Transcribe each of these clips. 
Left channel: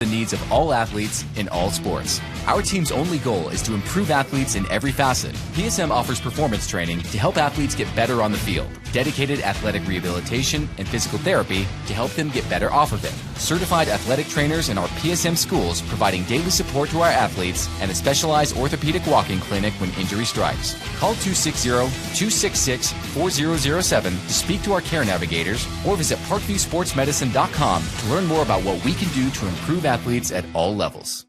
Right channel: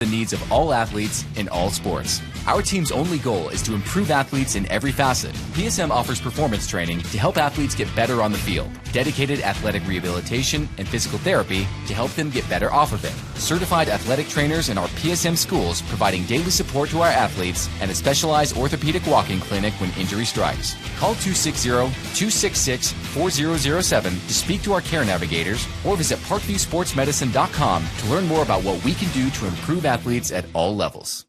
the needs of all athletes in all sports. Our team's only goal is to improve athletes in every facet. PSM offers performance training to help athletes get better on the field, dedicated athletic rehabilitation and physical therapy to help them get better off of it, certified athletic trainers in our PSM schools providing daily support to our athletes, and a specialized orthopedic walking clinic when injury strikes. Call 260-266-4007 to speak to our care navigators or visit parkviewsportsmedicine.com to learn more about what we can do to improve athletes at all levels.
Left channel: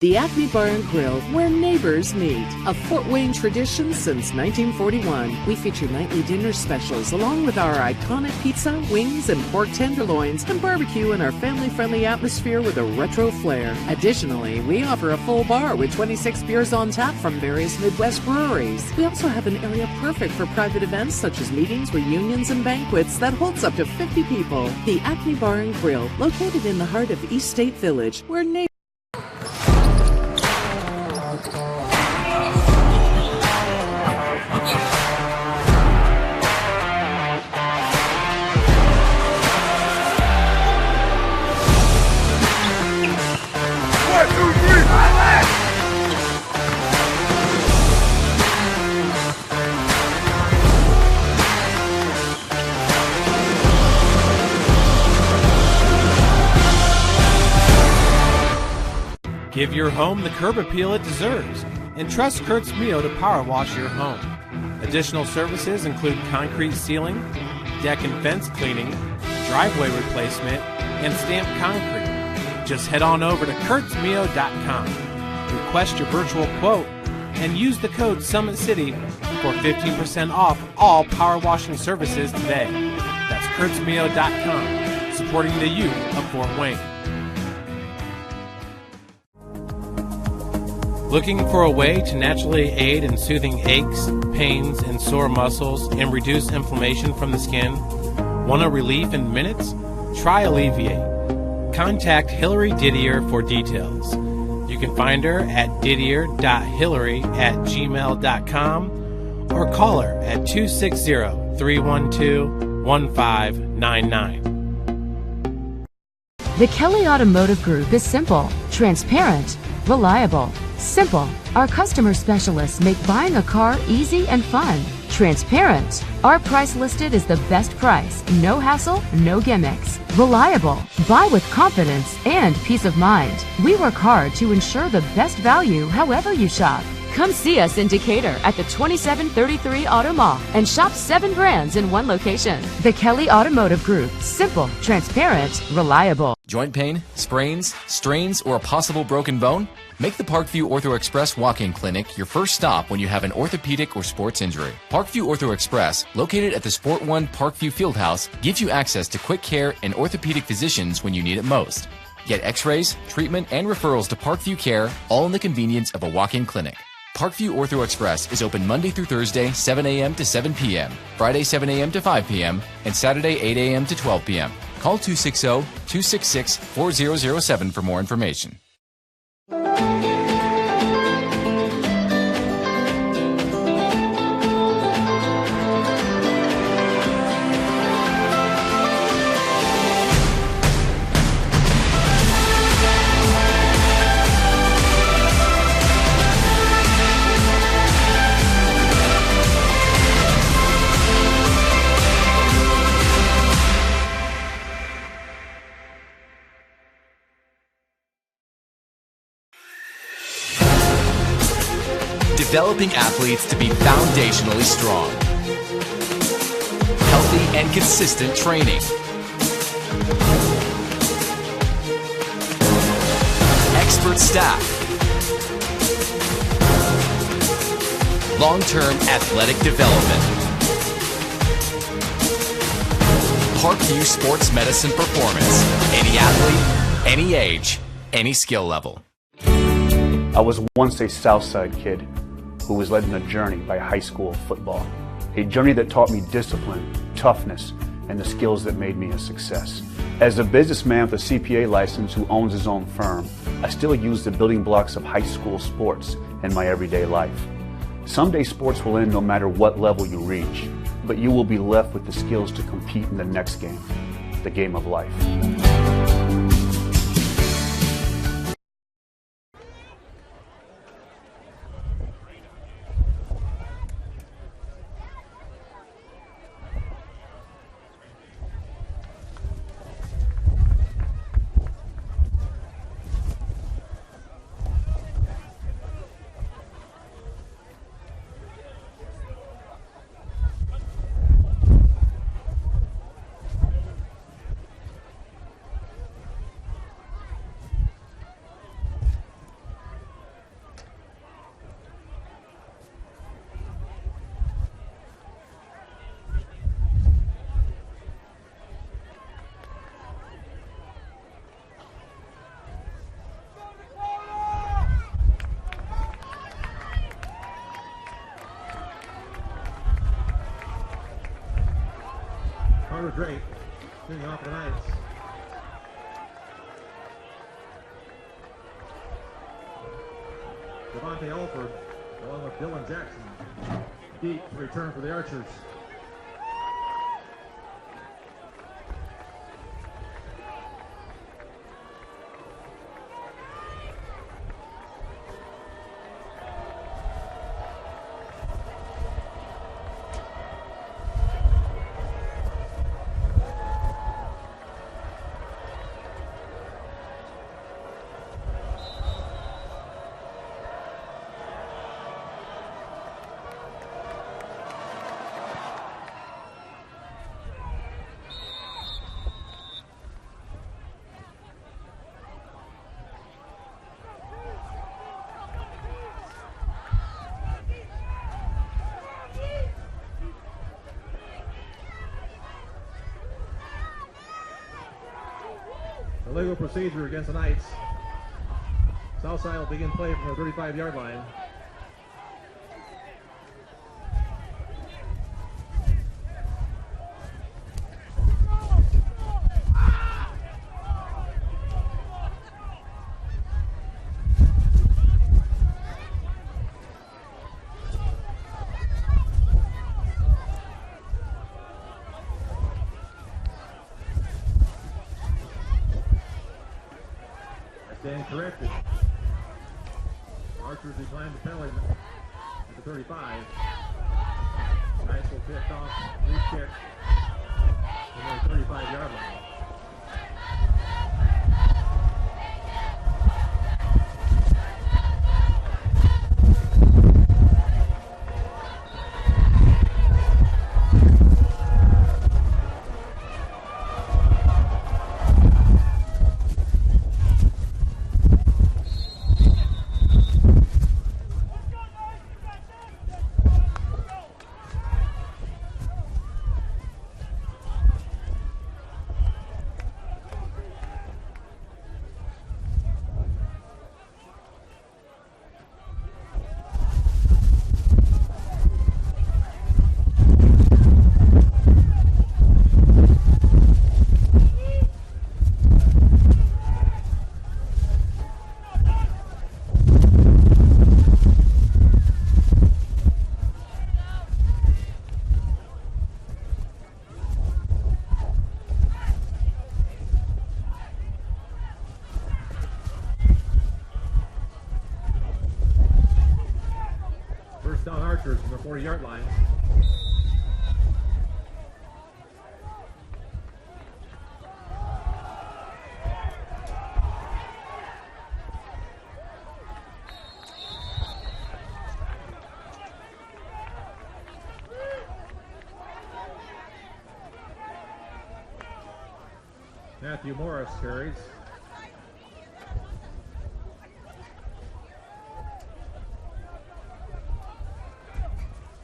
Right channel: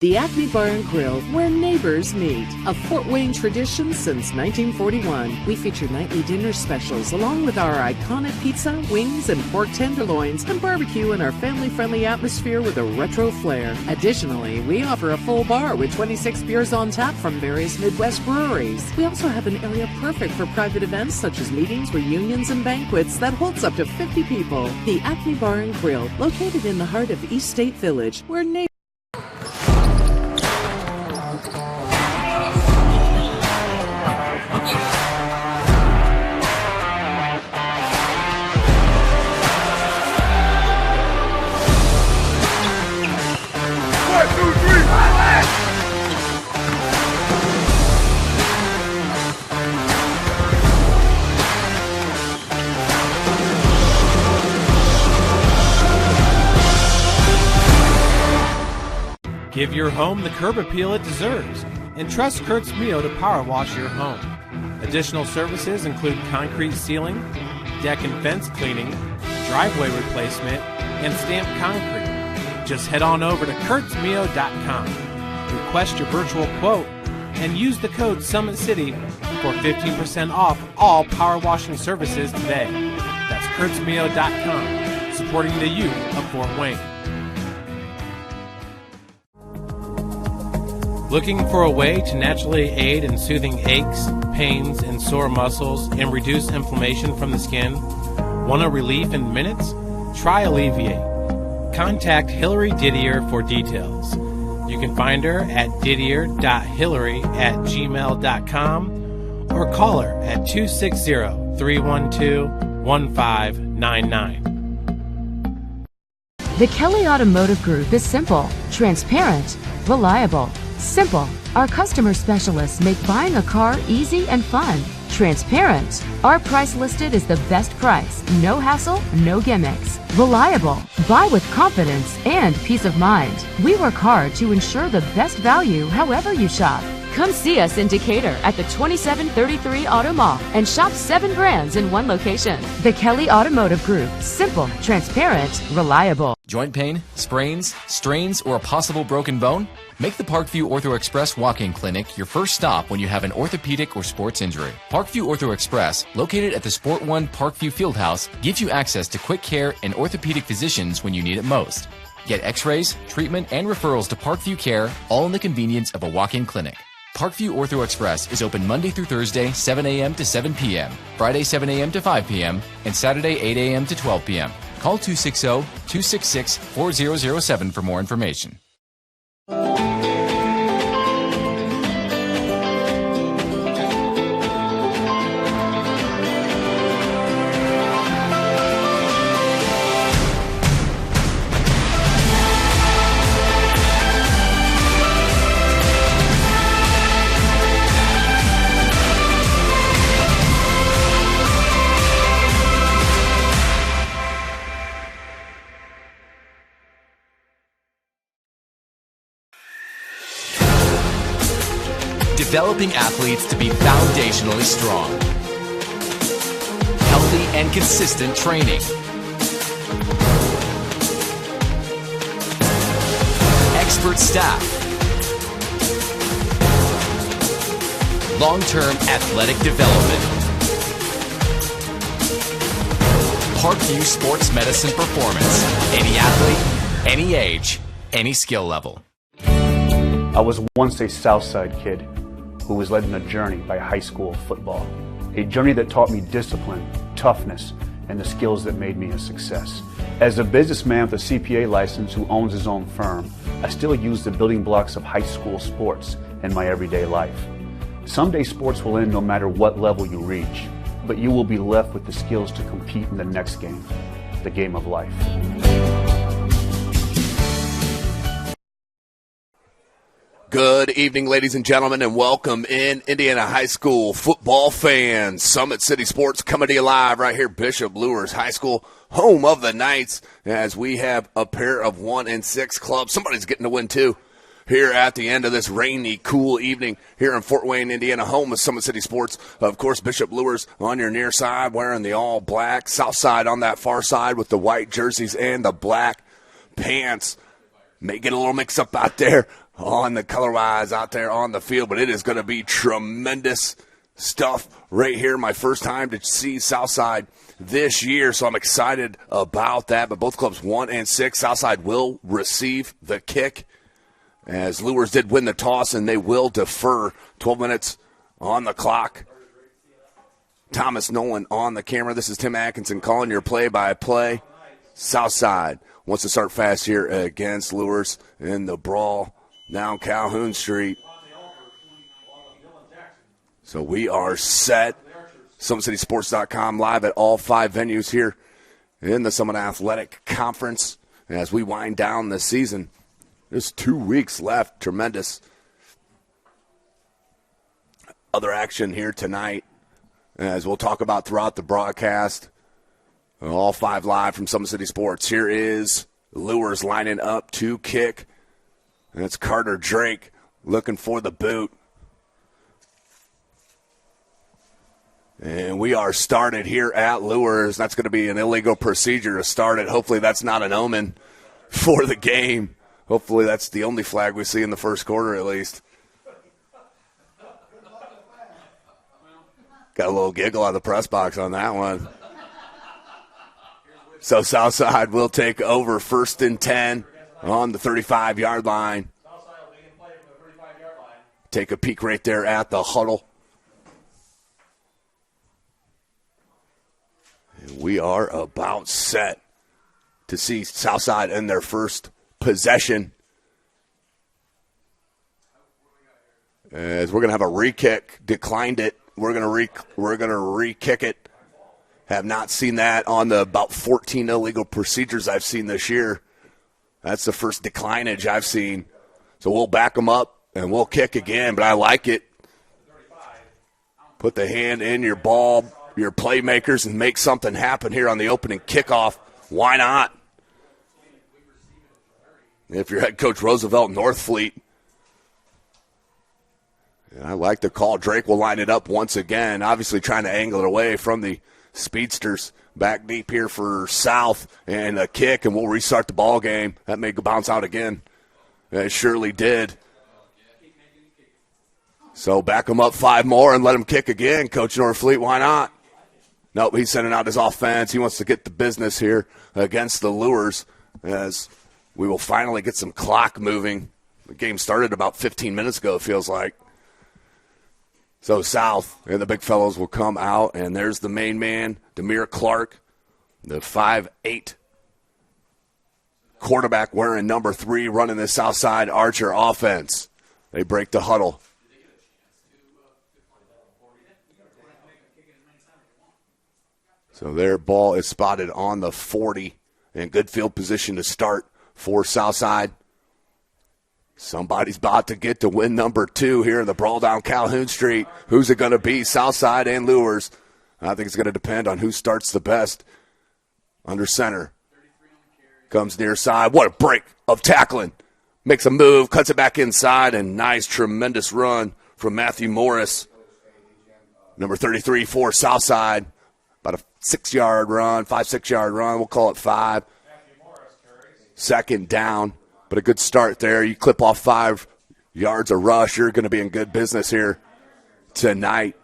The Acme Bar and Grill, where neighbors meet. A Fort Wayne tradition since 1941. We feature nightly dinner specials along with our iconic pizza, wings, and pork tenderloins, and barbecue in our family-friendly atmosphere with a retro flair. Additionally, we offer a full bar with 26 beers on tap from various Midwest breweries. We also have an area perfect for private events such as meetings, reunions, and banquets that holds up to 50 people. The Acme Bar and Grill, located in the heart of East State Village, where neighbors Give your home the curb appeal it deserves and trust Kurt's Mio to power wash your home. Additional services include concrete sealing, deck and fence cleaning, driveway replacement, and stamped concrete. Just head on over to kurtzmio.com. Request your virtual quote and use the code SummitCity for 15% off all power washing services today. That's kurtzmio.com, supporting the youth of Fort Wayne. Looking for a way to naturally aid in soothing aches, pains, and sore muscles and reduce inflammation from the skin? Want a relief in minutes? Try Alleviate. Contact Hillary Didier for details. You can find her at didier.hillary@gmail.com or call her at 260-312-1599. The Kelly Automotive Group is simple, transparent, reliable. Simple. Our customer specialists make buying a car easy and fun. Transparent. Our price listed is the best price. No hassle, no gimmicks. Reliable. Buy with confidence and peace of mind. We work hard to ensure the best value however you shop. Come see us in Decatur at the 2733 Auto Mall and shop 7 brands in one location. The Kelly Automotive Group. Simple, transparent, reliable. Joint pain, sprains, strains, or a possible broken bone? Make the Parkview Ortho Express walk-in clinic your first stop when you have an orthopedic or sports injury. Parkview Ortho Express, located at the Sport One Parkview Fieldhouse, gives you access to quick care and orthopedic physicians when you need it most. Get x-rays, treatment, and referrals to Parkview Care, all in the convenience of a walk-in clinic. Parkview Ortho Express is open Monday through Thursday, 7 a.m. to 7 p.m., Friday, 7 a.m. to 5 p.m., and Saturday, 8 a.m. to 12 p.m. Call 260-266-4007 for more information. Developing athletes to be foundationally strong. Healthy and consistent training. Expert staff. Long-term athletic development. Parkview Sports Medicine Performance. Any athlete, any age, any skill level. I was once a Southside kid who was led on a journey by high school football. A journey that taught me discipline, toughness, and the skills that made me a success. As a businessman with a CPA license who owns his own firm, I still use the building blocks of high school sports in my everyday life. Someday sports will end no matter what level you reach, but you will be left with the skills to compete in the next game, the game of life. Good evening, ladies and gentlemen, and welcome in Indiana High School football fans. Summit City Sports coming to you live right here, Bishop Luers High School, home of the Knights, as we have a pair of 1-6 clubs. Somebody's getting to win, too, here at the end of this rainy, cool evening here in Fort Wayne, Indiana, home of Summit City Sports. Of course, Bishop Luers on your near side wearing the all-black, south side on that far side with the white jerseys and the black pants. May get a little mix-up out there on the color-wise out there on the field, but it is going to be tremendous stuff right here. My first time to see Southside this year, so I'm excited about that. But both clubs 1-6. Southside will receive the kick, as Luers did win the toss, and they will defer. 12 minutes on the clock. Thomas Nolan on the camera. This is Tim Atkinson calling your play-by-play. Southside wants to start fast here against Luers in the brawl down Calhoun Street. So we are set. SummitCitySports.com live at all 5 venues here in the Summit Athletic Conference as we wind down the season. There's 2 weeks left. Tremendous other action here tonight, as we'll talk about throughout the broadcast. All 5 live from Summit City Sports. Here is Luers lining up to kick. And it's Carter Drake looking for the boot. And we are started here at Luers. That's going to be an illegal procedure to start it. Hopefully that's not an omen for the game. Hopefully that's the only flag we see in the first quarter at least. Got a little giggle out of the press box on that one. So Southside will take over 1st and 10 on the 35-yard line. Southside will begin play from the 35-yard line. Take a peek right there at the huddle. We are about set to see Southside in their first possession, as we're going to have a re-kick. Declined it. We're going to re-kick it. Have not seen that on the about 14 illegal procedures I've seen this year. That's the first declinage I've seen. So we'll back them up and we'll kick again, but I like it. Put the hand in your ball, your playmakers, and make something happen here on the opening kickoff. Why not? If you're head coach Roosevelt Northfleet, I like the call. Drake will line it up once again, obviously trying to angle it away from the Speedsters. Back deep here for South, and a kick, and we'll restart the ball game. That may bounce out again. It surely did. So back them up 5 more and let them kick again. Coach Northfleet, why not? Nope, he's sending out his offense. He wants to get the business here against the Luers, as we will finally get some clock moving. The game started about 15 minutes ago, it feels like. So South and the big fellows will come out, and there's the main man, Demir Clark, the 5'8" quarterback wearing number 3, running the Southside Archer offense. They break the huddle. So their ball is spotted on the 40, in good field position to start for Southside. Somebody's about to get to win number 2 here in the brawl down Calhoun Street. Who's it going to be? Southside and Luers. I think it's going to depend on who starts the best. Under center. Comes near side. What a break of tackling. Makes a move, cuts it back inside, and nice, tremendous run from Matthew Morris. Number 33 for Southside. About a 6-yard run, 5-6-yard run. We'll call it 5. Matthew Morris carries. 2nd down. But a good start there. You clip off 5 yards of rush, you're going to be in good business here tonight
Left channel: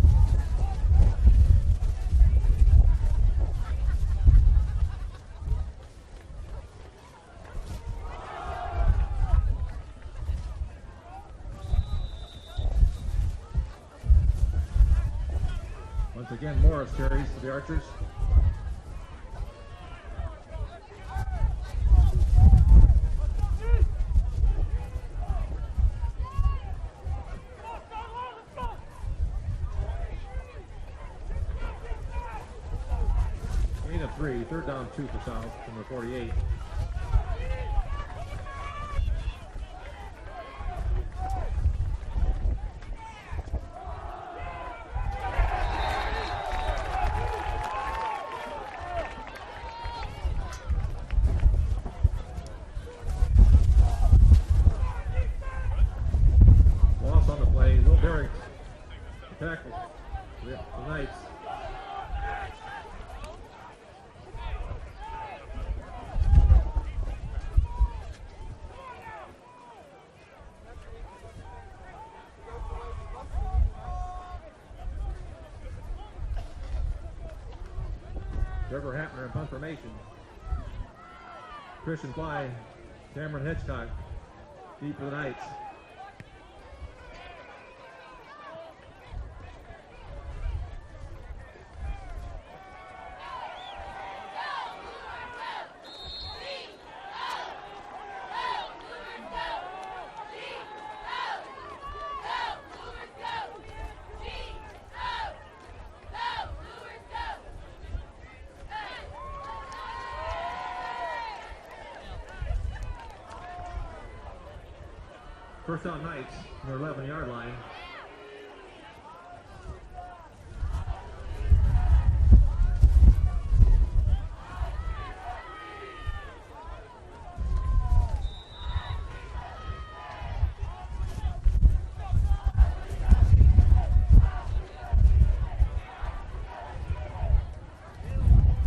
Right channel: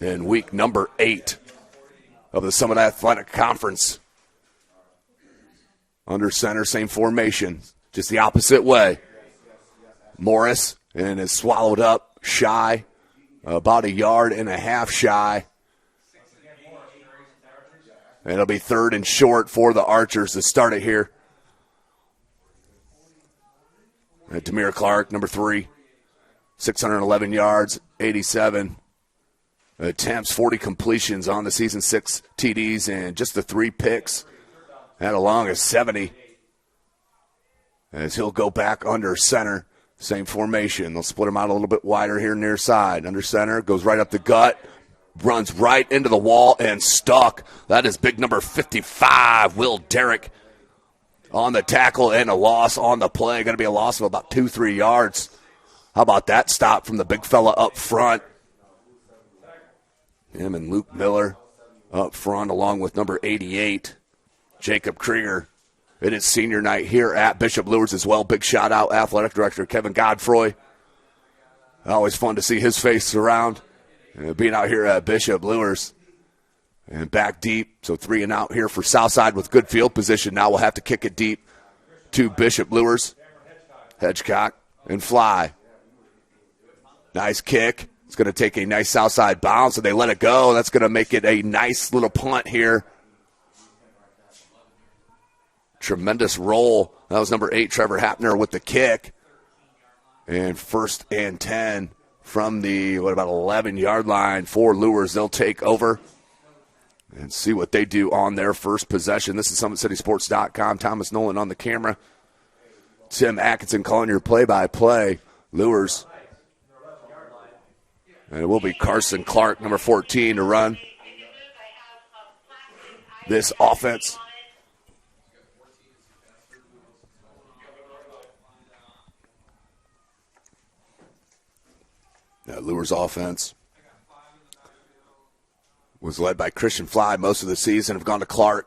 in week number 8 of the Summit Athletic Conference. Under center, same formation, just the opposite way. Morris, and is swallowed up shy, about 1.5 yards shy. Once again, Morris carries for the Archers. And it'll be 3rd and short for the Archers to start it here. And Demir Clark, number 3, 611 yards, 87 attempts, 40 completions on the season, 6 TDs, and just the 3 picks. That along is 70. as he'll go back under center. Same formation. They'll split him out a little bit wider here near side. Under center, goes right up the gut, runs right into the wall and stuck. That is big number 55, Will Derrick, on the tackle, and a loss on the play. Going to be a loss of about 2-3 yards. How about that stop from the big fella up front? Him and Luke Miller up front, along with number 88, Jacob Krieger. It is senior night here at Bishop Luers as well. Big shout out, athletic director Kevin Godfroy. Always fun to see his face around, being out here at Bishop Luers. And back deep, so 3 and out here for Southside with good field position. Now we'll have to kick it deep to Bishop Luers. Hedgecock and fly. Nice kick. It's going to take a nice Southside bounce, and they let it go. That's going to make it a nice little punt here. Tremendous roll. That was number 8, Trevor Hapner, with the kick. And 1st and 10 from the, 11-yard line for Luers. They'll take over and see what they do on their first possession. This is SummitCitySports.com. Thomas Nolan on the camera. Tim Atkinson calling your play-by-play. Luers. And it will be Carson Clark, number 14, to run this offense. Luers offense was led by Christian Fly most of the season, have gone to Clark.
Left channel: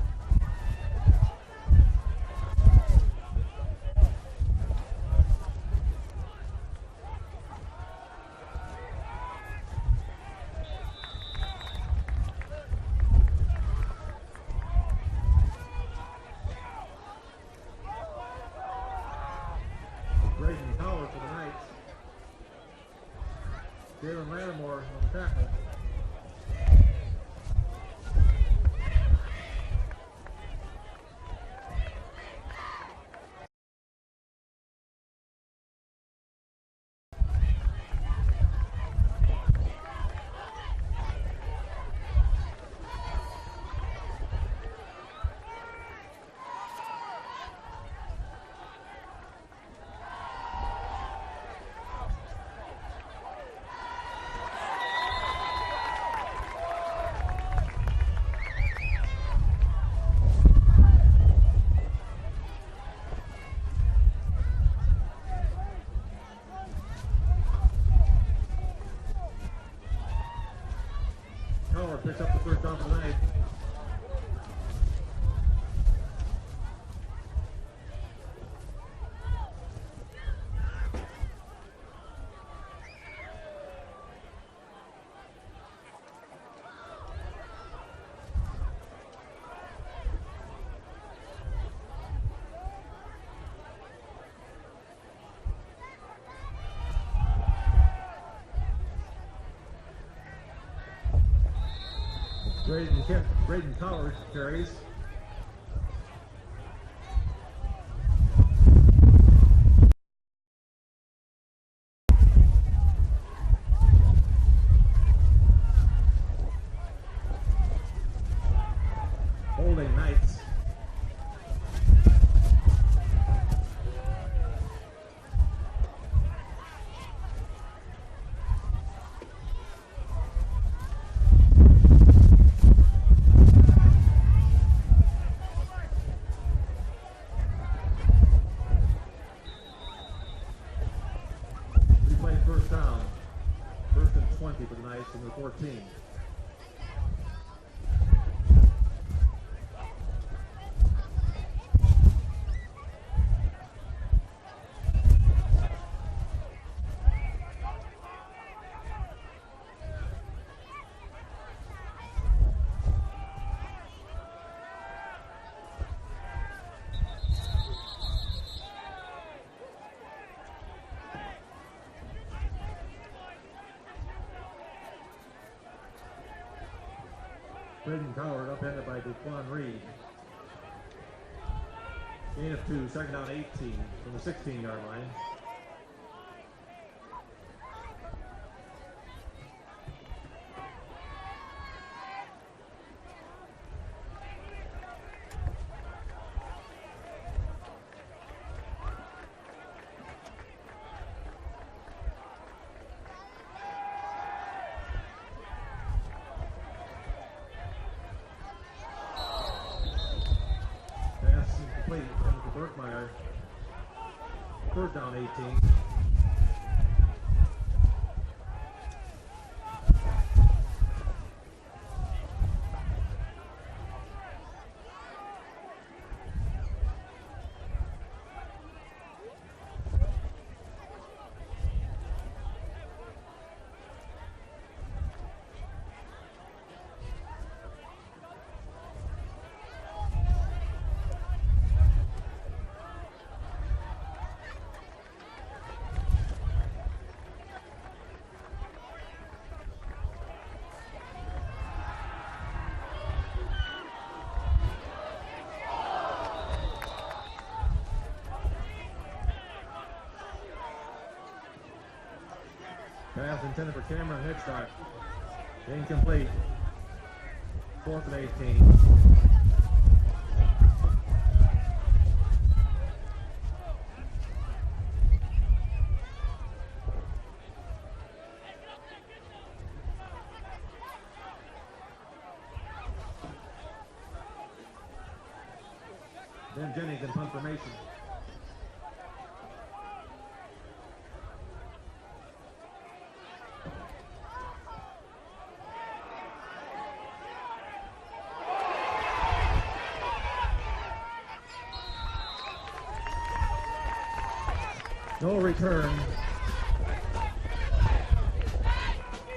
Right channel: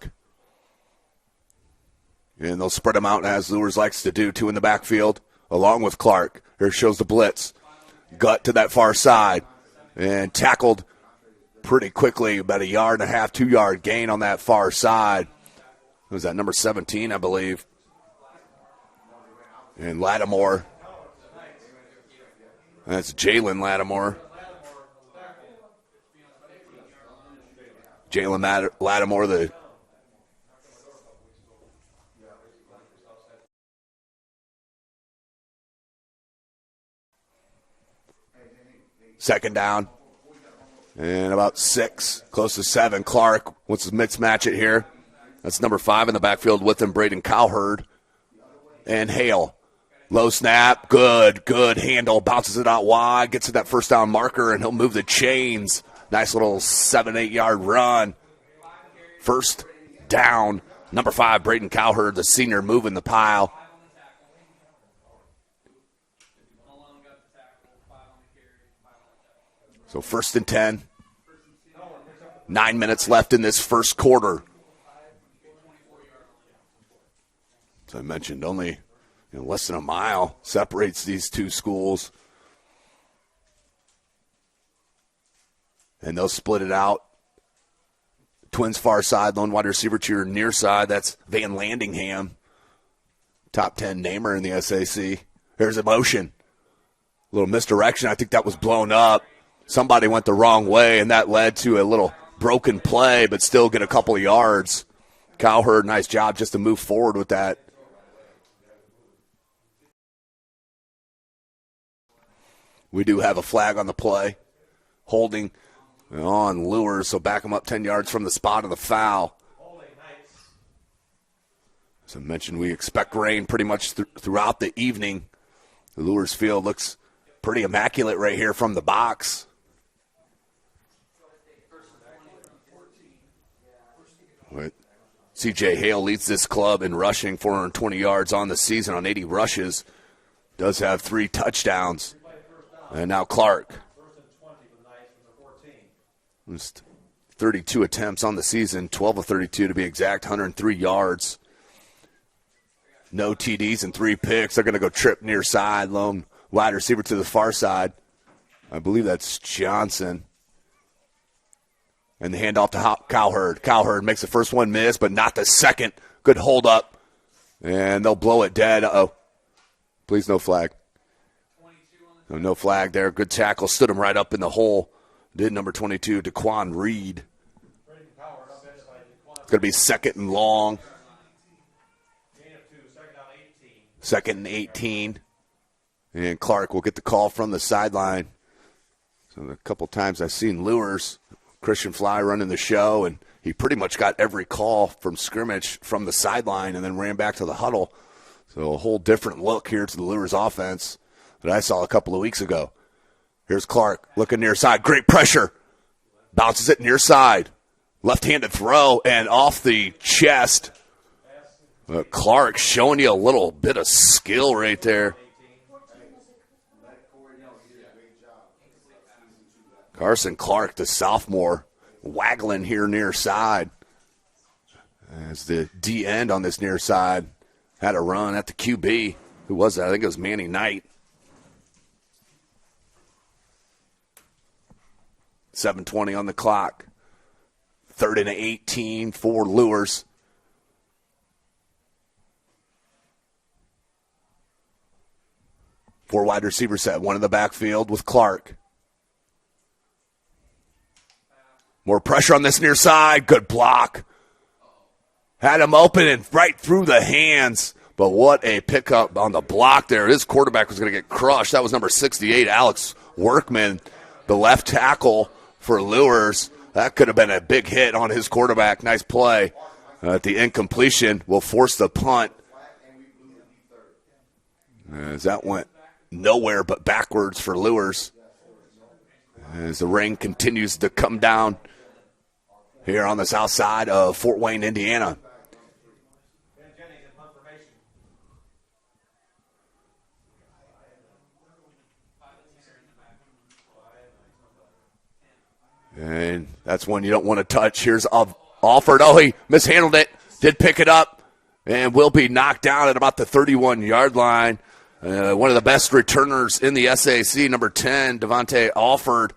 And they'll spread them out as Luers likes to do, 2 in the backfield, along with Clark. Here shows the blitz. Gut to that far side. And tackled pretty quickly, about 1.5 yard, 2-yard gain on that far side. Was that number 17, I believe? And Lattimore. That's Jalen Lattimore. Jalen Lattimore, the second down. And about 6, close to 7. Clark wants to mix match it here. That's number 5 in the backfield with him, Braden Cowherd. And Hale. Low snap, good handle, bounces it out wide, gets to that first down marker, and he'll move the chains. Nice little 7-8 yard run. First down, number 5, Braden Cowherd, the senior, moving the pile. So 1st and 10. 9 minutes left in this first quarter. As I mentioned, only less than a mile separates these two schools. And they'll split it out. Twins far side, lone wide receiver to your near side. That's Van Landingham, top 10 namer in the SAC. Here's a motion. A little misdirection. I think that was blown up. Somebody went the wrong way, and that led to a little broken play, but still get a couple of yards. Cowherd, nice job just to move forward with that. We do have a flag on the play. Holding on Luers, so back them up 10 yards from the spot of the foul. Holding Knights. As I mentioned, we expect rain pretty much throughout the evening. The Luers field looks pretty immaculate right here from the box. C.J. Hale leads this club in rushing, 420 yards on the season on 80 rushes. Does have 3 touchdowns. And now Clark. 1st and 20 for the Knights, and 14. Just 32 attempts on the season, 12 of 32 to be exact, 103 yards. No TDs and 3 picks. They're going to go trip near side, lone wide receiver to the far side. I believe that's Johnson. And the handoff to Cowherd. Cowherd makes the first one miss, but not the second. Good hold up. And they'll blow it dead. Uh-oh. Please, no flag. No flag there. Good tackle. Stood him right up in the hole. Did number 22, Daquan Reed. It's going to be 2nd and long. Gain of 2, 2nd down 18. 2nd and 18. And Clark will get the call from the sideline. So a couple times I've seen Luers, Christian Fly running the show, and he pretty much got every call from scrimmage from the sideline and then ran back to the huddle. So a whole different look here to the Luers offense that I saw a couple of weeks ago. Here's Clark looking near side. Great pressure. Bounces it near side. Left-handed throw and off the chest. Clark showing you a little bit of skill right there. Carson Clark, the sophomore, waggling here near side. As the D end on this near side had a run at the QB. Who was that? I think it was Manny Knight. 7:20 on the clock. 3rd and 18 for Luers. Four wide receiver set. One in the backfield with Clark. More pressure on this near side. Good block. Had him open and right through the hands. But what a pickup on the block there. His quarterback was going to get crushed. That was number 68, Alex Workman, the left tackle for Luers. That could have been a big hit on his quarterback. Nice play. The incompletion will force the punt. As that went nowhere but backwards for Luers. As the rain continues to come down here on the south side of Fort Wayne, Indiana. Ben Jennings in punt formation. And that's one you don't want to touch. Here's Alford. Oh, he mishandled it. Did pick it up and will be knocked down at about the 31-yard line. One of the best returners in the SAC, number 10, Devontae Alford.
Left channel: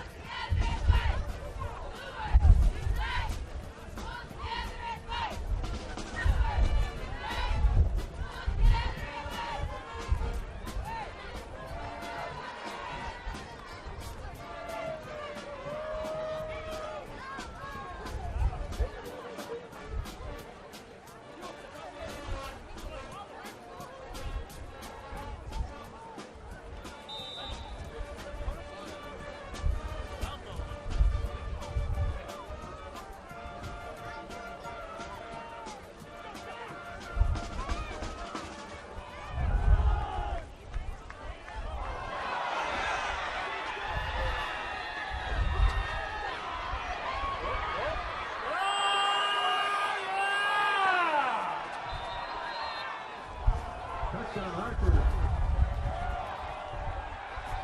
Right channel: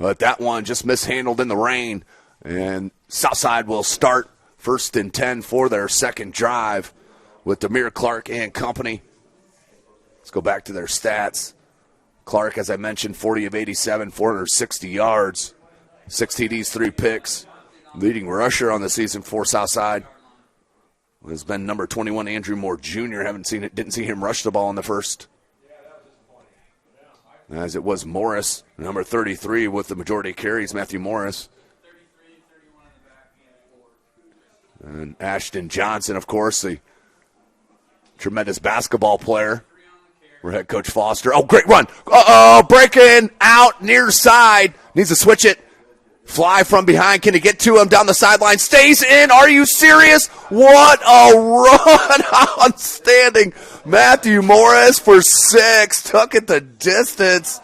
But that one just mishandled in the rain. And Southside will start 1st and 10 for their second drive with Demir Clark and company. Let's go back to their stats. Clark, as I mentioned, 40 of 87, 460 yards, 6 TDs, 3 picks. Leading rusher on the season for Southside has been number 21, Andrew Moore Jr. Didn't see him rush the ball in the first. As it was Morris, number 33, with the majority of carries, Matthew Morris. And Ashton Johnson, of course, the tremendous basketball player for head coach Foster. Oh, great run. Breaking out near side. Needs to switch it. Fly from behind. Can he get to him down the sideline? Stays in. Are you serious? What a run. Outstanding. Matthew Morris for 6. Took it the distance.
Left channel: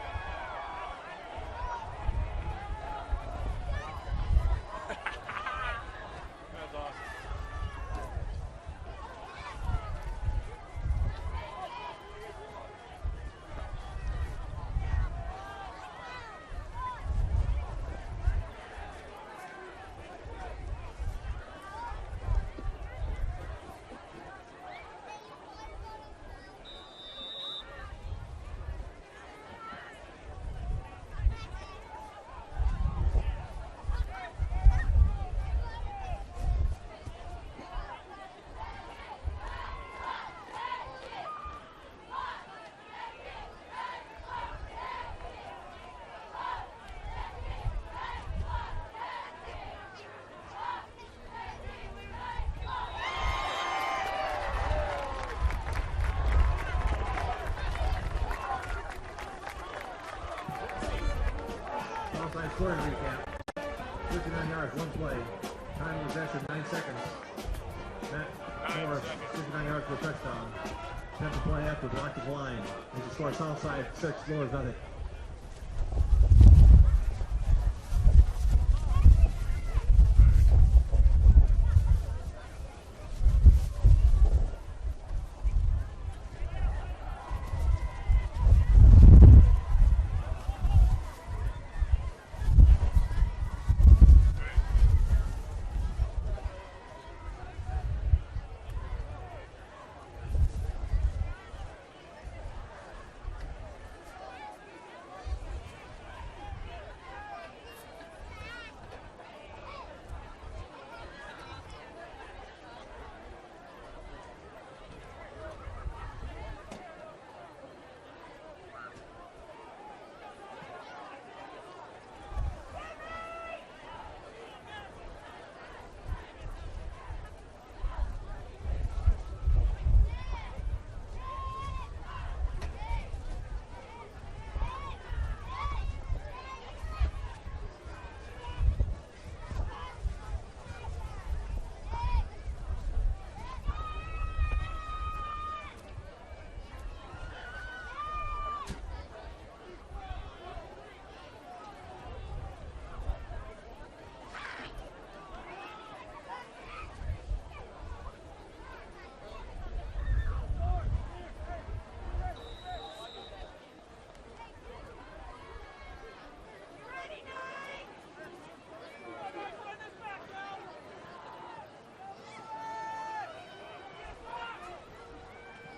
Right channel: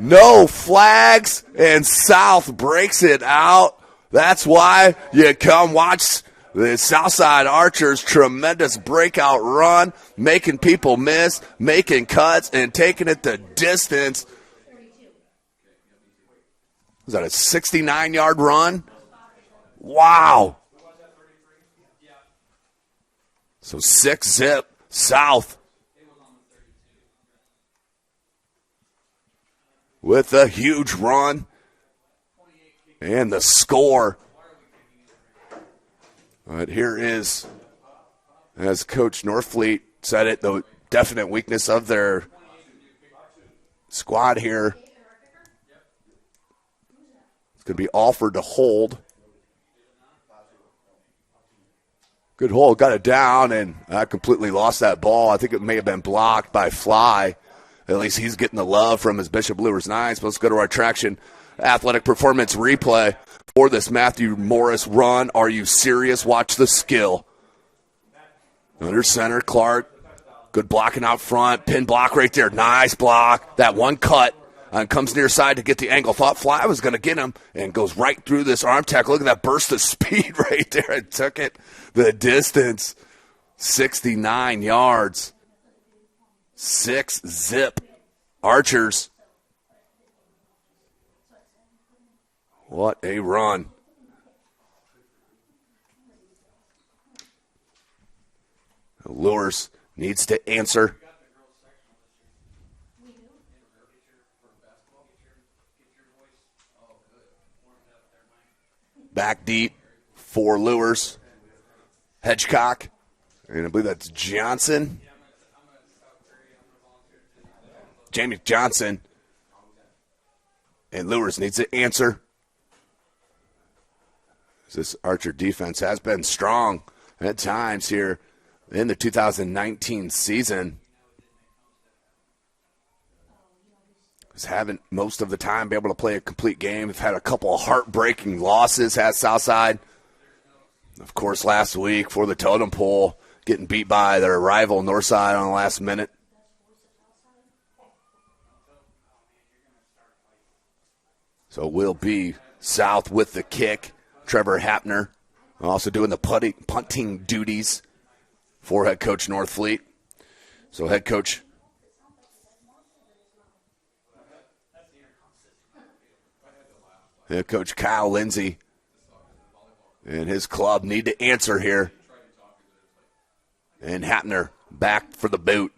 No flags. And South breaks it out. That's why you come watch the Southside Archers' tremendous breakout run, making people miss, making cuts, and taking it the distance. Is that a 69-yard run? Wow. So 6-zip South with a huge run. And the score. But here is, as Coach Northfleet said it, the definite weakness of their squad here. To be offered to hold. Good hold, got it down, and I completely lost that ball. I think it may have been blocked by Fly. At least he's getting the love from his Bishop Luers Nines. Let's go to our traction athletic performance replay for this Matthew Morris run. Are you serious? Watch the skill. Under center, Clark. Good blocking out front. Pin block right there. Nice block. That one cut and comes near side to get the angle. Thought Fly was going to get him and goes right through this arm tackle. Look at that burst of speed right there. It took it the distance. 69 yards. 6-zip Archers. What a run. Luers needs to answer. Back deep for Luers. Hedgecock. And I believe that's Johnson. Jamie Johnson. And Luers needs to answer. This Archer defense has been strong at times here in the 2019 season. He's having most of the time be able to play a complete game. We've had a couple of heartbreaking losses, has Southside. Of course, last week for the totem pole, getting beat by their rival Northside on the last minute. So it will be South with the kick. Trevor Hapner also doing the punting duties for head coach Northfleet. So head coach Kyle Lindsay and his club need to answer here. And Hapner back for the boot.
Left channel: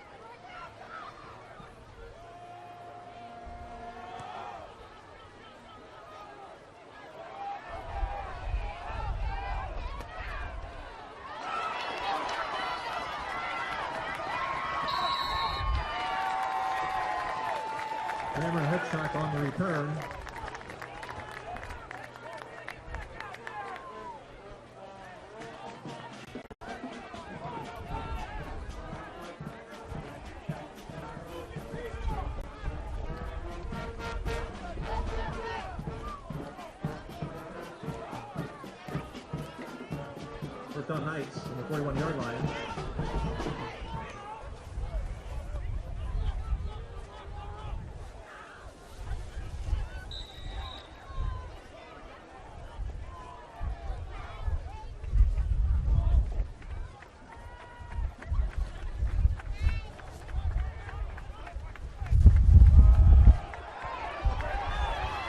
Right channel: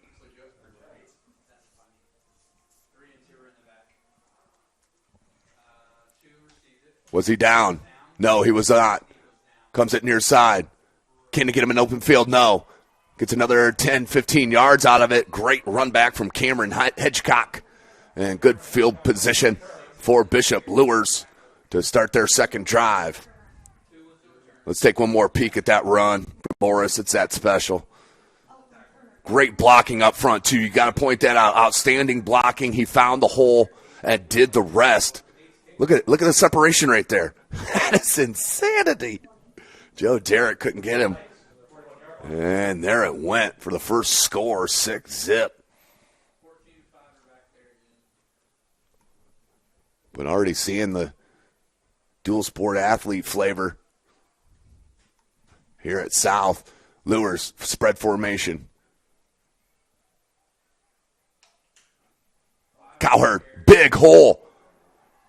Was he down? No, he was not. Comes it near side. Can he get him in open field? No. Gets another 10, 15 yards out of it. Great run back from Cameron Hedgecock. And good field position for Bishop Luers to start their second drive. Let's take one more peek at that run. Morris, it's that special. Great blocking up front, too. You got to point that out. Outstanding blocking. He found the hole and did the rest. Look at the separation right there. That is insanity. Joe Derrick couldn't get him. And there it went for the first score, 6-zip. But already seeing the dual sport athlete flavor here at South. Luers, spread formation. Cowherd, big hole.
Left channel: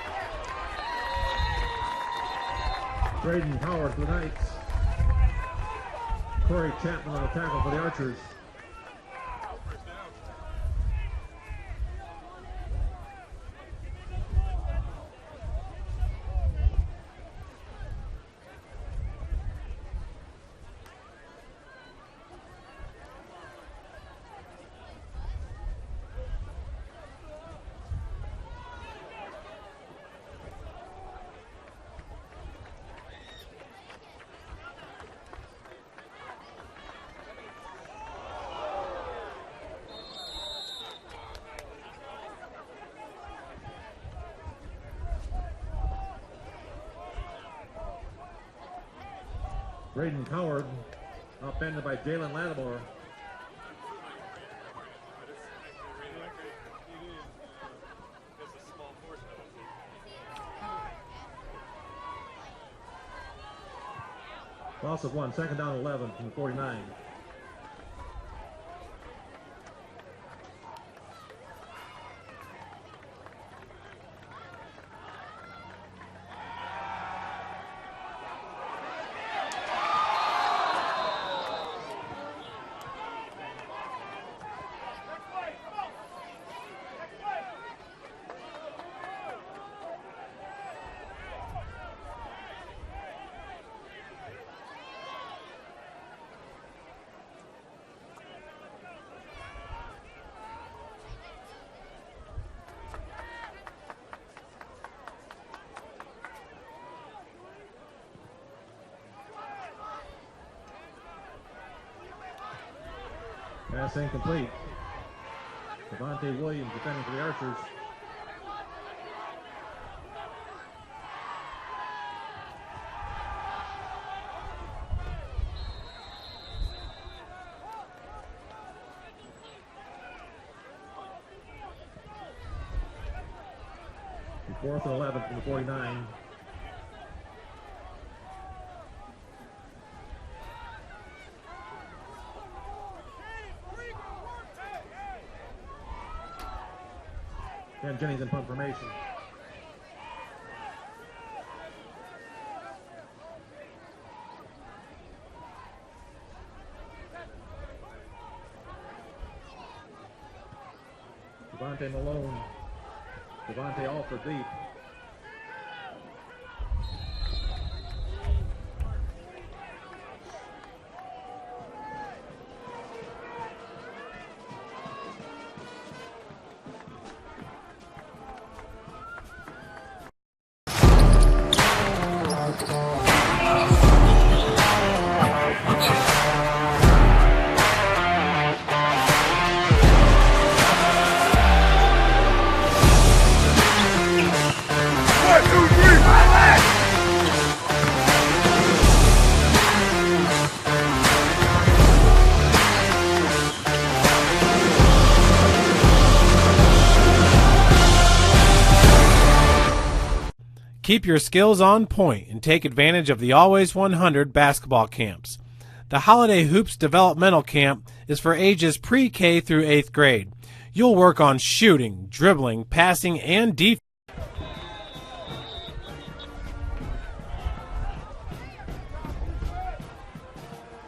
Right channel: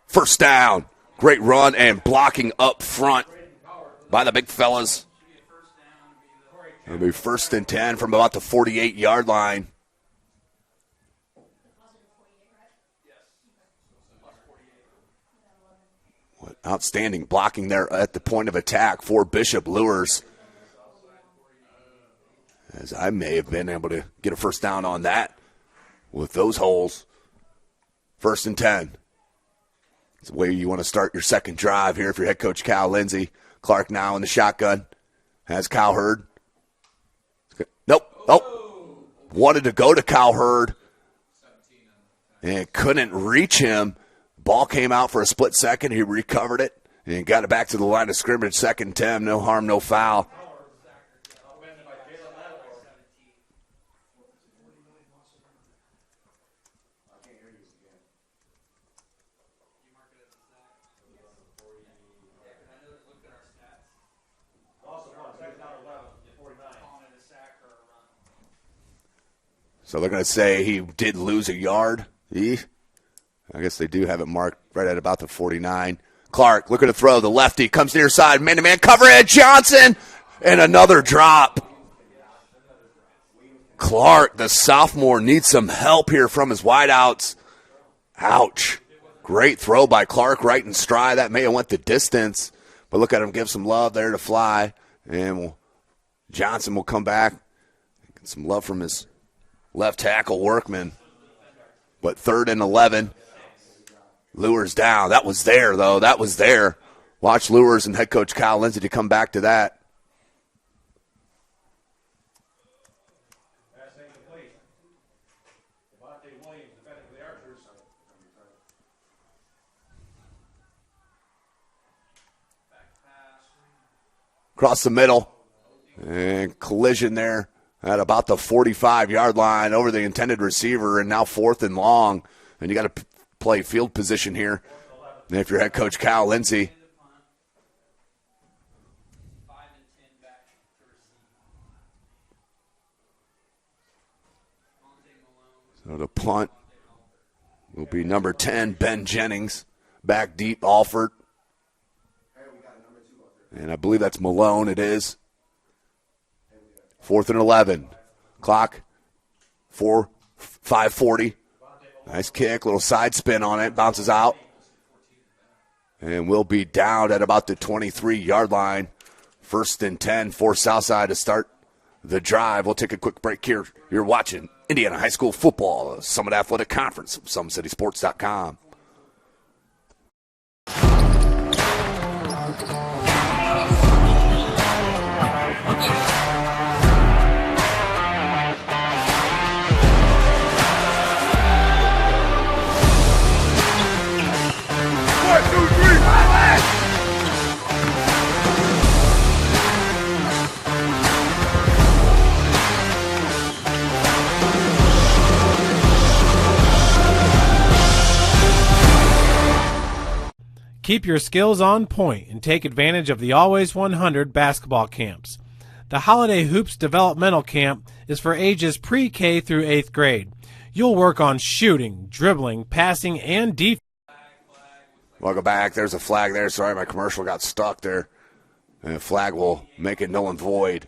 First down. Great run and blocking up front by the big fellas. It'll be 1st and 10 from about the 48-yard line. Outstanding blocking there at the point of attack for Bishop Luers. As I may have been able to get a first down on that with those holes. 1st and 10. It's the way you want to start your second drive here if you're head coach Cal Lindsay. Clark now in the shotgun. Has Cowherd. Nope. Oh. Wanted to go to Cowherd and couldn't reach him. Ball came out for a split second. He recovered it and got it back to the line of scrimmage. 2nd and 10. No harm, no foul. Howard, upended by Jalen Lattimore. Loss of 1, 2nd down 11 from the 49. So they're going to say he did lose a yard. I guess they do have it marked right at about the 49. Clark looking to throw. The lefty comes near side. Man-to-man coverage. Johnson. And another drop. Clark, the sophomore, needs some help here from his wideouts. Ouch. Great throw by Clark right in stride. That may have went the distance. But look at him give some love there to fly. And Johnson will come back. Get some love from his left tackle, Workman. But 3rd and 11. Luers down. That was there, though. That was there. Watch Luers and head coach Kyle Lindsay to come back to that. Pass incomplete. Devontae Williams defending for the Archers. Across the middle. And collision there at about the 45-yard line over the intended receiver, and now 4th and long. And you got to play field position here. 4th and 11. And if you're head coach Kyle Lindsay. So the punt will be number 10, Ben Jennings. Back deep, Alford. And I believe that's Malone, it is. 4th and 11. Clock, 5:40. Nice kick, little side spin on it, bounces out. And we'll be down at about the 23-yard line. 1st and 10 for Southside to start the drive. We'll take a quick break here. You're watching Indiana High School Football, Summit Athletic Conference, SummitCitySports.com. Keep your skills on point and take advantage of the Always 100 basketball camps. The Holiday Hoops Developmental Camp is for ages pre-K through 8th grade. You'll work on shooting, dribbling, passing, and defense. Welcome back. There's a flag there. Sorry, my commercial got stuck there. And the flag will make it null and void.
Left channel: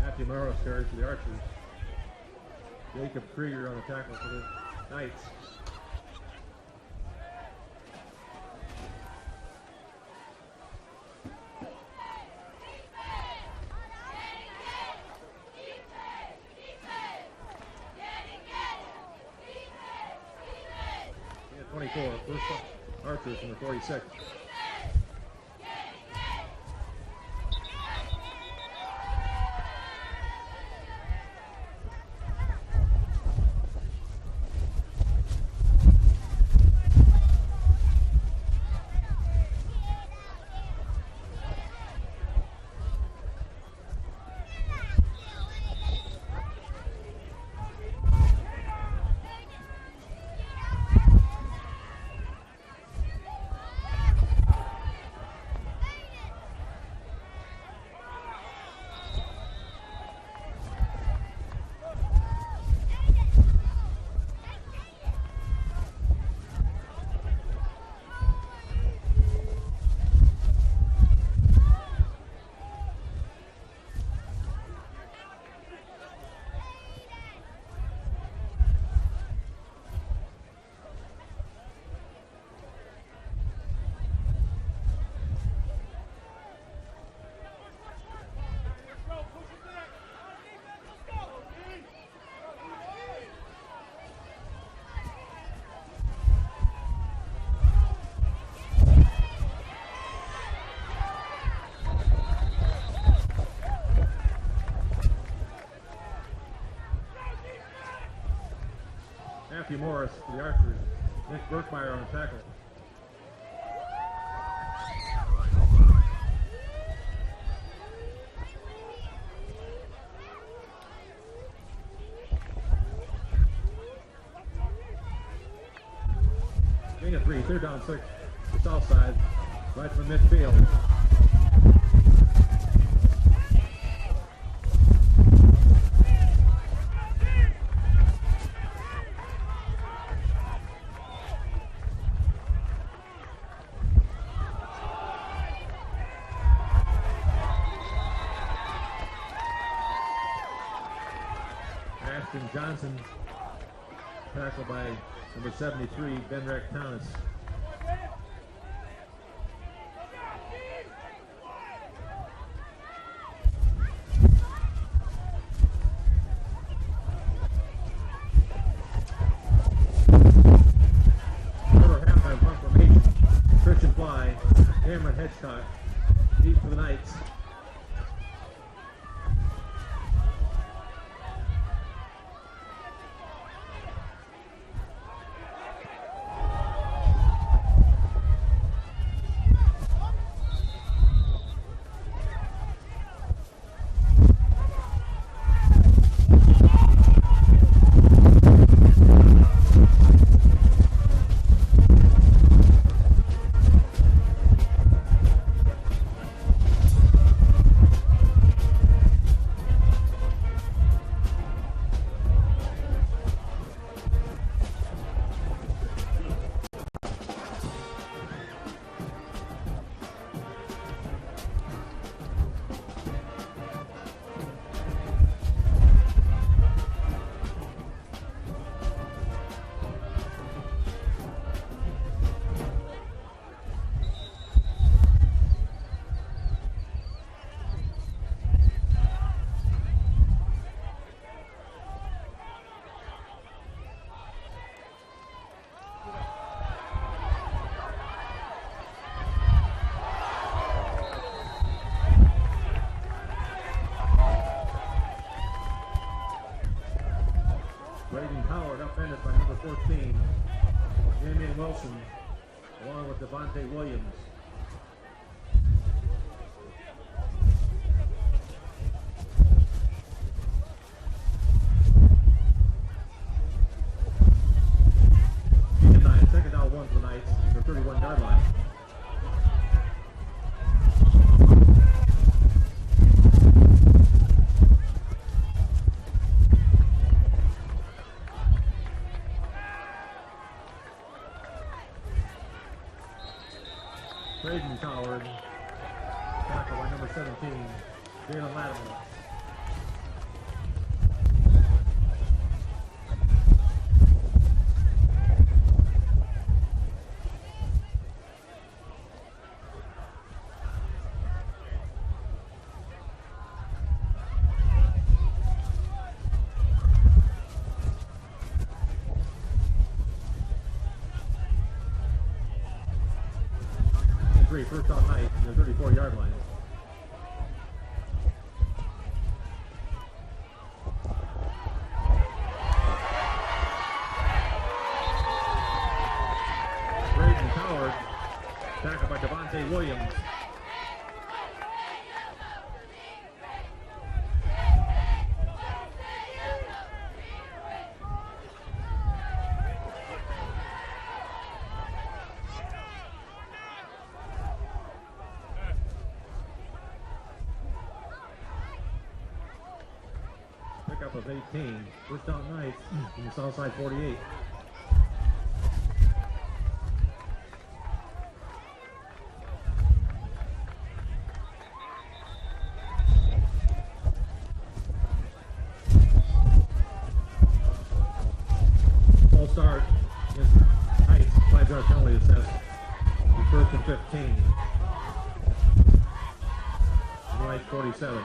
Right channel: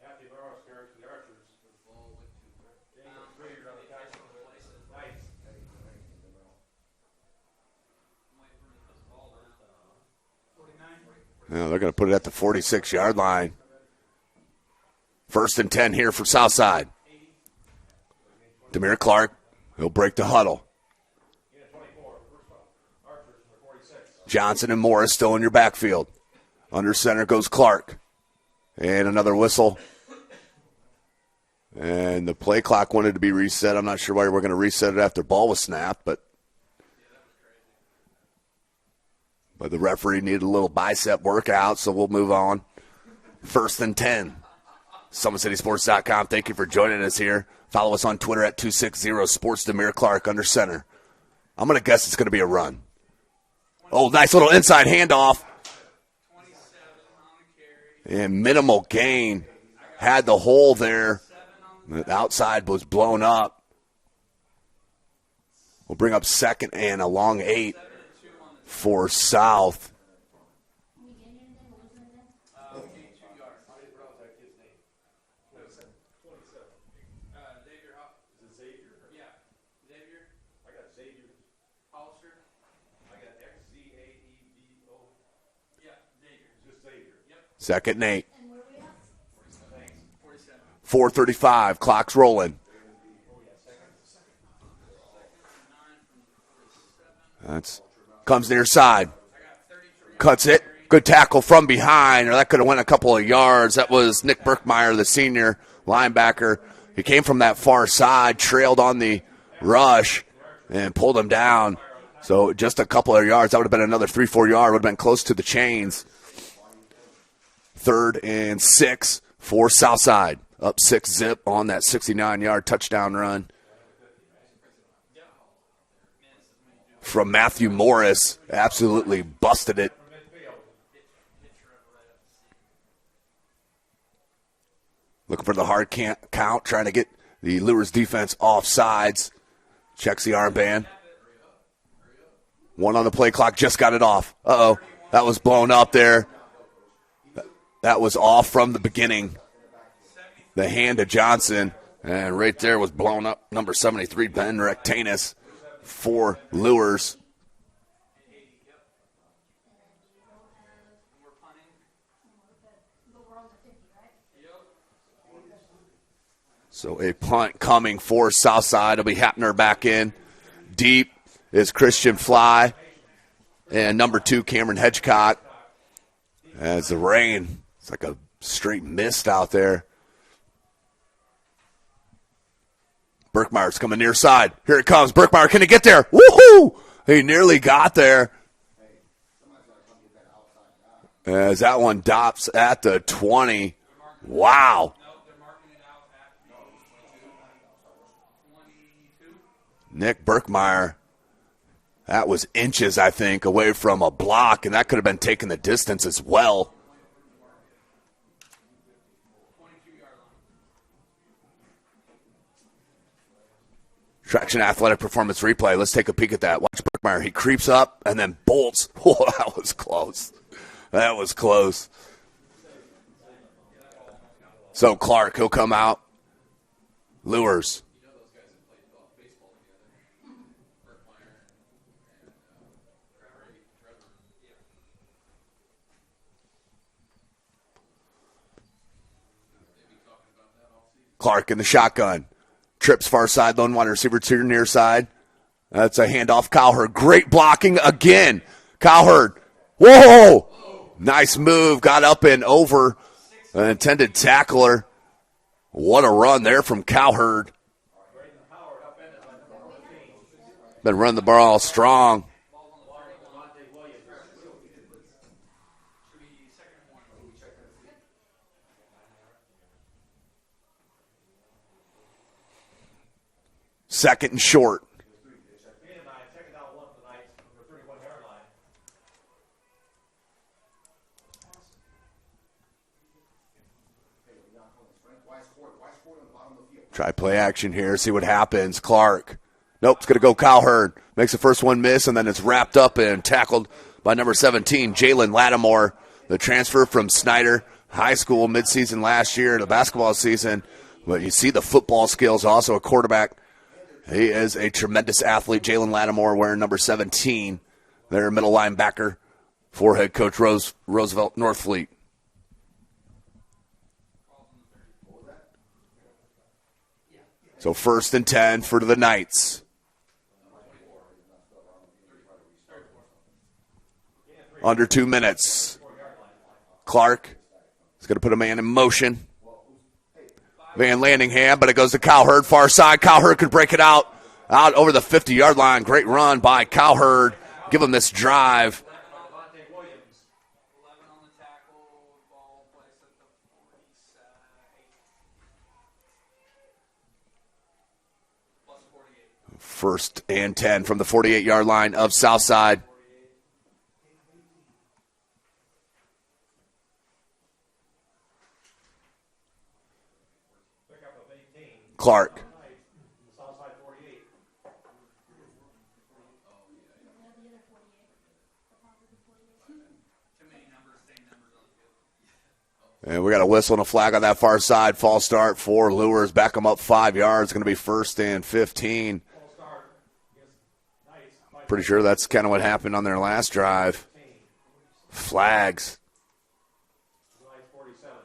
Matthew Morris carries for the Archers. Jacob Krieger on the tackle for the Knights. Now they're going to put it at the 46-yard line. 1st and 10 here for Southside. Demir Clark will break the huddle. 24, first Archers from the 46. Johnson and Morris still in your backfield. Under center goes Clark. And another whistle. And the play clock wanted to be reset. I'm not sure why we're going to reset it after ball was snapped, but the referee needed a little bicep workout, so we'll move on. 1st and 10. SummitCitySports.com. Thank you for joining us here. Follow us on Twitter at 260Sports. Demir Clark under center. I'm going to guess it's going to be a run. Oh, nice little inside handoff. And minimal gain. Had the hole there. The outside was blown up. We'll bring up 2nd and a long 8 for South. Second and 8. 4:35, clock's rolling. Comes near side. Cuts it. Good tackle from behind, or that could have went a couple of yards. That was Nick Berkmeyer, the senior linebacker. He came from that far side, trailed on the rush, and pulled him down. So just a couple of yards. That would have been another 3-4 yard. Would have been close to the chains. 3rd and 6 for Southside. Up 6-zip on that 69-yard touchdown run from Matthew Morris. Absolutely busted it. Looking for the hard count, trying to get the Luers defense off sides. Checks the armband. 1 on the play clock, just got it off. Uh-oh, that was blown up there. That was off from the beginning. The hand of Johnson, and right there was blown up. Number 73, Ben Rectanus for Luers. So a punt coming for Southside. It'll be Hapner back in. Deep is Christian Fly. And number 2, Cameron Hedgecott. As the rain, it's like a straight mist out there. Berkmeyer's coming near side. Here it comes. Berkmeyer, can he get there? Woohoo! He nearly got there. As that one dops at the 20. Wow. Nick Berkmeyer. That was inches, I think, away from a block, and that could have been taking the distance as well. Traction Athletic Performance Replay. Let's take a peek at that. Watch Berkmeyer. He creeps up and then bolts. Oh, that was close. That was close. So Clark, he'll come out. Luers. Clark in the shotgun. Trips far side, lone wide receiver to your near side. That's a handoff. Cowherd. Great blocking again. Cowherd. Whoa! Nice move. Got up and over an intended tackler. What a run there from Cowherd. Been running the ball strong. Along with Devontae Williams. Second and short. Second down, 1 for the Knights. Their 31-yard line. Try play action here, see what happens. Clark. Nope, it's going to go Cowherd. Makes the first one miss, and then it's wrapped up and tackled by number 17, Jalen Lattimore, the transfer from Snyder High School midseason last year, the basketball season. But you see the football skills, also a quarterback. He is a tremendous athlete. Jalen Lattimore wearing number 17, their middle linebacker for head coach Roosevelt Northfleet. So 1st and 10 for the Knights. Under 2 minutes. Clark is going to put a man in motion. Van Landingham, but it goes to Cowherd, far side. Cowherd could break it out over the 50-yard line. Great run by Cowherd. Give him this drive. First and 10 from the 48-yard line of Southside. Pickup of 18. Clark. From the Southside 48. And we got a whistle and a flag on that far side. False start for Luers. Back them up 5 yards. Going to be 1st and 15. False start. Pretty sure that's kind of what happened on their last drive. Flags. Right 47.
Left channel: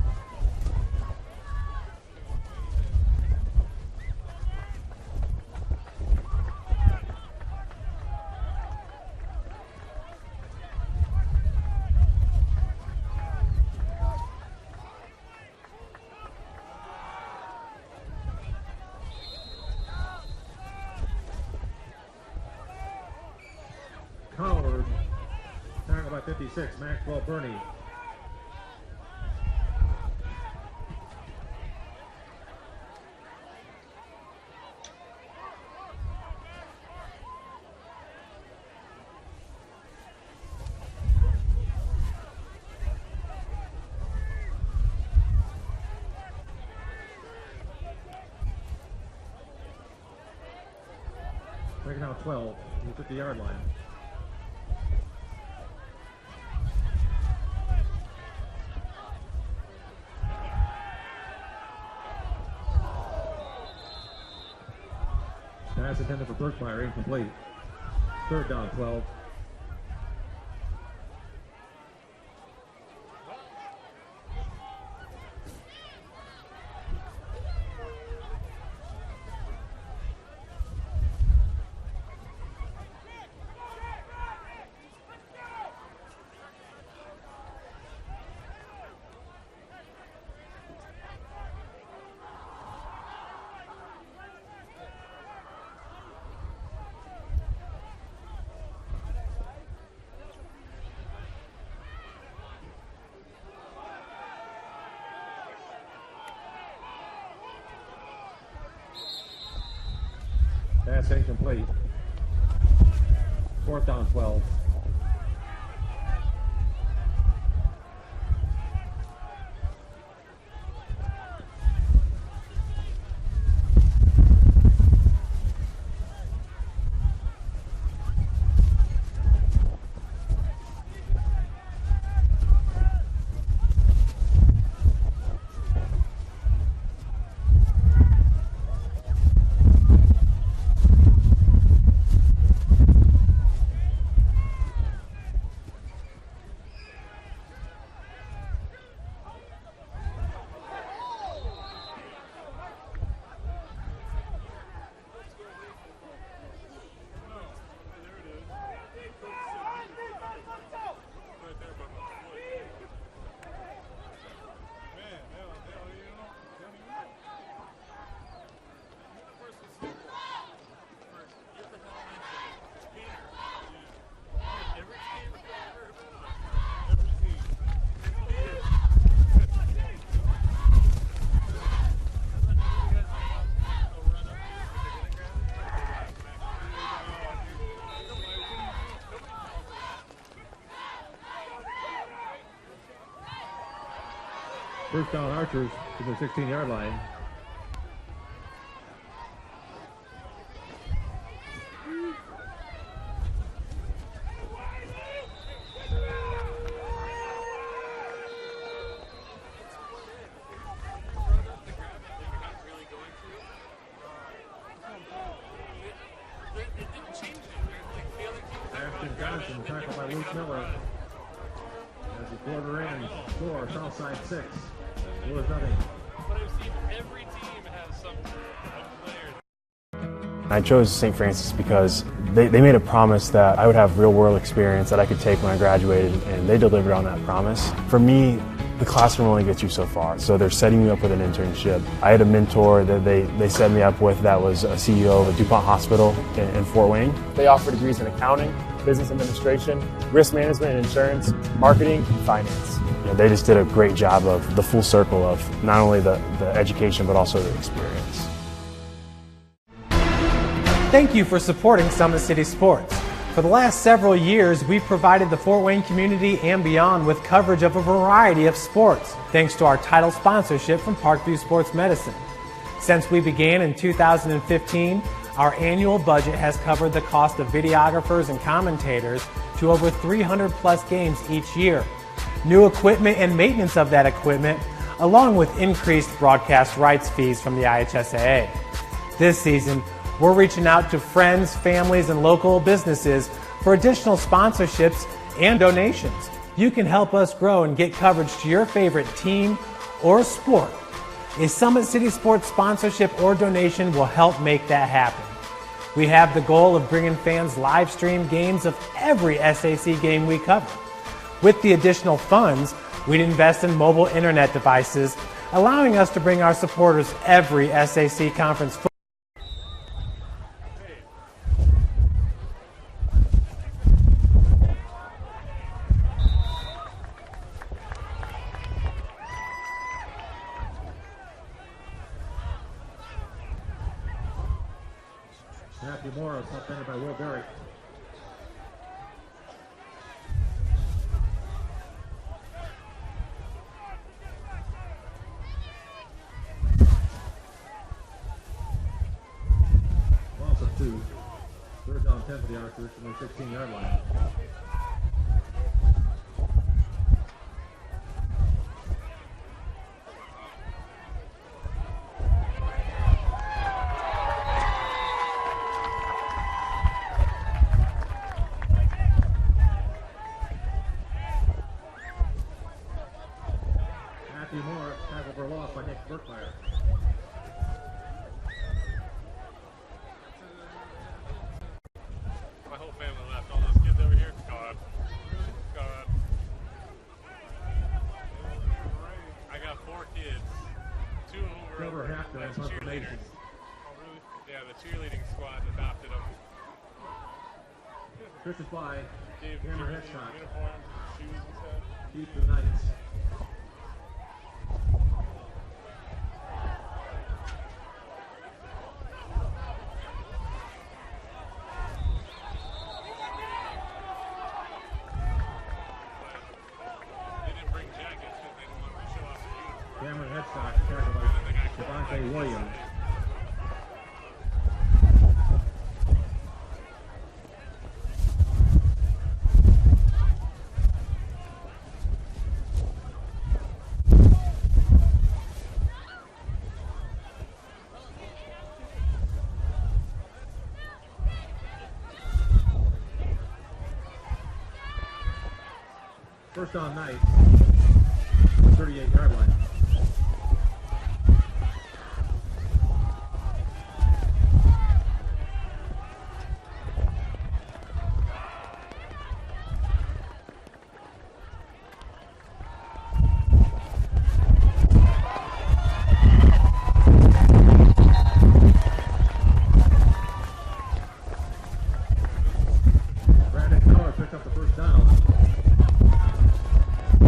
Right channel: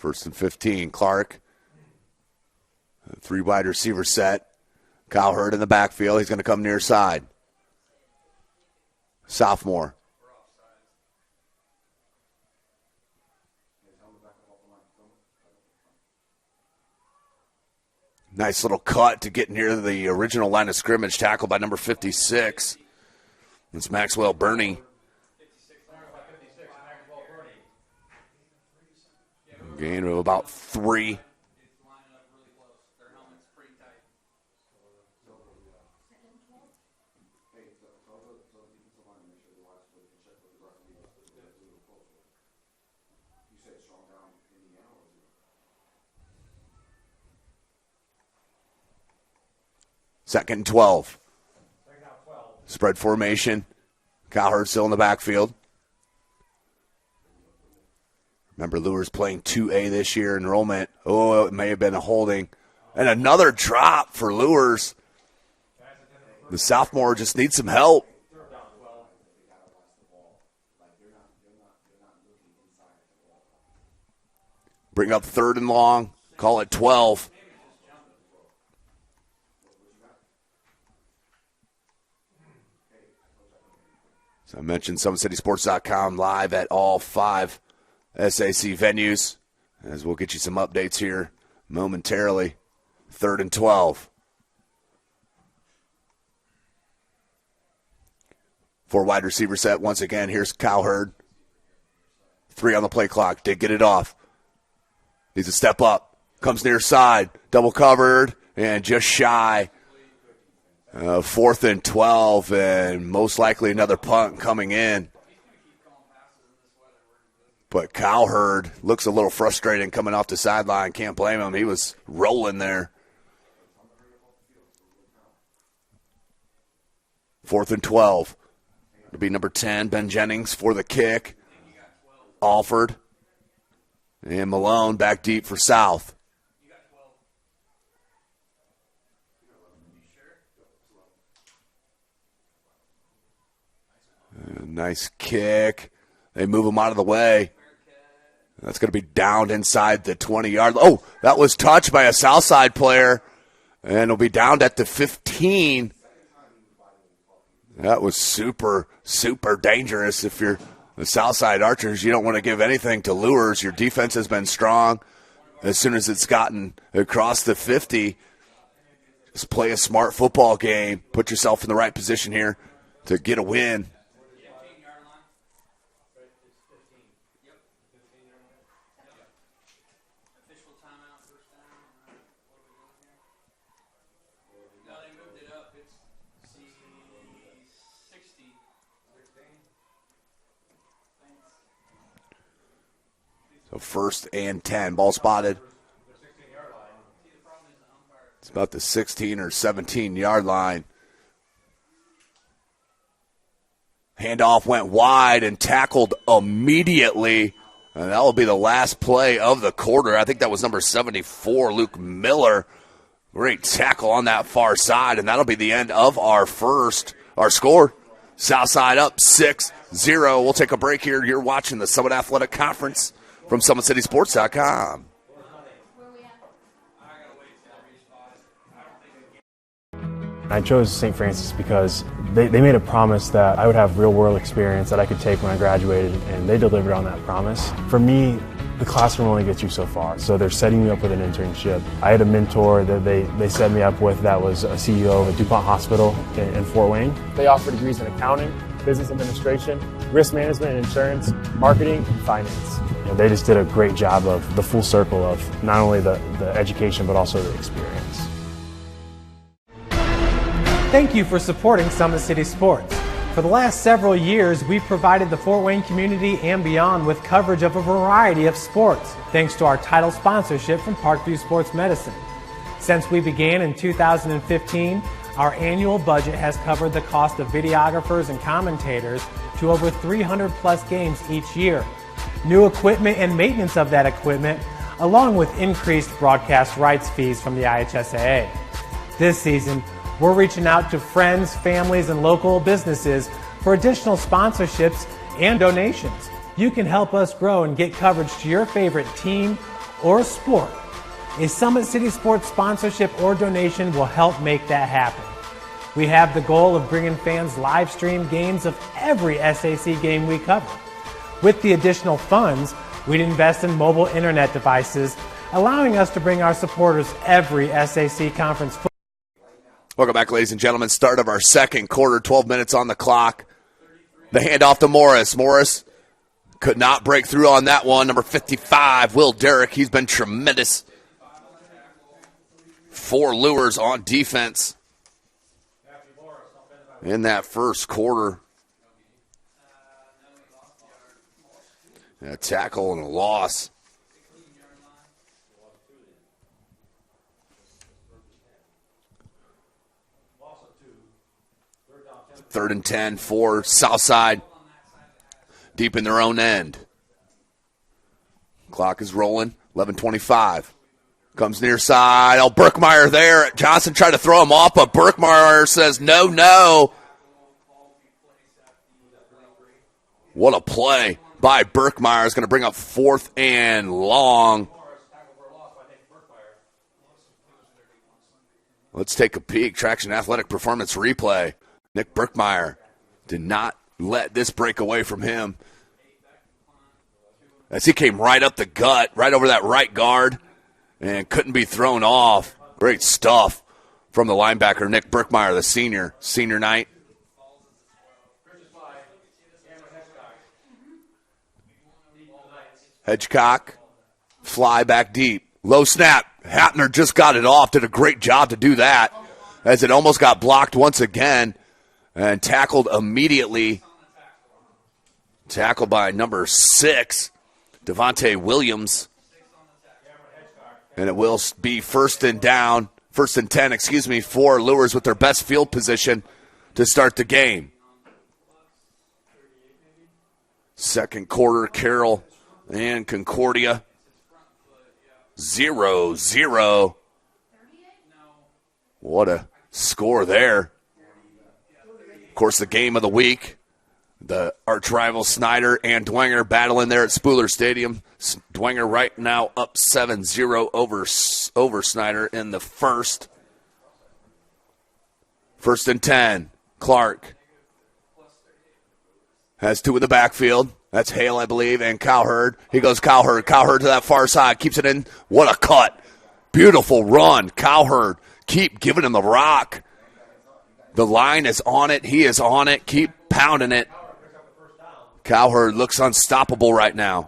First and 15. Clark. 3 wide receiver set. Cowherd in the backfield. He's going to come near side. Sophomore. Nice little cut to get near the original line of scrimmage. Tackled by number 56. It's Maxwell Burney. Tackled by 56, Maxwell Burney. Gain of about 3. Second and 12. Second out 12. Spread formation. Cowherd still in the backfield. Remember, Luers playing 2A this year. Enrollment. Oh, it may have been a holding. And another drop for Luers. The sophomore just needs some help. Third down 12. Bring up 3rd and long. Call it 12. I mentioned SummitCitySports.com live at all 5 SAC venues, as we'll get you some updates here momentarily. 3rd and 12. 4 wide receiver set once again. Here's Cowherd. 3 on the play clock. Did get it off. Needs a step up. Comes near side. Double covered and just shy. 4th and 12, and most likely another punt coming in. But Cowherd looks a little frustrated coming off the sideline. Can't blame him. He was rolling there. 4th and 12. It'll be number 10, Ben Jennings, for the kick. Alford and Malone back deep for South. Nice kick. They move him out of the way. That's going to be downed inside the 20-yard. Oh, that was touched by a Southside player. And it'll be downed at the 15. That was super, super dangerous. If you're the Southside Archers, you don't want to give anything to Luers. Your defense has been strong. As soon as it's gotten across the 50, just play a smart football game. Put yourself in the right position here to get a win. 1st and 10. Ball spotted. To the 16-yard line. It's about the 16 or 17-yard line. Handoff went wide and tackled immediately. And that will be the last play of the quarter. I think that was number 74, Luke Miller. Great tackle on that far side, and that'll be the end of our score. Southside up 6-0. We'll take a break here. You're watching the Summit Athletic Conference from SummitCitySports.com. I chose St. Francis because they made a promise that I would have real-world experience that I could take when I graduated, and they delivered on that promise. For me, the classroom only gets you so far, so they're setting me up with an internship. I had a mentor that they set me up with that was a CEO of a DuPont hospital in Fort Wayne. They offer degrees in accounting, business administration, risk management and insurance, marketing, and finance. They just did a great job of the full circle of not only the education but also the experience. Thank you for supporting Summit City Sports. For the last several years, we've provided the Fort Wayne community and beyond with coverage of a variety of sports, thanks to our title sponsorship from Parkview Sports Medicine. Since we began in 2015, our annual budget has covered the cost of videographers and commentators to over 300 plus games each year. New equipment and maintenance of that equipment, along with increased broadcast rights fees from the IHSAA. This season, we're reaching out to friends, families, and local businesses for additional sponsorships and donations. You can help us grow and get coverage to your favorite team or sport. A Summit City Sports sponsorship or donation will help make that happen. We have the goal of bringing fans live stream games of every SAC game we cover. With the additional funds, we'd invest in mobile internet devices, allowing us to bring our supporters every SAC conference football. Welcome back, ladies and gentlemen. Start of our second quarter, 12 minutes on the clock. The handoff to Morris. Morris could not break through on that one. Number 55, Will Derrick. He's been tremendous for Luers on defense in that first quarter. A tackle and a loss. Third and 10 for Southside. Deep in their own end. Clock is rolling. 11:25. Comes near side. Oh, Burkmeyer there. Johnson tried to throw him off, but Burkmeyer says no. What a play by Burkmeyer. Is going to bring up 4th and long. Let's take a peek. Traction Athletic Performance replay. Nick Burkmeyer did not let this break away from him, as he came right up the gut, right over that right guard, and couldn't be thrown off. Great stuff from the linebacker, Nick Burkmeyer, the senior night. Hedgecock, fly back deep. Low snap. Hapner just got it off, did a great job to do that, as it almost got blocked once again and tackled immediately. Tackled by number 6, Devontae Williams. And it will be first and 10, for Luers with their best field position to start the game. Second quarter, Carroll and Concordia. 0-0. What a score there. Of course, the game of the week, the arch rival Snyder and Dwenger battling there at Spooler Stadium. Dwenger right now up 7-0 over Snyder in the first. First and 10. Clark has 2 in the backfield. That's Hale, I believe, and Cowherd. He goes Cowherd. Cowherd to that far side. Keeps it in. What a cut. Beautiful run. Cowherd. Keep giving him the rock. The line is on it. He is on it. Keep pounding it. Cowherd looks unstoppable right now.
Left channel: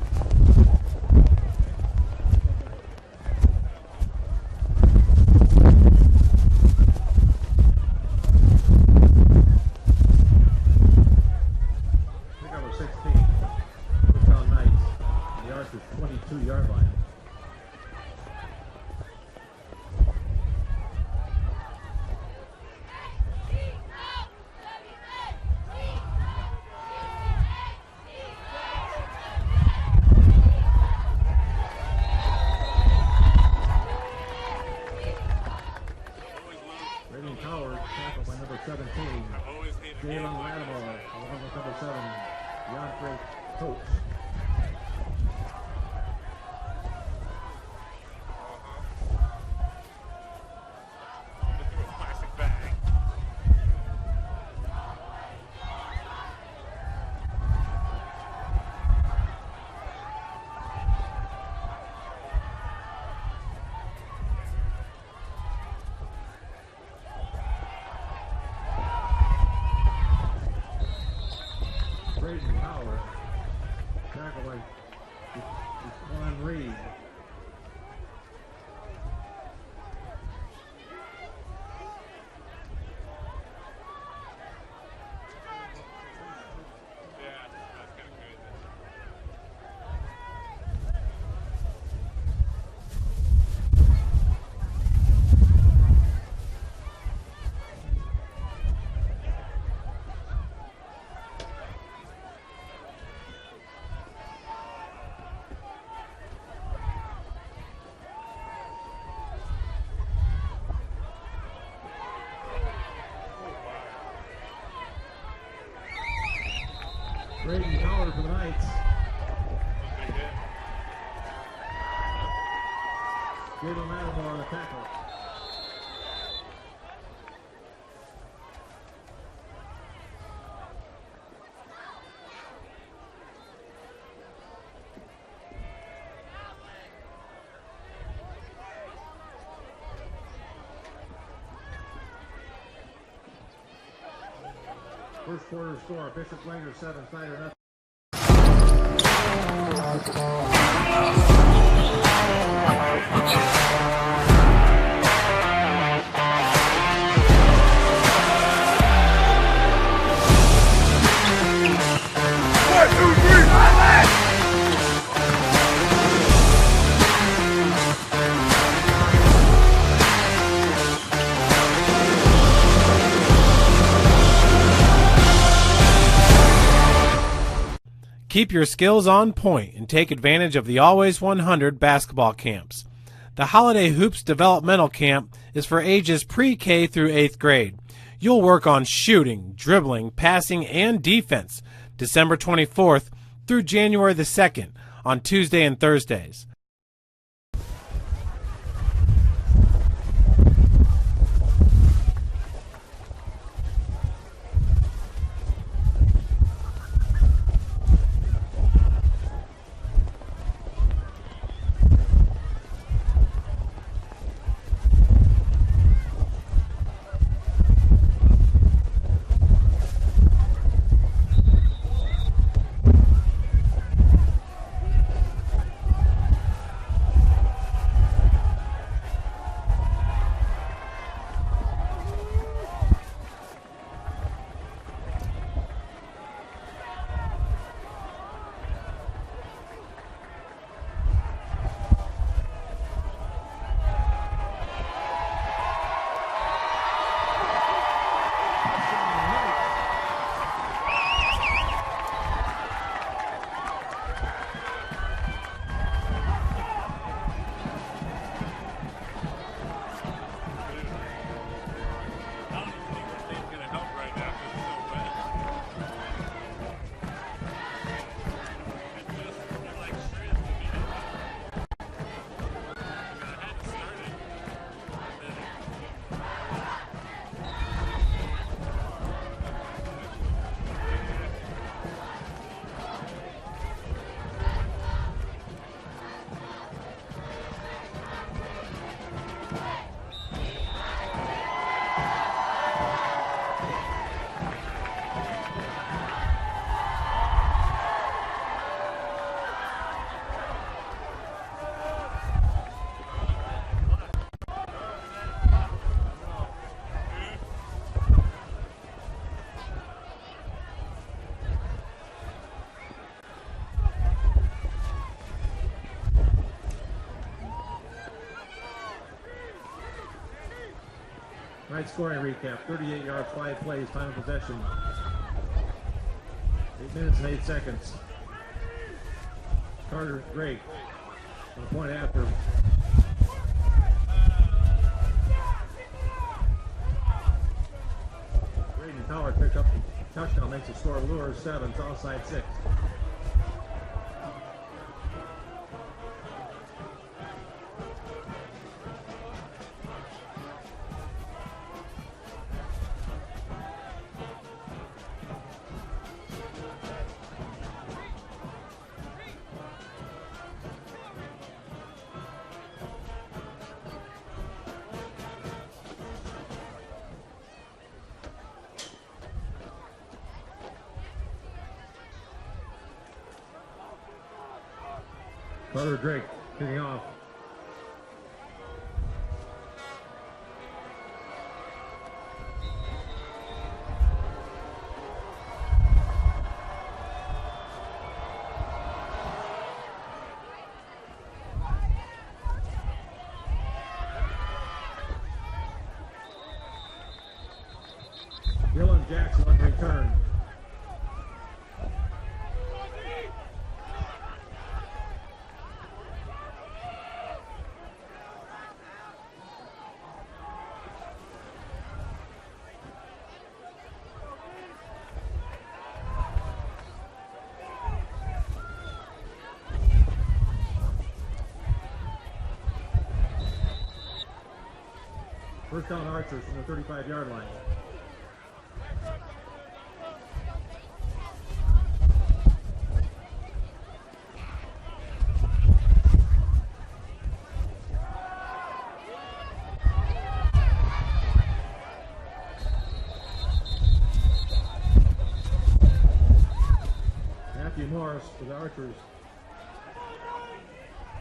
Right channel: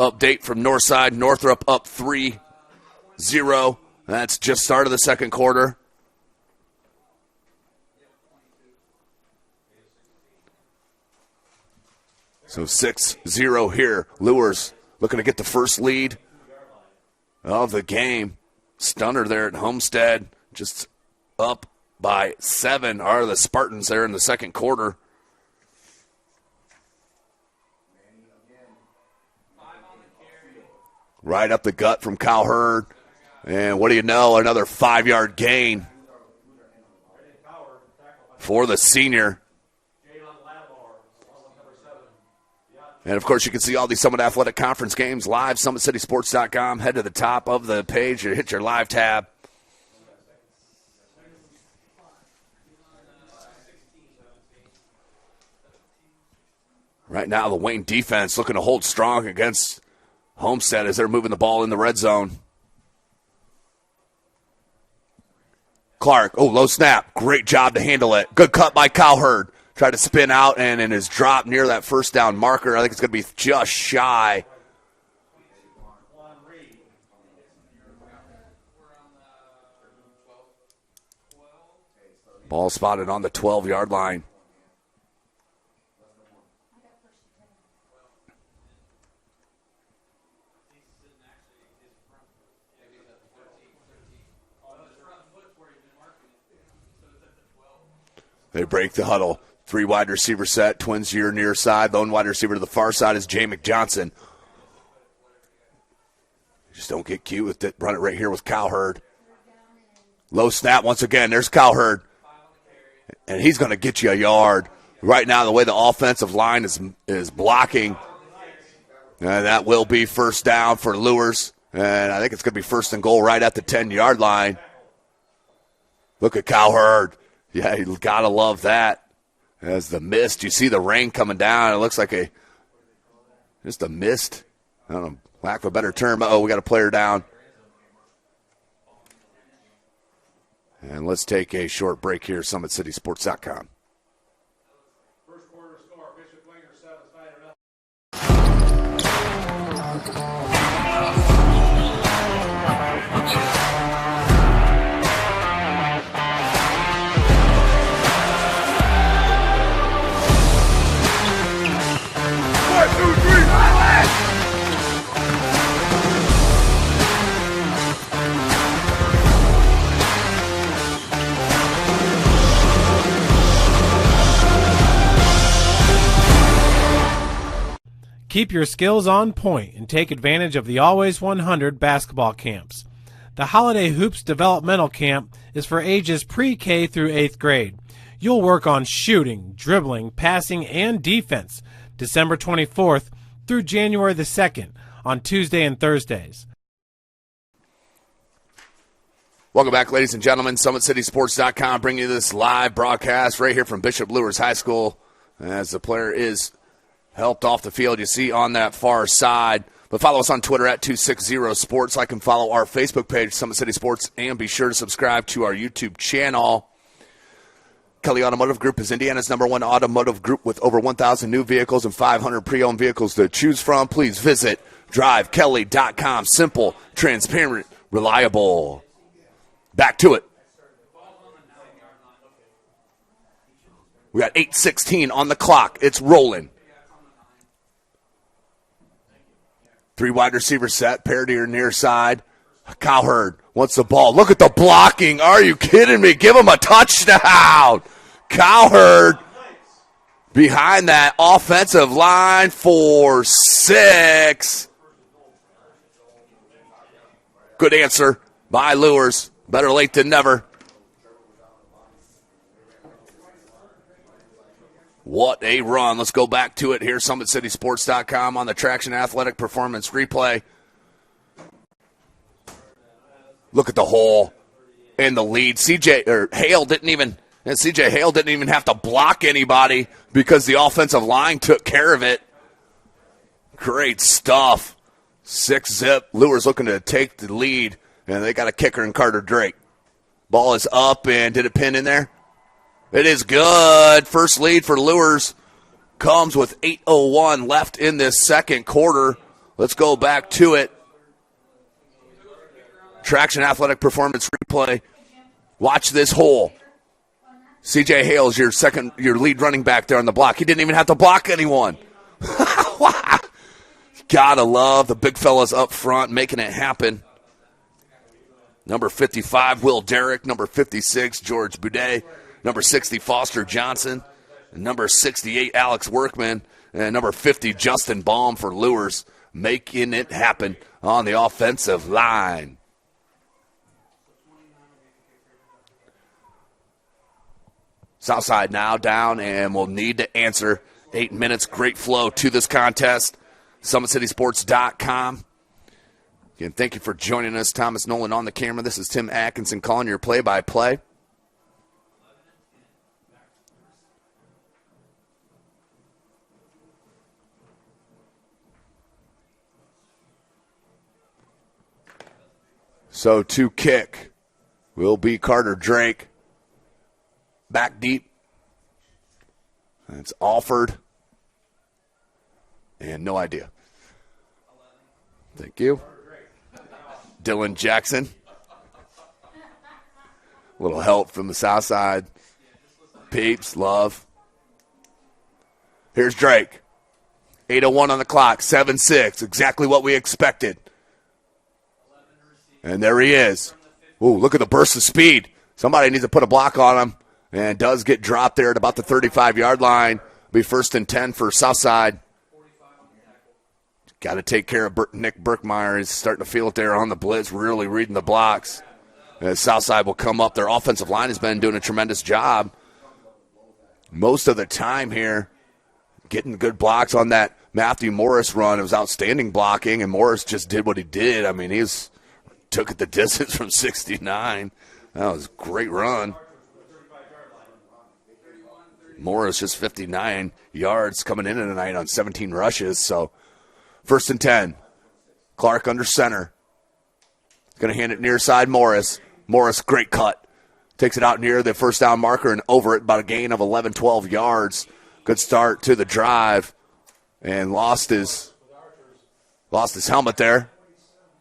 Update from Northside. Northrop up 3-0. That's just start of the second quarter. So 6-0 here. Luers looking to get the first lead of the game. Stunner there at Homestead. Just up by 7 are the Spartans there in the second quarter. Right up the gut from Cowherd. And what do you know, another 5-yard gain for the senior. And, of course, you can see all these Summit Athletic Conference games live, SummitCitySports.com. Head to the top of the page, hit your live tab. Right now, the Wayne defense looking to hold strong against Homestead as they're moving the ball in the red zone. Clark, low snap. Great job to handle it. Good cut by Cowherd. Tried to spin out and in his drop near that first down marker. I think it's going to be just shy. Ball spotted on the 12-yard line. They break the huddle. 3 wide receiver set. Twins to your near side. Lone wide receiver to the far side is Jay McJohnson. Just don't get cute with it. Run it right here with Cowherd. Low snap once again. There's Cowherd. And he's going to get you a yard. Right now, the way the offensive line is blocking. And that will be first down for Luers. And I think it's going to be first and goal right at the 10-yard line. Look at Cowherd. Yeah, you got to love that. As the mist, you see the rain coming down. It looks like just a mist. I don't know, lack of a better term. We got a player down. And let's take a short break here, SummitCitySports.com. First quarter score, Bishop Langer 7, Snyder nothing. Keep your skills on point and take advantage of the Always 100 basketball camps. The Holiday Hoops Developmental Camp is for ages pre-K through 8th grade. You'll work on shooting, dribbling, passing, and defense December 24th through January the 2nd on Tuesday and Thursdays. Welcome back, ladies and gentlemen. SummitCitySports.com bringing you this live broadcast right here from Bishop Luers High School as the player is helped off the field, you see on that far side. But follow us on Twitter at 260sports. Like and follow our Facebook page, Summit City Sports, and be sure to subscribe to our YouTube channel. Kelly Automotive Group is Indiana's #1 automotive group with over 1,000 new vehicles and 500 pre-owned vehicles to choose from. Please visit drivekelly.com. Simple, transparent, reliable. Back to it. We got 8:16 on the clock. It's rolling. 3 wide receiver set, pair to your near side. Cowherd wants the ball. Look at the blocking. Are you kidding me? Give him a touchdown. Cowherd behind that offensive line for 6. Good answer by Luers. Better late than never. What a run. Let's go back to it here. SummitCitySports.com on the Traction Athletic Performance replay. Look at the hole in the lead. CJ Hale didn't even have to block anybody because the offensive line took care of it. Great stuff. 6-zip. Luers looking to take the lead, and they got a kicker in Carter Drake. Ball is up, and did it pin in there? It is good. First lead for Luers comes with 8:01 left in this second quarter. Let's go back to it. Traction Athletic Performance replay. Watch this hole. CJ Hale is your lead running back there on the block. He didn't even have to block anyone. Gotta love the big fellas up front making it happen. Number 55, Will Derrick. Number 56, George Boudet. Number 60, Foster Johnson. Number 68, Alex Workman. And number 50, Justin Baum for Luers, making it happen on the offensive line. Southside now down, and will need to answer. 8 minutes, great flow to this contest. SummitCitySports.com. Again, thank you for joining us. Thomas Nolan on the camera. This is Tim Atkinson calling your play-by-play. So to kick will be Carter Drake. Back deep. It's Alford. And no idea. Thank you. Carter Drake kicking off. Dylan Jackson. Little help from the south side. Peeps, love. Here's Drake. 8:01 on the clock, 7-6. Exactly what we expected. And there he is. Ooh, look at the burst of speed. Somebody needs to put a block on him. And does get dropped there at about the 35-yard line. Be 1st and 10 for Southside. Got to take care of Nick Burkmeyer. He's starting to feel it there on the blitz, really reading the blocks. As Southside will come up. Their offensive line has been doing a tremendous job most of the time here, getting good blocks on that Matthew Morris run. It was outstanding blocking, and Morris just did what he did. I mean, took it the distance from 69. That was a great run. Morris just 59 yards coming in tonight on 17 rushes. So 1st and 10. Clark under center. Going to hand it near side Morris. Morris, great cut. Takes it out near the first down marker and over it, about a gain of 11, 12 yards. Good start to the drive. And lost his helmet there.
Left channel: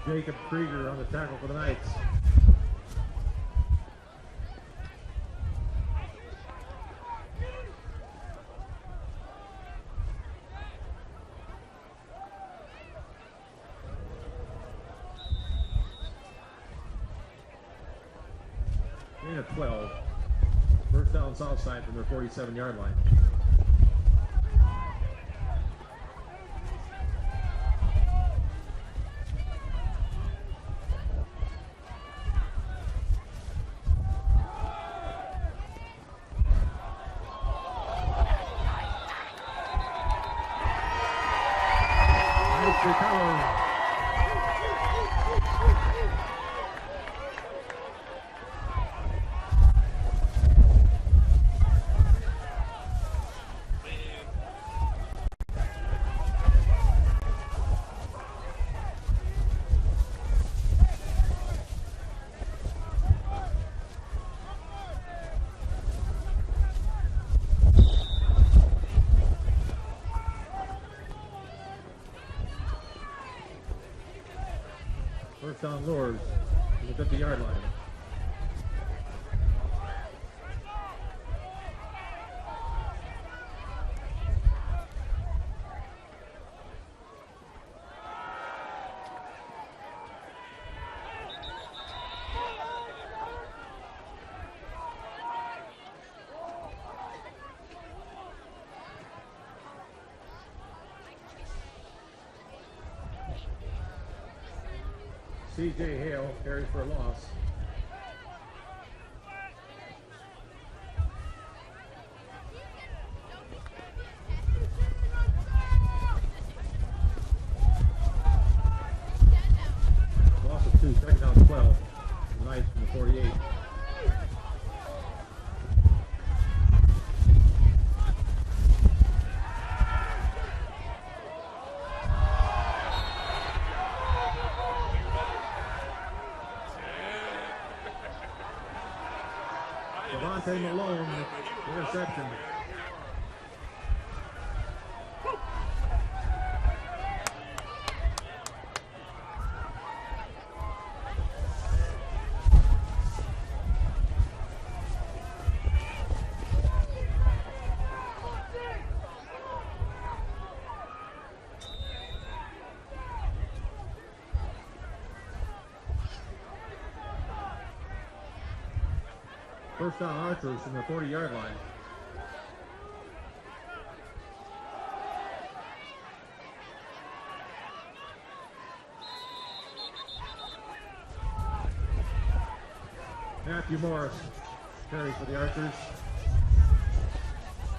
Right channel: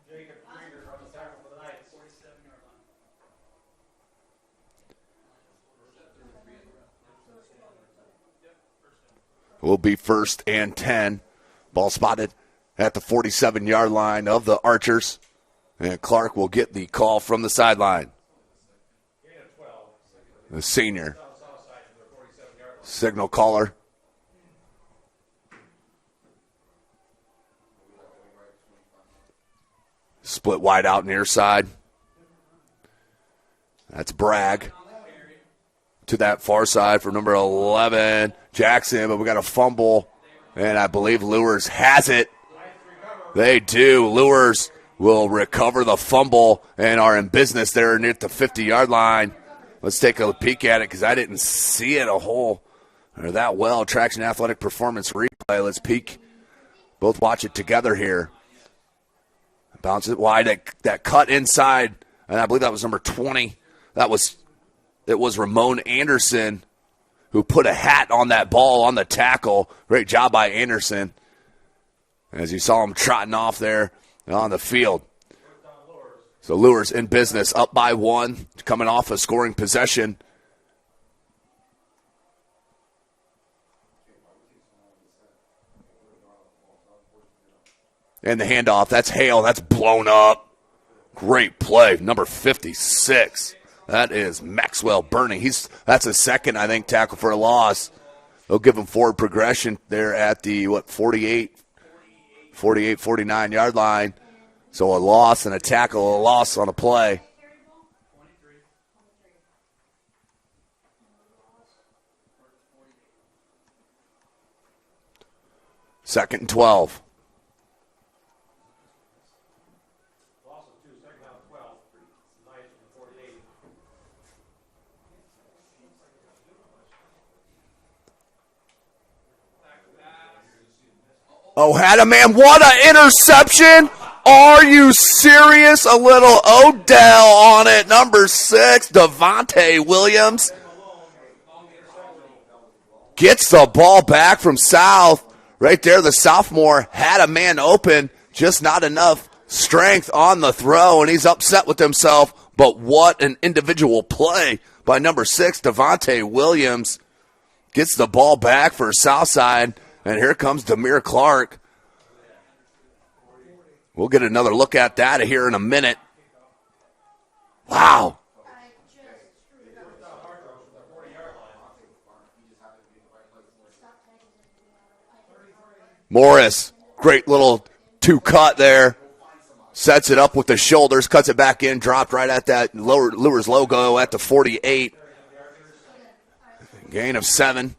Jacob Krieger on the tackle for the Knights. Will be 1st and 10. Ball spotted at the 47-yard line of the Archers. And Clark will get the call from the sideline. 12. The senior. Down south side from their 47-yard line. Signal caller. Split wide out near side. That's Bragg. To that far side for number 11, Jackson, but we got a fumble, and I believe Luers has it. They do. Luers will recover the fumble and are in business there near the 50-yard line. Let's take a peek at it because I didn't see it that well. Traction Athletic Performance replay. Let's peek. Both watch it together here. Bounce it wide. That cut inside, and I believe that was number 20. It was Ramon Anderson who put a hat on that ball on the tackle. Great job by Anderson. As you saw him trotting off there on the field. First down Luers. So Luers in business, up by 1, coming off a scoring possession. And the handoff, that's Hale, that's blown up. Great play, number 56. That is Maxwell Burney. That's a second, I think, tackle for a loss. They'll give him forward progression there at the, 48, 49-yard line. So a loss and a tackle, a loss on a play. Second and 12. Loss of 2, second down 12. Knights from the 48. Oh, had a man. What an interception. Are you serious? A little Odell on it. Number 6, Devontae Williams. Gets the ball back from South. Right there, the sophomore had a man open. Just not enough strength on the throw, and he's upset with himself. But what an individual play by number 6, Devontae Williams. Gets the ball back for Southside. And here comes Demir Clark. We'll get another look at that here in a minute. Wow. First down Archers from the 40-yard line. Morris, great little two-cut there. Sets it up with the shoulders, cuts it back in, dropped right at that Luers logo at the 48. Gain of 7.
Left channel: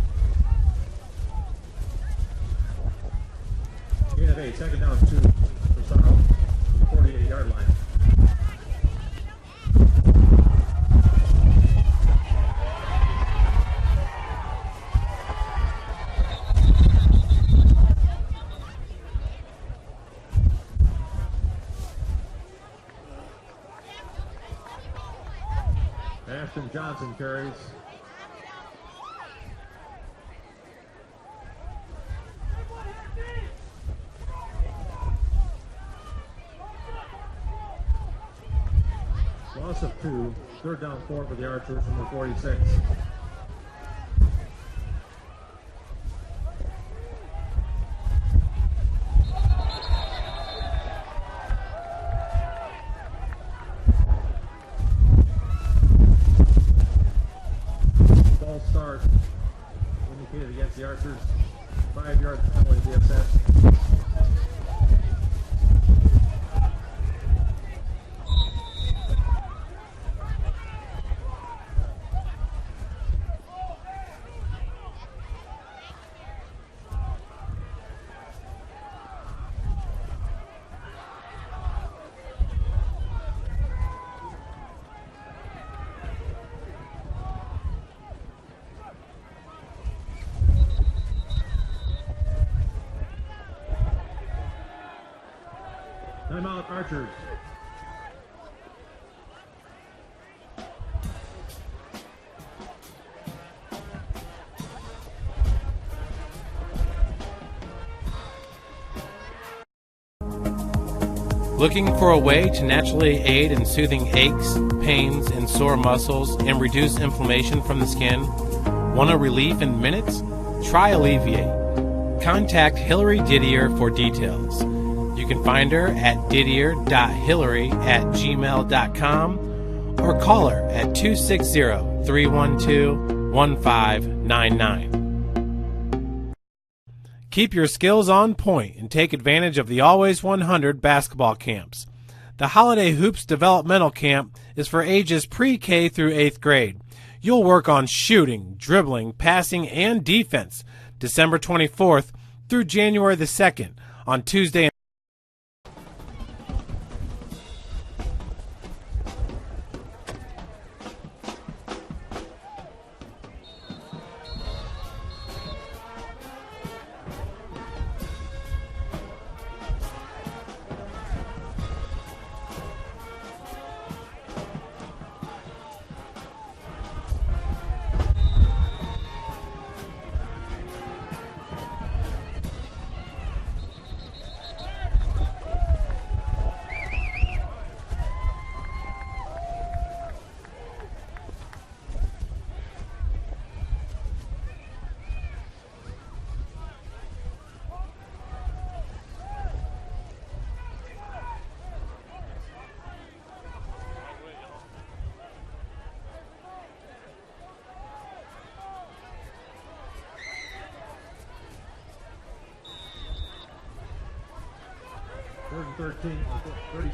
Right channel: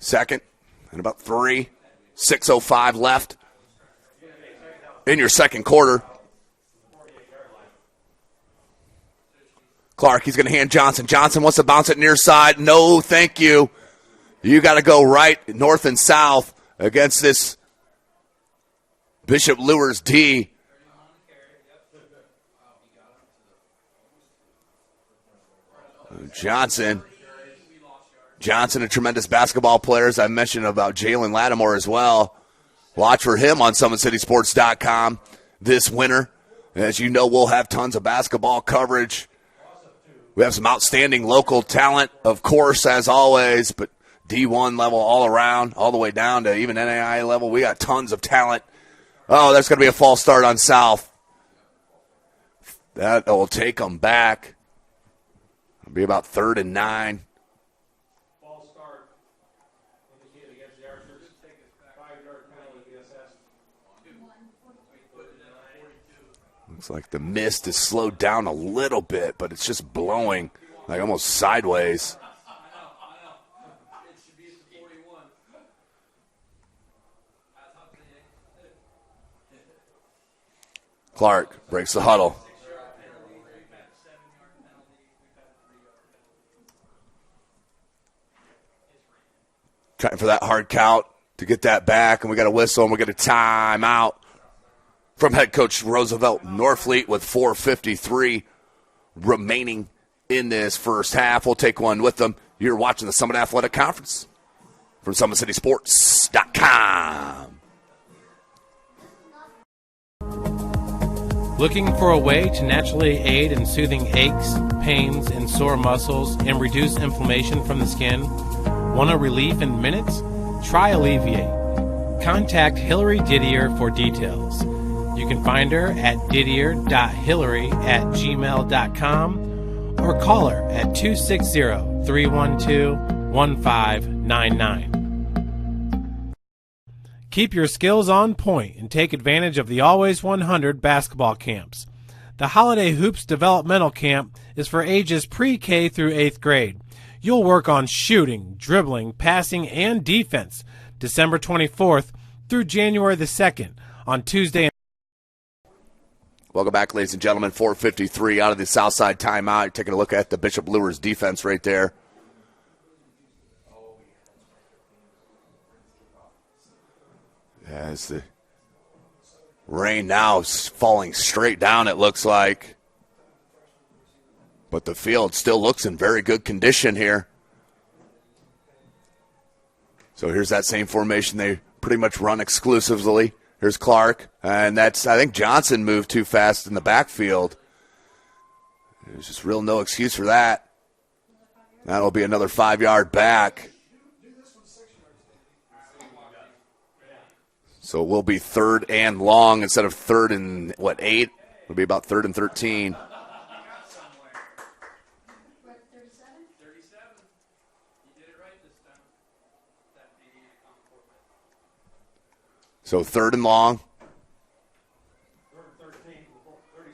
Second and about 3. 6:05 left in your second quarter. Clark, he's going to hand Johnson. Johnson wants to bounce it near side. No, thank you. You got to go right, north and south against this Bishop Luers D. Johnson, a tremendous basketball player, as I mentioned about Jalen Lattimore as well. Watch for him on SummitCitySports.com this winter. As you know, we'll have tons of basketball coverage. We have some outstanding local talent, of course, as always, but D1 level all around, all the way down to even NAIA level. We got tons of talent. Oh, there's going to be a false start on South. That will take them back. Be about 3rd and 9. False start indicated against the Archers. 5-yard penalty DSS. Looks like the mist is slowed down a little bit, but it's just blowing like almost sideways. Clark breaks the huddle. Trying for that hard count to get that back, and we got a whistle, and we get a timeout from head coach Roosevelt Norfleet with 4:53 remaining in this first half. We'll take one with them. You're watching the Summit Athletic Conference from SummitCitySports.com. Looking for a way to naturally aid in soothing aches, pains, and sore muscles and reduce inflammation from the skin? Want a relief in minutes? Try Alleviate. Contact Hillary Didier for details. You can find her at didier.hillary@gmail.com or call her at 260-312-1599. Keep your skills on point and take advantage of the Always 100 basketball camps. The Holiday Hoops Developmental Camp is for ages pre-K through 8th grade. You'll work on shooting, dribbling, passing, and defense December 24th through January the 2nd on Tuesday. Welcome back, ladies and gentlemen. 4:53 out of the Southside timeout. You're taking a look at the Bishop Luers defense right there. As the rain now is falling straight down, it looks like. But the field still looks in very good condition here. So here's that same formation they pretty much run exclusively. Here's Clark, and that's, I think Johnson moved too fast in the backfield. There's just real no excuse for that. That'll be another 5-yard back. So it will be 3rd and long instead of 3rd and, 8? It'll be about 3rd and 13. So 3rd and long.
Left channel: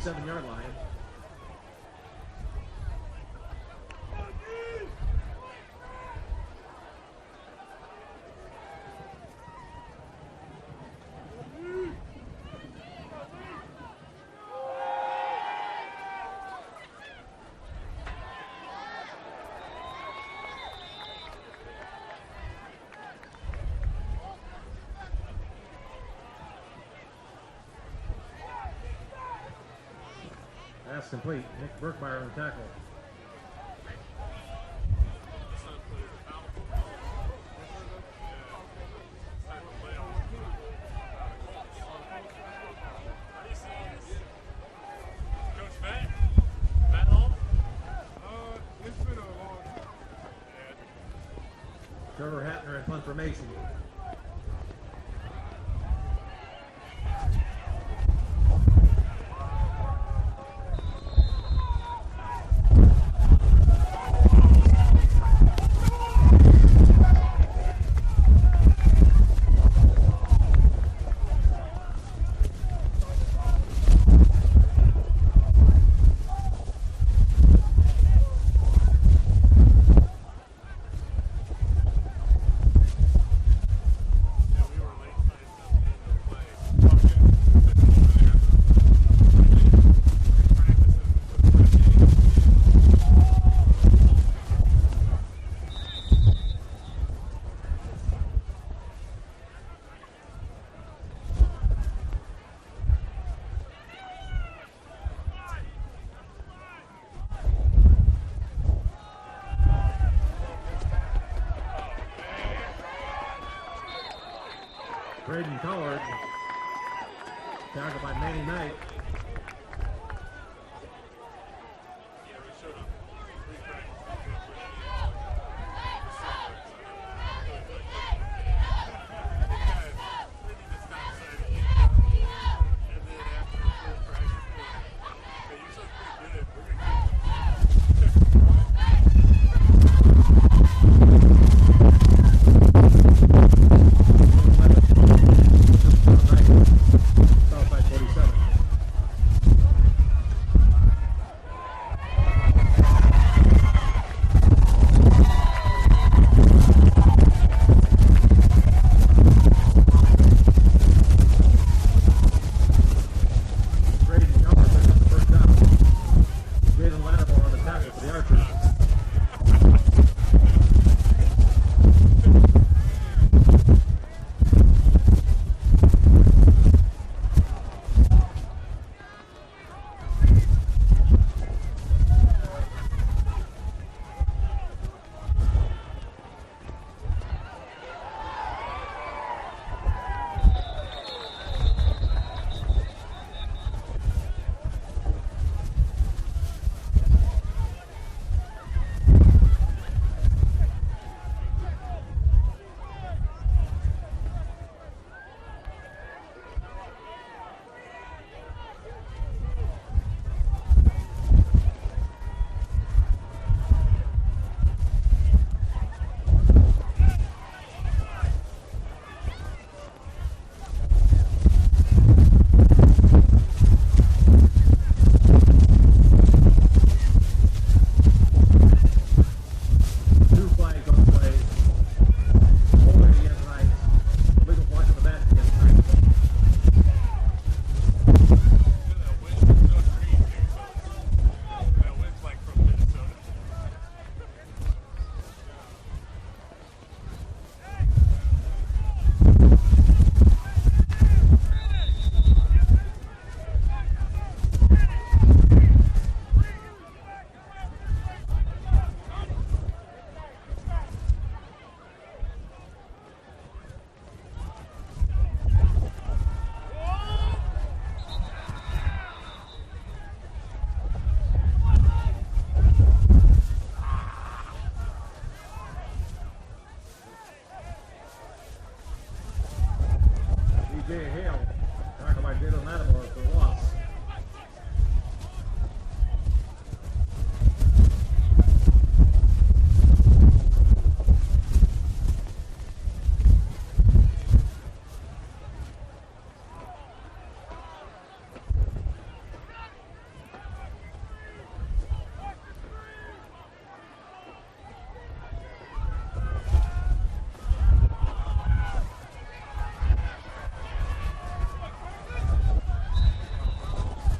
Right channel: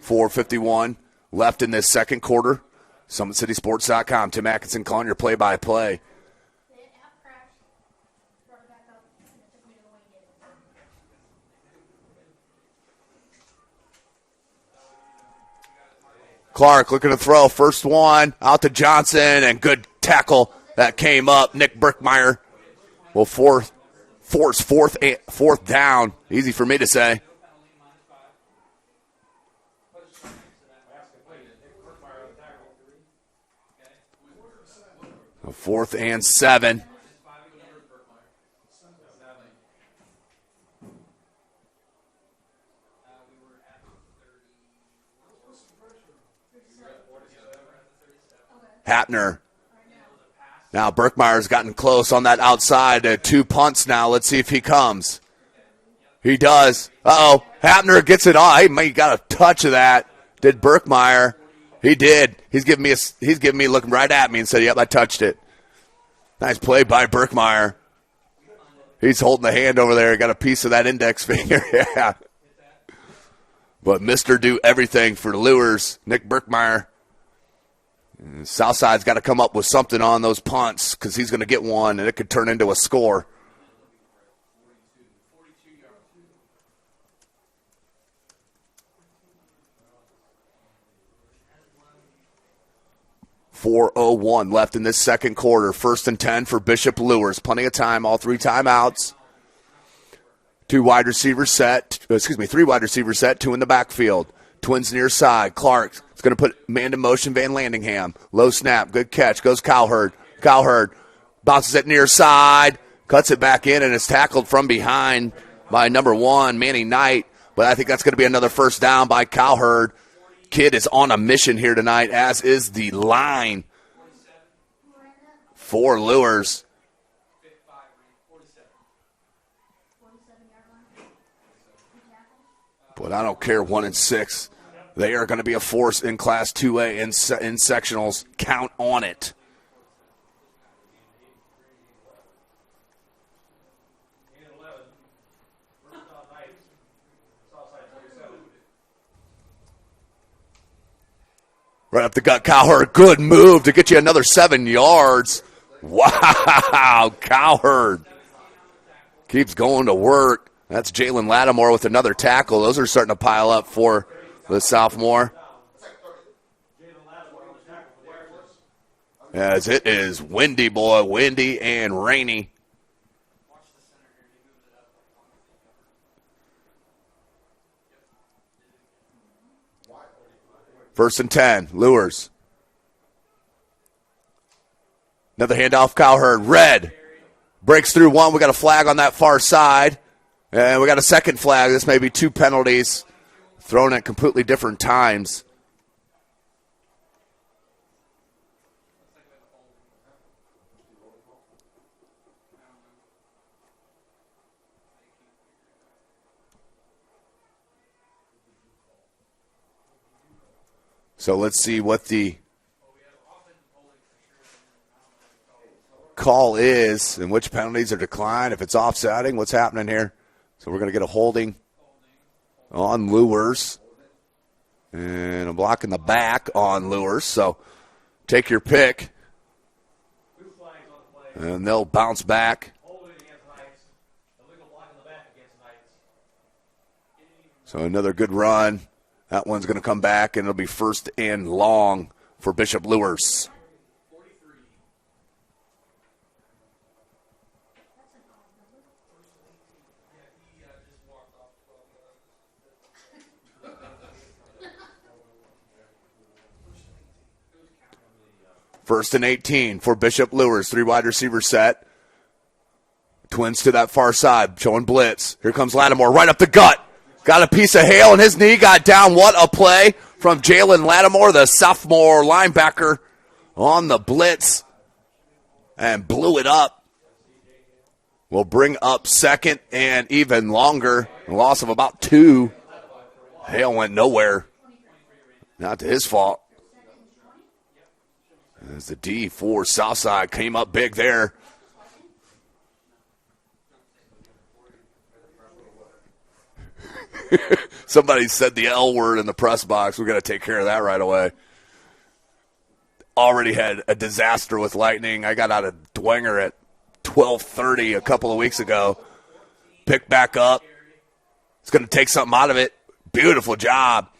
4:51 left in this second quarter. SummitCitySports.com. Tim Atkinson calling your play-by-play. Clark looking to throw. First one out to Johnson, and good tackle that came up. Nick Brickmeyer will force fourth down. Easy for me to say. Pass complete. Nick Brickmeyer on the tackle. 4th and 7. Hapner. Now Berkmeyer's gotten close on that outside. 2 punts now. Let's see if he comes. He does. Uh-oh. Hapner gets it on. He got a touch of that. Did Berkmeyer? He did. He's giving me looking right at me and said, "Yep, I touched it." Nice play by Berkmeyer. He's holding the hand over there. Got a piece of that index finger. Yeah. But Mr. Do Everything for the Luers, Nick Berkmeyer. Southside's got to come up with something on those punts because he's going to get one and it could turn into a score. .401 left in this second quarter. 1st and 10 for Bishop Luers. Plenty of time, all 3 timeouts. 3 wide receiver set, 2 in the backfield. Twins near side. Clark is going to put man in motion, Van Landingham. Low snap, good catch, goes Cowherd. Cowherd bounces it near side, cuts it back in, and is tackled from behind by number 1, Manny Knight. But I think that's going to be another first down by Cowherd. Kid is on a mission here tonight, as is the line for Luers. But I don't care, 1 and 6. They are going to be a force in Class 2A in sectionals. Count on it. Right up the gut, Cowherd. Good move to get you another 7 yards. Wow, Cowherd keeps going to work. That's Jalen Lattimore with another tackle. Those are starting to pile up for the sophomore. As it is windy, boy, windy and rainy. First and 10, Luers. Another handoff, Cowherd. Red breaks through one. We got a flag on that far side. And we got a second flag. This may be 2 penalties thrown at completely different times. So let's see what the call is and which penalties are declined. If it's offsetting, what's happening here? So we're going to get a holding on Luers and a block in the back on Luers. So take your pick. And they'll bounce back. So another good run. That one's going to come back, and it'll be 1st and long for Bishop Luers. First and 18 for Bishop Luers. 3 wide receiver set. Twins to that far side, showing blitz. Here comes Lattimore, right up the gut. Got a piece of hail, and his knee got down. What a play from Jalen Lattimore, the sophomore linebacker, on the blitz, and blew it up. Will bring up 2nd and even longer. A loss of about 2. Hail went nowhere. Not to his fault. As the D for Southside came up big there. Somebody said the L word in the press box. We're going to take care of that right away. Already had a disaster with lightning. I got out of Dwenger at 12:30 a couple of weeks ago. Picked back up. It's going to take something out of it. Beautiful job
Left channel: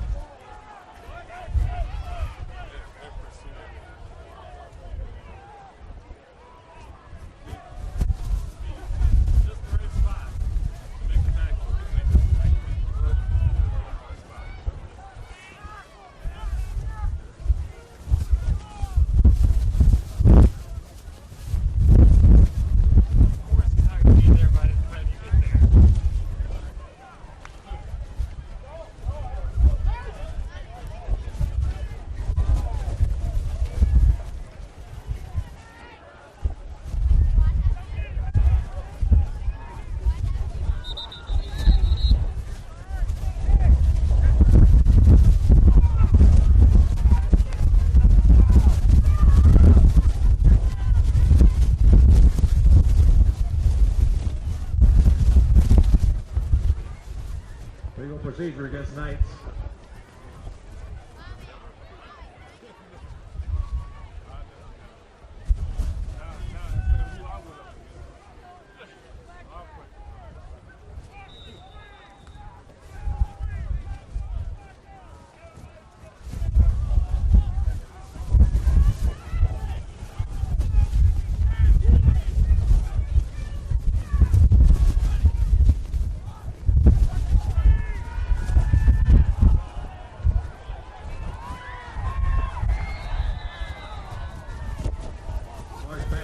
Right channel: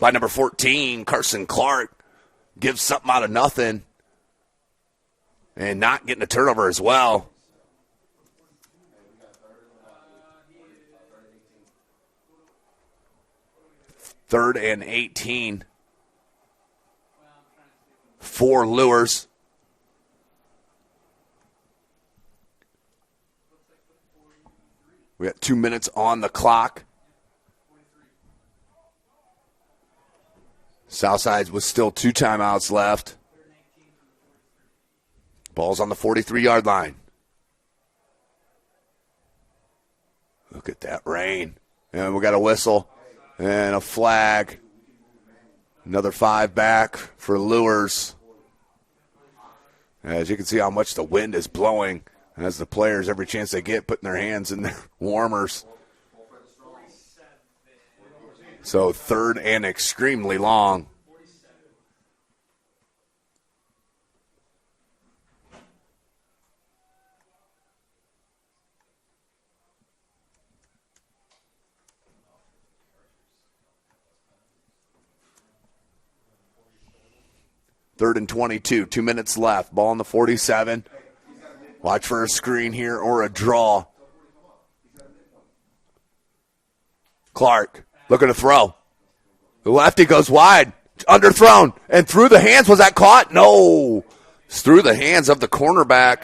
by number 14, Carson Clark. Gives something out of nothing. And not getting a turnover as well. 3rd and 18 for Luers. We got 2 minutes on the clock. Southside with still 2 timeouts left. Ball's on the 43-yard line. Look at that rain. And we got a whistle and a flag. Another 5 back for Luers. As you can see how much the wind is blowing. As the players, every chance they get, putting their hands in their warmers. So 3rd and extremely long. Third and 22, 2 minutes left. Ball on the 47. Watch for a screen here or a draw. Clark looking to throw. The lefty goes wide, underthrown, and through the hands. Was that caught? No. It's through the hands of the cornerback,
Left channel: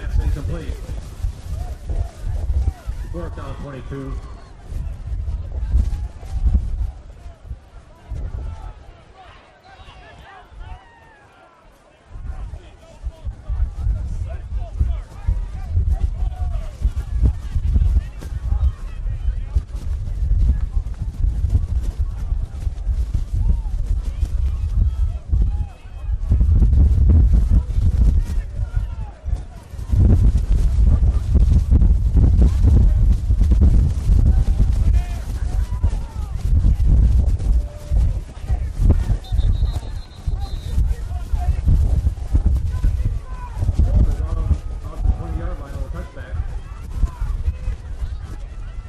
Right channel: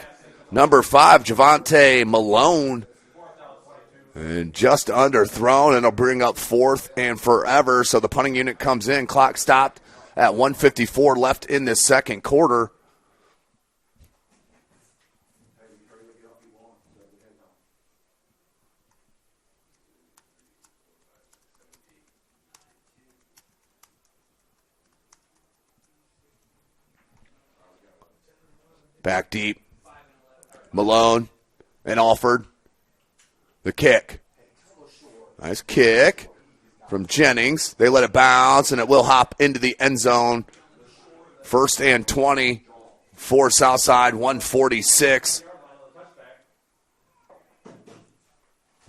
number 5, Javante Malone. And just underthrown, and it'll bring up 4th and forever. So the punting unit comes in. Clock stopped at 1:54 left in this second quarter. Back deep. Malone and Alford. The kick. Nice kick from Jennings. They let it bounce, and it will hop into the end zone. 1st and 20 for Southside, 1:46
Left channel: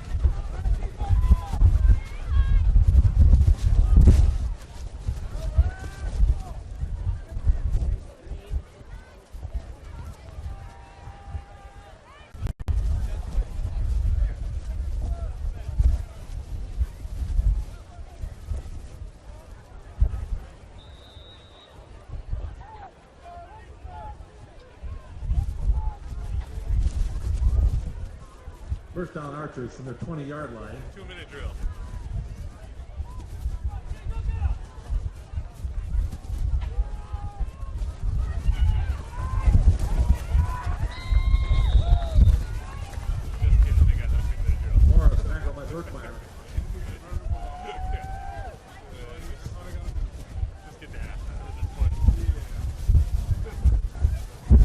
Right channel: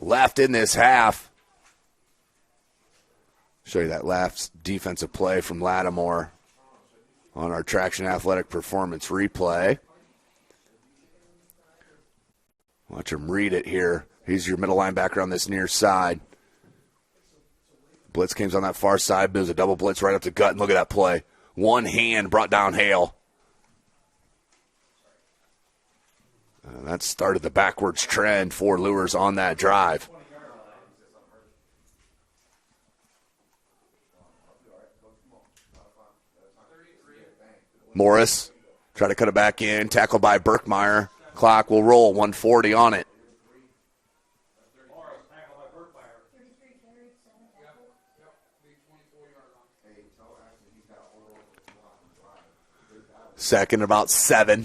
left in this half. Show you that last defensive play from Lattimore on our Traction Athletic Performance replay. Watch him read it here. He's your middle linebacker on this near side. Blitz comes on that far side, but it was a double blitz right up the gut, and look at that play. One hand brought down Hale. And that started the backwards trend for Luers on that drive. 20-yard line. 2-minute drill. Morris try to cut it back in, tackled by Berkmeyer. Clock will roll, 1:40 on it. Morris tackled by Berkmeyer. Second, about 7.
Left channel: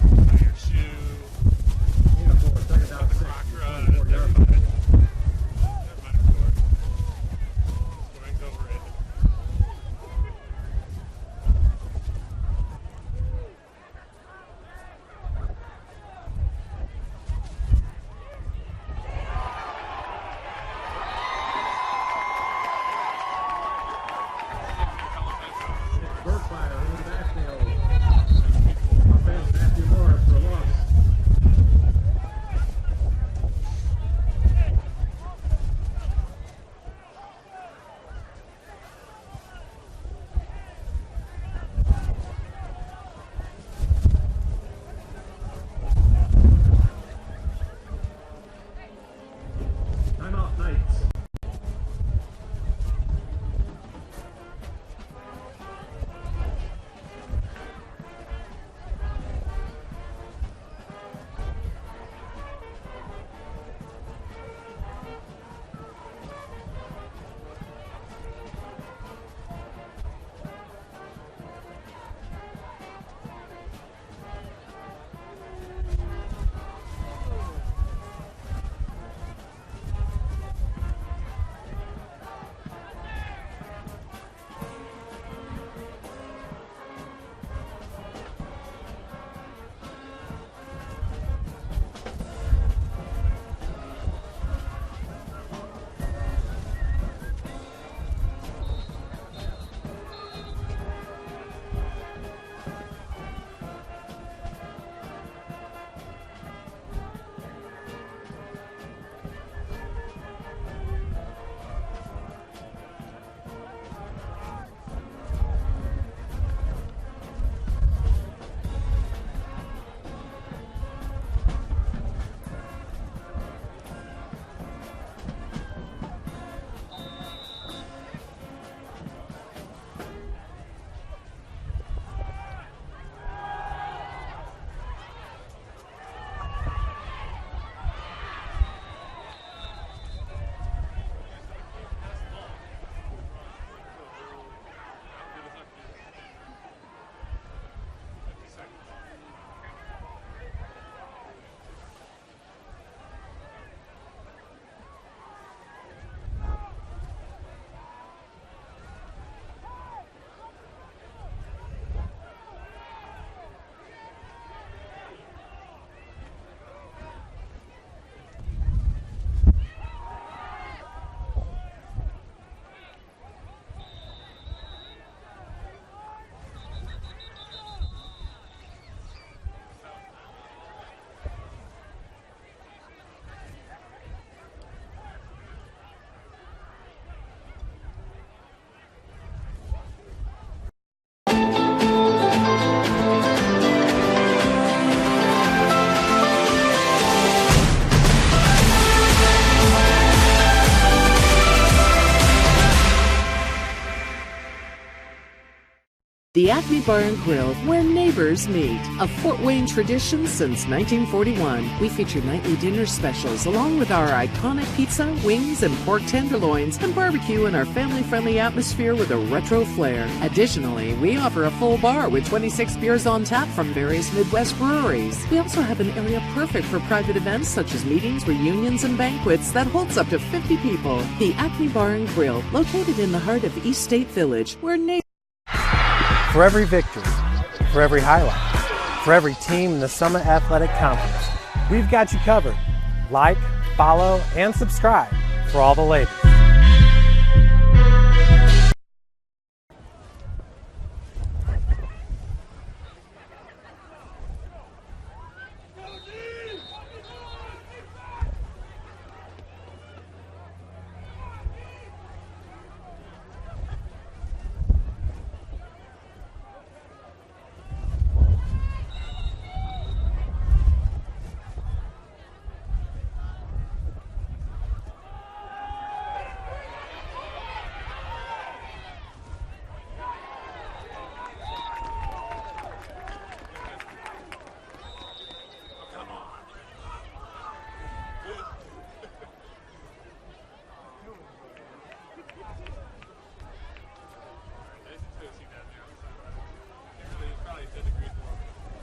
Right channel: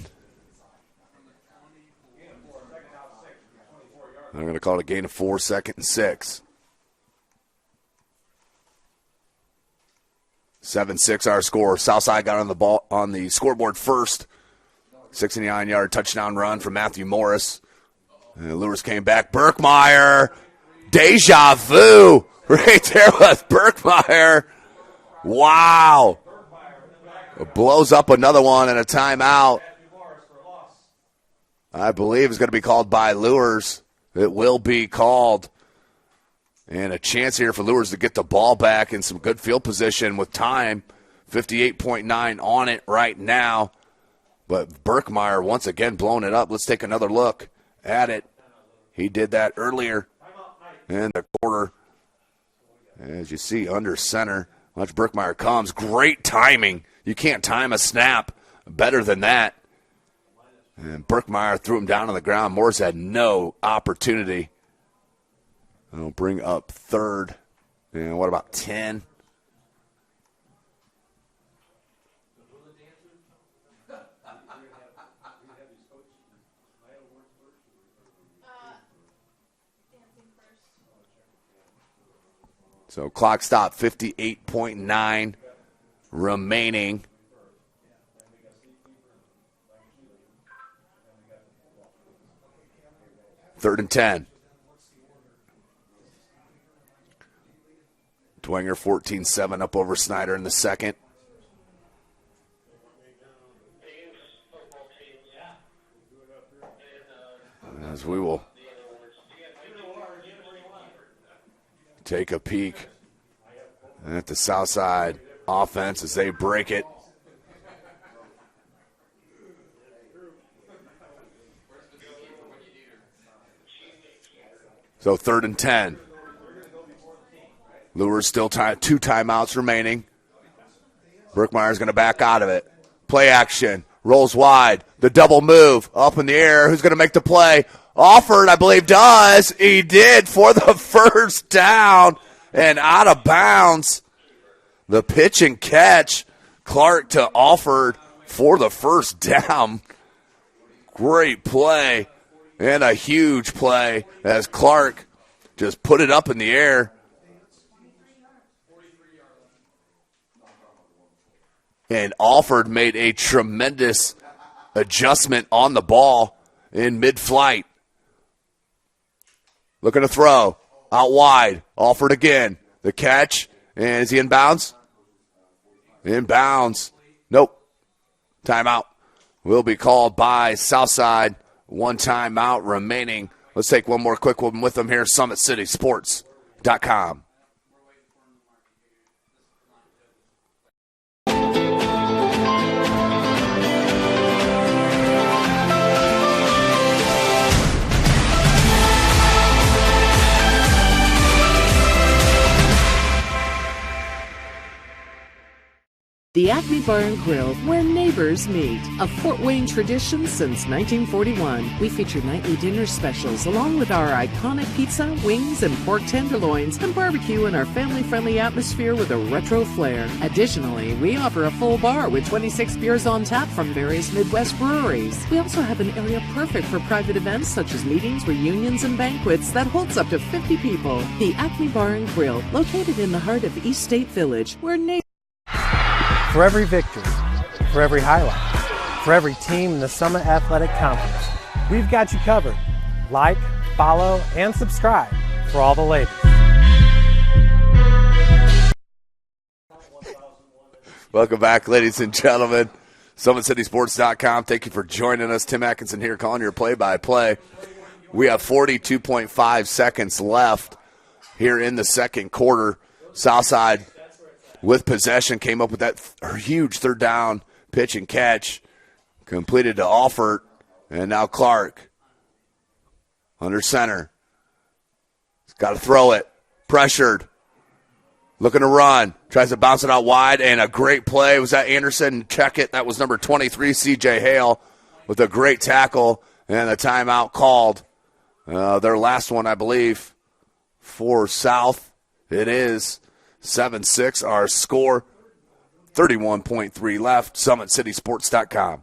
I'm going to call it a gain of 4, 2nd and 6. 7-6 our score. Southside got on the ball on the scoreboard first. 69-yard touchdown run from Matthew Morris. And the Luers came back. Berkmeyer. Deja vu right there with Berkmeyer. Wow. It blows up another one and a timeout. I believe it's going to be called by Luers. It will be called. And a chance here for Luers to get the ball back in some good field position with time. 58.9 on it right now. But Berkmeyer once again blowing it up. Let's take another look at it. He did that earlier in the quarter. As you see, under center. Watch Berkmeyer comes. Great timing. You can't time a snap better than that. And Berkmeyer threw him down on the ground. Morris had no opportunity. We'll bring up 3rd. And what about 10? So clock stop, 58.9 remaining. Third and 10. Dwenger 14-7 up over Snyder in the second. As we will take a peek at the Southside offense as they break it. So 3rd and 10. Luers still 2 timeouts remaining. Berkmeyer's going to back out of it. Play action. Rolls wide. The double move up in the air. Who's going to make the play? Alford, I believe, does. He did for the first down and out of bounds. The pitch and catch. Clark to Alford for the first down. Great play and a huge play as Clark just put it up in the air. And Alford made a tremendous adjustment on the ball in mid-flight. Looking to throw. Out wide. Alford again. The catch. And is he in bounds? In bounds. Nope. Timeout will be called by Southside. One timeout remaining. Let's take one more quick one with them here. SummitCitySports.com. The Acme Bar and Grill, where neighbors meet. A Fort Wayne tradition since 1941. We feature nightly dinner specials along with our iconic pizza, wings, and pork tenderloins, and barbecue in our family-friendly atmosphere with a retro flair. Additionally, we offer a full bar with 26 beers on tap from various Midwest breweries. We also have an area perfect for private events such as meetings, reunions, and banquets that holds up to 50 people. The Acme Bar and Grill, located in the heart of East State Village, where neighbors... For every victory, for every highlight, for every team in the Summit Athletic Conference, we've got you covered. Like, follow, and subscribe for all the latest. Welcome back, ladies and gentlemen. SummitCitySports.com. Thank you for joining us. Tim Atkinson here calling your play-by-play. We have 42.5 seconds left here in the second quarter. Southside with possession, came up with that huge third down pitch and catch. Completed to Alford, and now Clark under center. He's got to throw it. Pressured. Looking to run. Tries to bounce it out wide, and a great play. Was that Anderson? Check it. That was number 23, C.J. Hale, with a great tackle, and a timeout called. Their last one, I believe, for South. It is 7-6 our score. 31.3 left. SummitCitySports.com.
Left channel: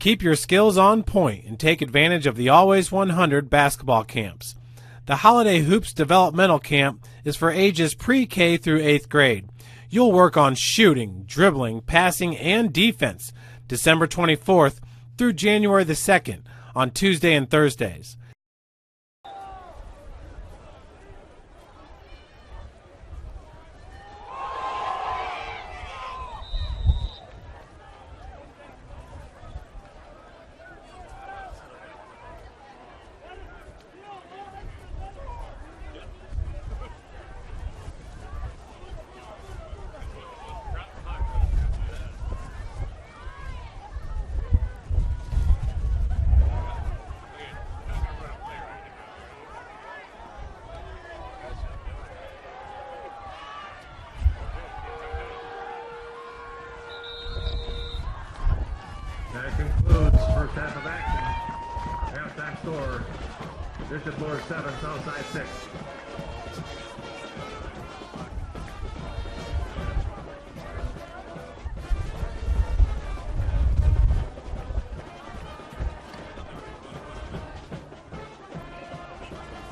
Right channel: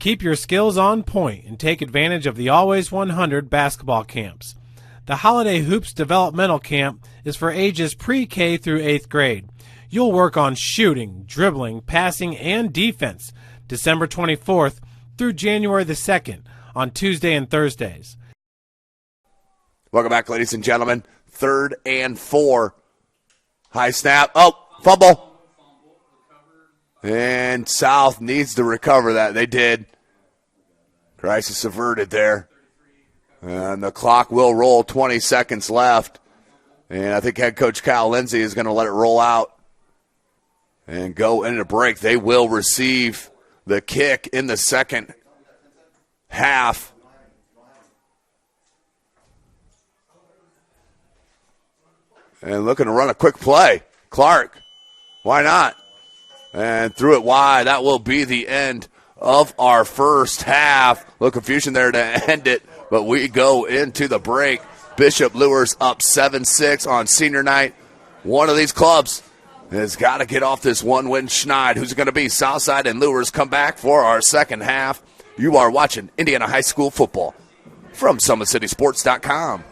Keep your skills on point and take advantage of the Always 100 basketball camps. The Holiday Hoops Developmental Camp is for ages pre-K through 8th grade. You'll work on shooting, dribbling, passing, and defense December 24th through January the 2nd on Tuesday and Thursdays. Welcome back, ladies and gentlemen. 3rd and 4. High snap. Oh, fumble. And South needs to recover that. They did. Crisis averted there. And the clock will roll. 20 seconds left. And I think head coach Kyle Lindsay is going to let it roll out and go into break. They will receive the kick in the second half. And looking to run a quick play. Clark, why not? And threw it wide. That will be the end of our first half. A little confusion there to end it, but we go into the break. Bishop Luers up 7-6 on senior night. One of these clubs has got to get off this one-win schneid. Who's it going to be? Southside and Luers come back for our second half. You are watching Indiana High School football from SummitCitySports.com.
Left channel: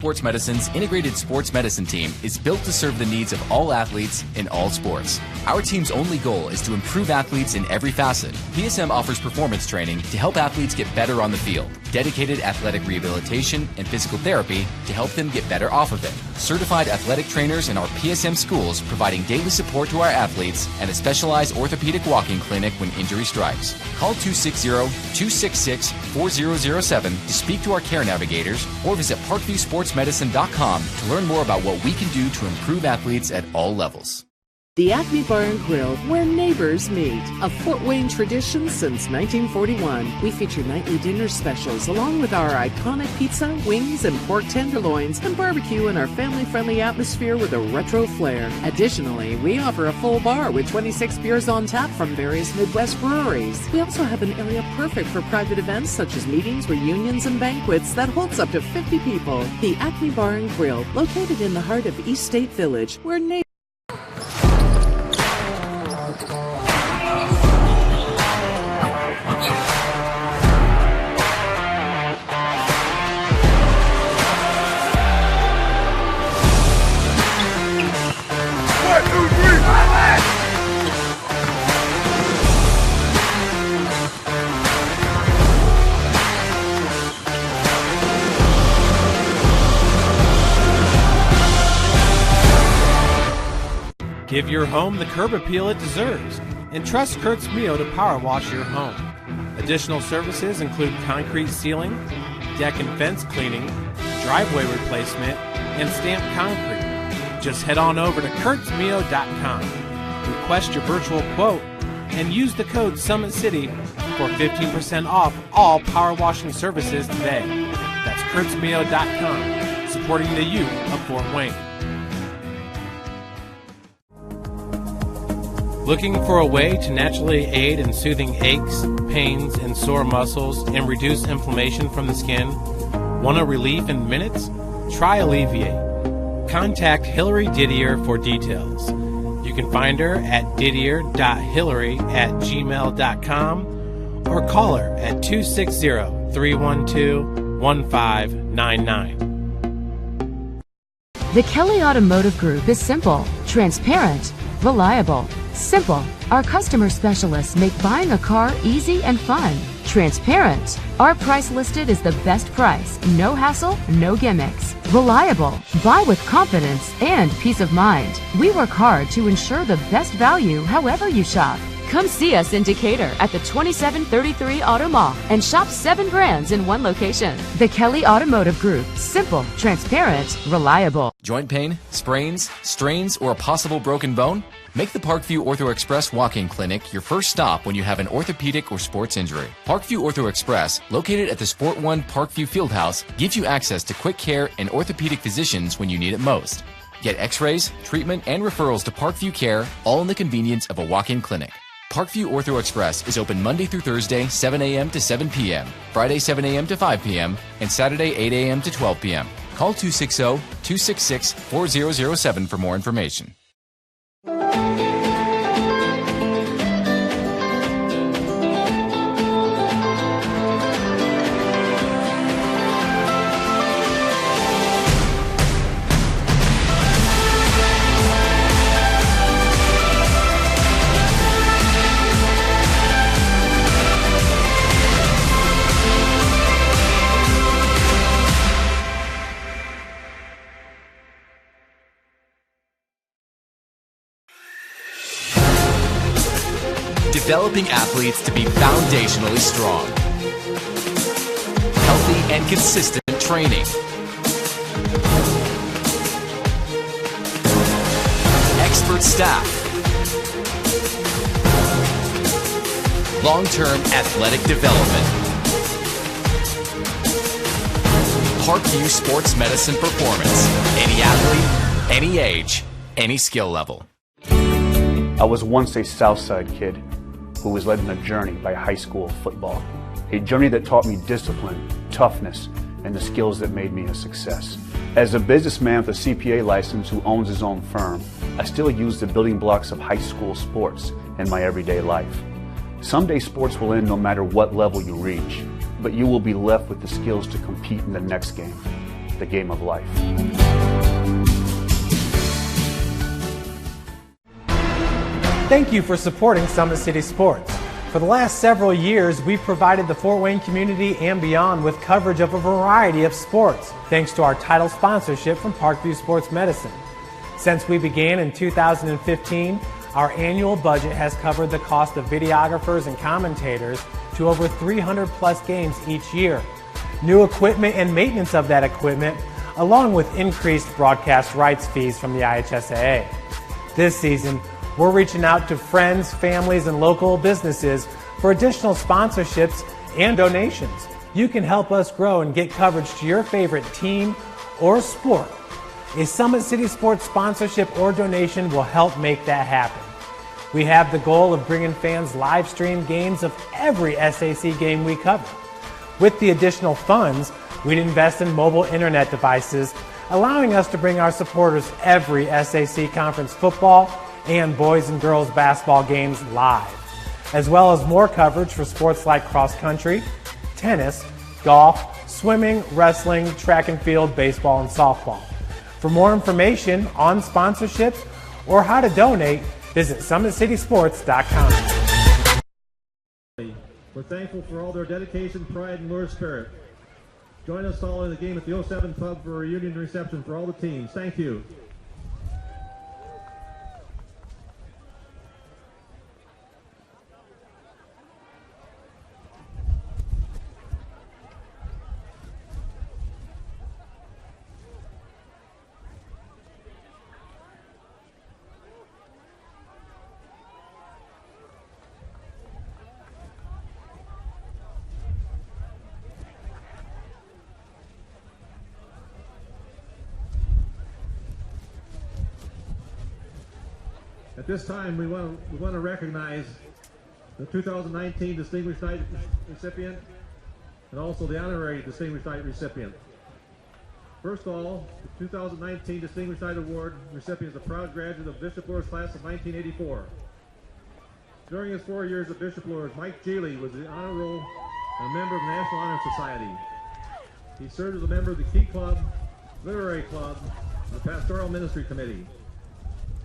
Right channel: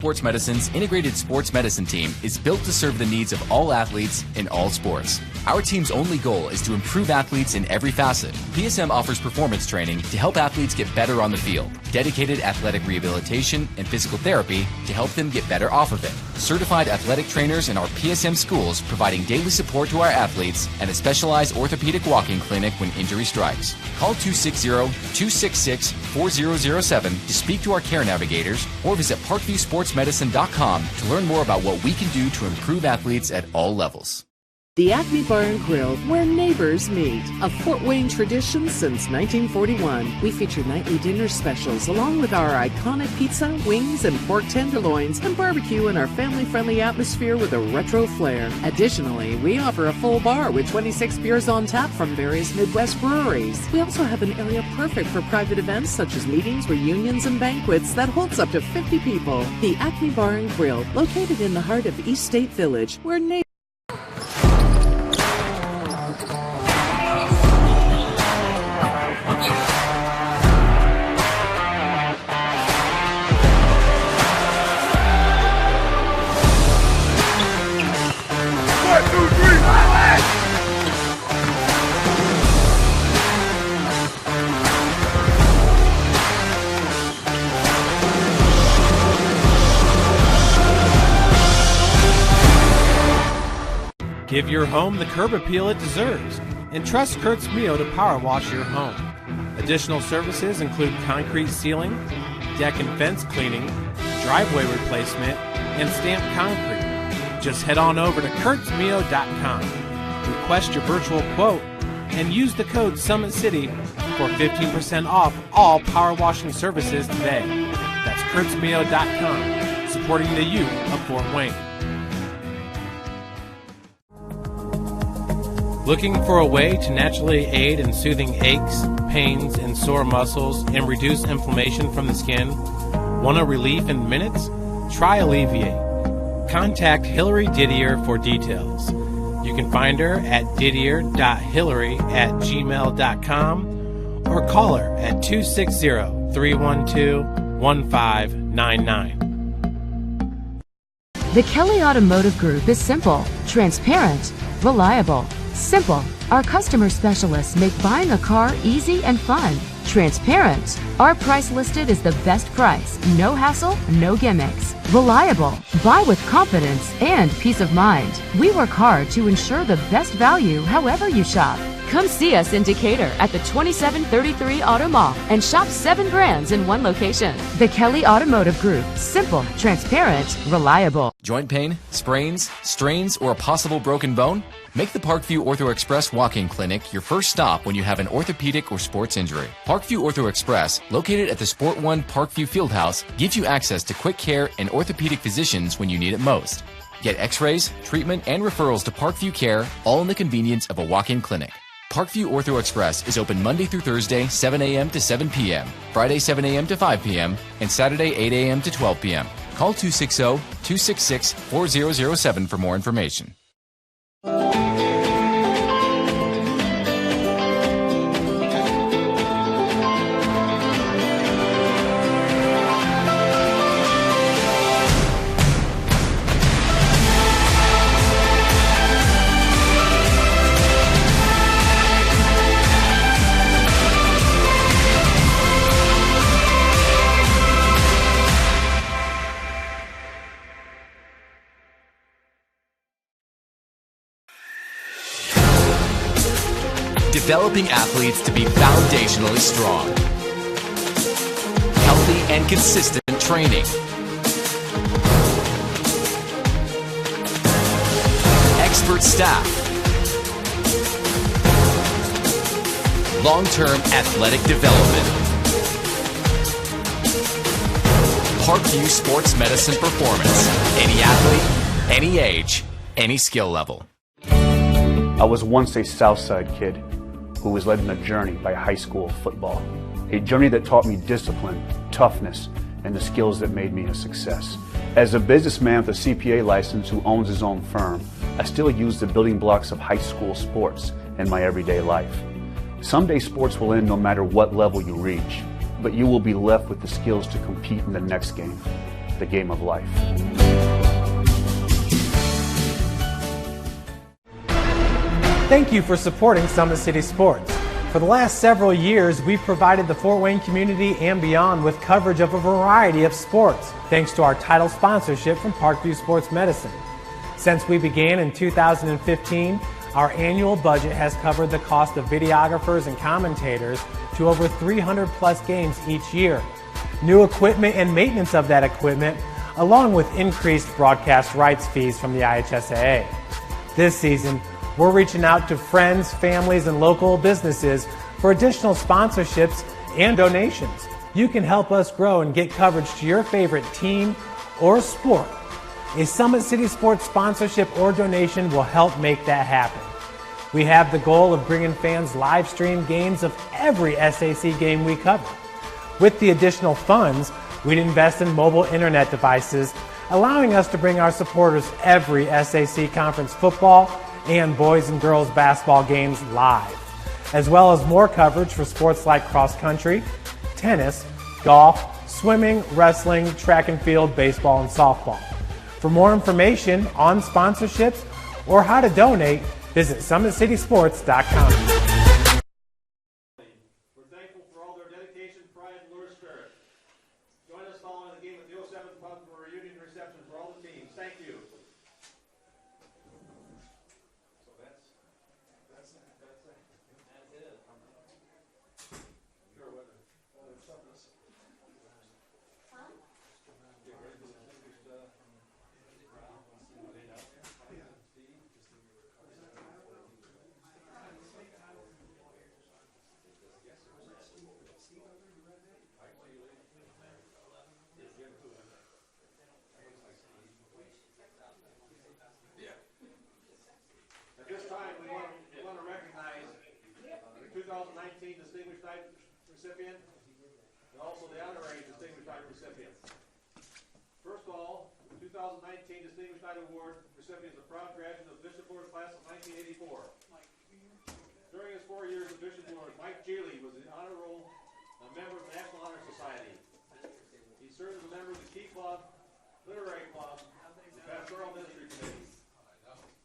Sports Medicine's integrated sports medicine team is built to serve the needs of all athletes in all sports. Our team's only goal is to improve athletes in every facet. PSM offers performance training to help athletes get better on the field. dedicated athletic rehabilitation and physical therapy to help them get better off of it. Certified athletic trainers in our PSM schools providing daily support to our athletes, and a specialized orthopedic walking clinic when injury strikes. Call 260-266-4007 to speak to our care navigators, or visit parkviewsportsmedicine.com to learn more about what we can do to improve athletes at all levels. The Acme Bar and Grill, where neighbors meet. A Fort Wayne tradition since 1941. We feature nightly dinner specials along with our iconic pizza, wings, and pork tenderloins, and barbecue in our family-friendly atmosphere with a retro flair. Additionally, we offer a full bar with 26 beers on tap from various Midwest breweries. We also have an area perfect for private events such as meetings, reunions, and banquets that holds up to 50 people. The Acme Bar and Grill, located in the heart of East State Village, where neighbors... Give your home the curb appeal it deserves, and trust Kurt's Mio to power wash your home. Additional services include concrete sealing, deck and fence cleaning, driveway replacement, and stamped concrete. Just head on over to kurtzmio.com, request your virtual quote, and use the code SummitCity for 15% off all power washing services today. That's kurtzmio.com, supporting the youth of Fort Wayne. Looking for a way to naturally aid in soothing aches, pains, and sore muscles and reduce inflammation from the skin? Want a relief in minutes? Try Alleviate. Contact Hillary Didier for details. You can find her at didier.hillary@gmail.com or call her at 260-312-1599. The Kelly Automotive Group is simple, transparent, reliable. Simple. Our customer specialists make buying a car easy and fun. Transparent. Our price listed is the best price. No hassle, no gimmicks. Reliable. Buy with confidence and peace of mind. We work hard to ensure the best value however you shop. Come see us in Decatur at the 2733 Auto Mall and shop 7 brands in one location. The Kelly Automotive Group. Simple, transparent, reliable. Joint pain, sprains, strains, or a possible broken bone? Make the Parkview Ortho Express walk-in clinic your first stop when you have an orthopedic or sports injury. Parkview Ortho Express, located at the Sport 1 Parkview Fieldhouse, gives you access to quick care and orthopedic physicians when you need it most. Get x-rays, treatment, and referrals to Parkview Care, all in the convenience of a walk-in clinic. Parkview Ortho Express is open Monday through Thursday, 7 a.m. to 7 p.m., Friday, 7 a.m. to 5 p.m., and Saturday, 8 a.m. to 12 p.m. Call 260-266-4007 for more information. Developing athletes to be foundationally strong. Healthy and consistent training. Expert staff. Long-term athletic development. Parkview Sports Medicine Performance. Any athlete, any age, any skill level. I was once a Southside kid who was led on a journey by high school football. A journey that taught me discipline, toughness, and the skills that made me a success. As a businessman with a CPA license who owns his own firm, I still use the building blocks of high school sports in my everyday life. Someday sports will end no matter what level you reach, but you will be left with the skills to compete in the next game, the game of life. Thank you for supporting Summit City Sports. For the last several years, we've provided the Fort Wayne community and beyond with coverage of a variety of sports, thanks to our title sponsorship from Parkview Sports Medicine. Since we began in 2015, our annual budget has covered the cost of videographers and commentators to over 300 plus games each year. New equipment and maintenance of that equipment, along with increased broadcast rights fees from the IHSAA. This season, we're reaching out to friends, families, and local businesses for additional sponsorships and donations. You can help us grow and get coverage to your favorite team or sport. A Summit City Sports sponsorship or donation will help make that happen. We have the goal of bringing fans live stream games of every SAC game we cover. With the additional funds, we'd invest in mobile internet devices, allowing us to bring our supporters every SAC conference football and boys and girls basketball games live, as well as more coverage for sports like cross country, tennis, golf, swimming, wrestling, track and field, baseball, and softball. For more information on sponsorships or how to donate, visit SummitCitySports.com. We're thankful for all their dedication, pride, and Luers spirit. Join us following the game at the 07 Pub for a reunion reception for all the teams. Thank you. At this time, we want to recognize the 2019 Distinguished Night recipient and also the honorary Distinguished Night recipient. First of all, the 2019 Distinguished Night Award recipient is a proud graduate of Bishop Luers class of 1984. During his 4 years at Bishop Luers, Mike Geely was the honor roll and a member of the National Honor Society. He served as a member of the Key Club, Literary Club, and the Pastoral Ministry Committee.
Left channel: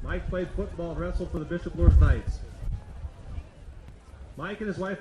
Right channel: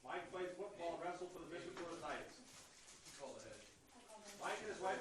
Mike played football and wrestled for the Bishop Luers Knights. Mike and his wife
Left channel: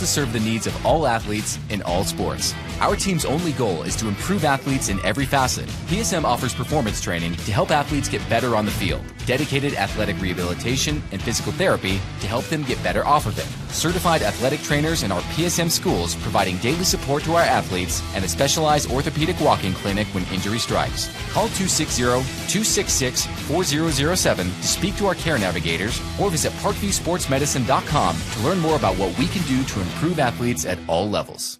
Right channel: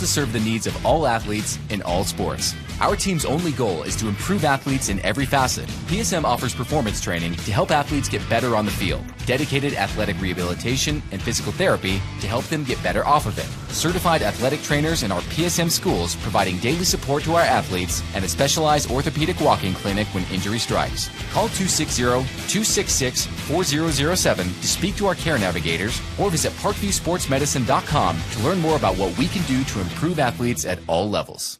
to serve the needs of all athletes in all sports. Our team's only goal is to improve athletes in every facet. PSM offers performance training to help athletes get better on the field, dedicated athletic rehabilitation and physical therapy to help them get better off of it, certified athletic trainers in our PSM schools providing daily support to our athletes, and a specialized orthopedic walk-in clinic when injury strikes. Call 260-266-4007 to speak to our care navigators or visit parkviewsportsmedicine.com to learn more about what we can do to improve athletes at all levels.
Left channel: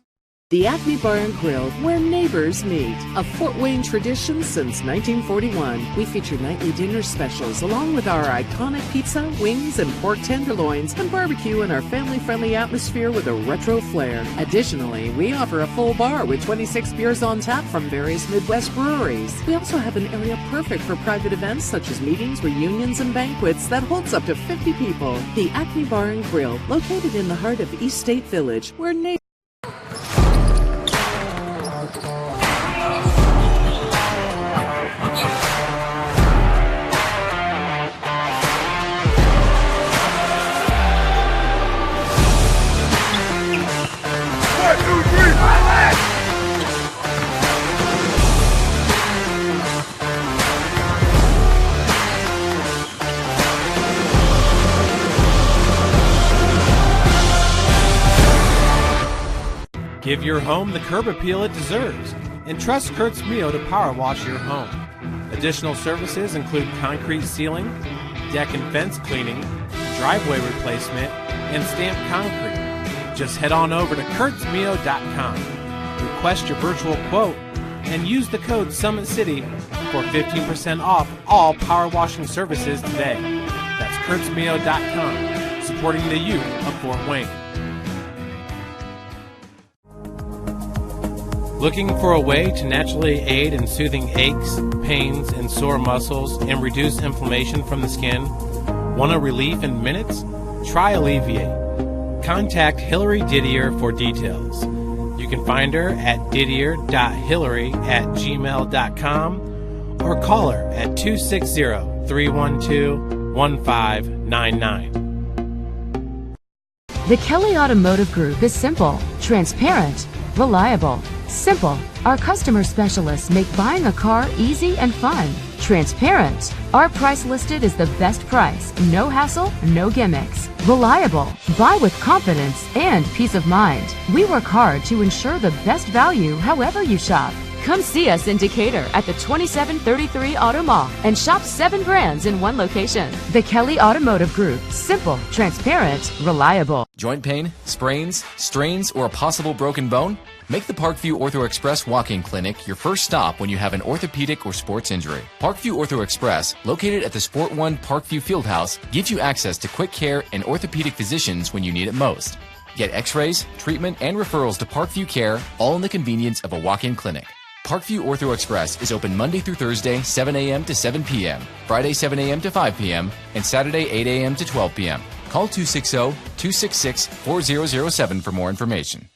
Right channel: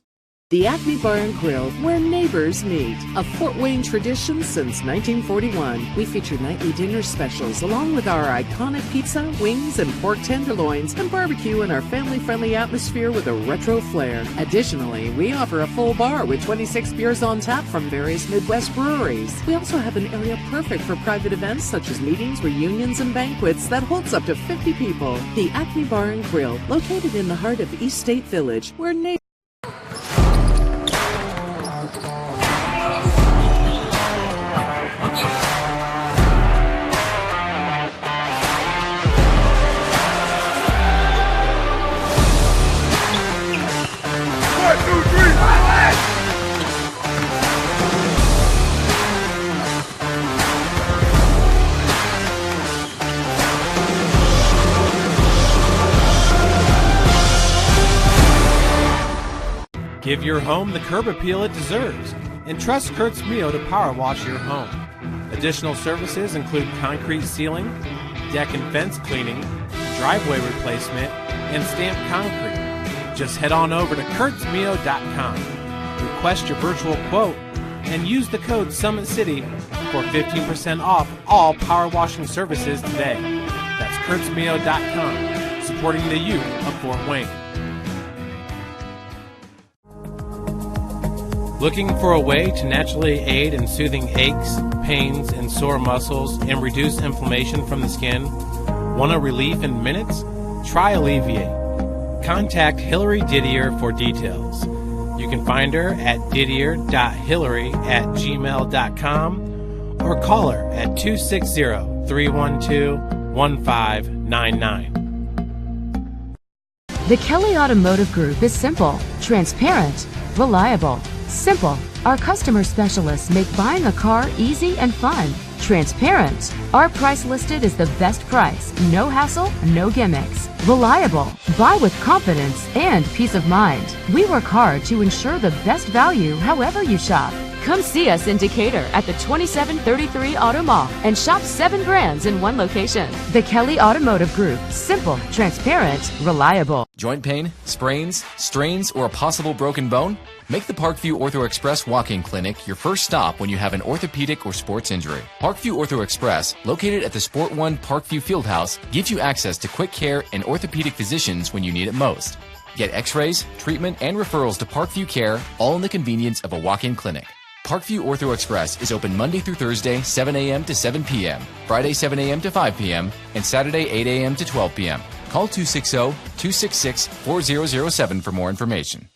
The Acme Bar and Grill, where neighbors meet. A Fort Wayne tradition since 1941. We feature nightly dinner specials along with our iconic pizza, wings, and pork tenderloins, and barbecue in our family-friendly atmosphere with a retro flair. Additionally, we offer a full bar with 26 beers on tap from various Midwest breweries. We also have an area perfect for private events such as meetings, reunions, and banquets that holds up to 50 people. The Acme Bar and Grill, located in the heart of East State Village, where neighbors Give your home the curb appeal it deserves, and trust Kurt's Mio to power wash your home. Additional services include concrete sealing, deck and fence cleaning, driveway replacement, and stamped concrete. Just head on over to kurtzmio.com, request your virtual quote, and use the code SummitCity for 15% off all power washing services today. That's kurtzmio.com, supporting the youth of Fort Wayne. Looking for a way to naturally aid in soothing aches, pains, and sore muscles and reduce inflammation from the skin? Want a relief in minutes? Try Alleviate. Contact Hillary Didier for details. You can find her at didier.hillary@gmail.com or call her at 260-312-1599. The Kelly Automotive Group is simple, transparent, reliable. Simple. Our customer specialists make buying a car easy and fun. Transparent. Our price listed is the best price. No hassle, no gimmicks. Reliable. Buy with confidence and peace of mind. We work hard to ensure the best value however you shop. Come see us in Decatur at the 2733 Auto Mall and shop 7 brands in one location. The Kelly Automotive Group. Simple, transparent, reliable. Joint pain, sprains, strains, or a possible broken bone? Make the Parkview Ortho Express walk-in clinic your first stop when you have an orthopedic or sports injury. Parkview Ortho Express, located at the Sport 1 Parkview Fieldhouse, gives you access to quick care and orthopedic physicians when you need it most. Get x-rays, treatment, and referrals to Parkview Care, all in the convenience of a walk-in clinic. Parkview Ortho Express is open Monday through Thursday, 7 a.m. to 7 p.m., Friday, 7 a.m. to 5 p.m., and Saturday, 8 a.m. to 12 p.m. Call 260-266-4007 for more information.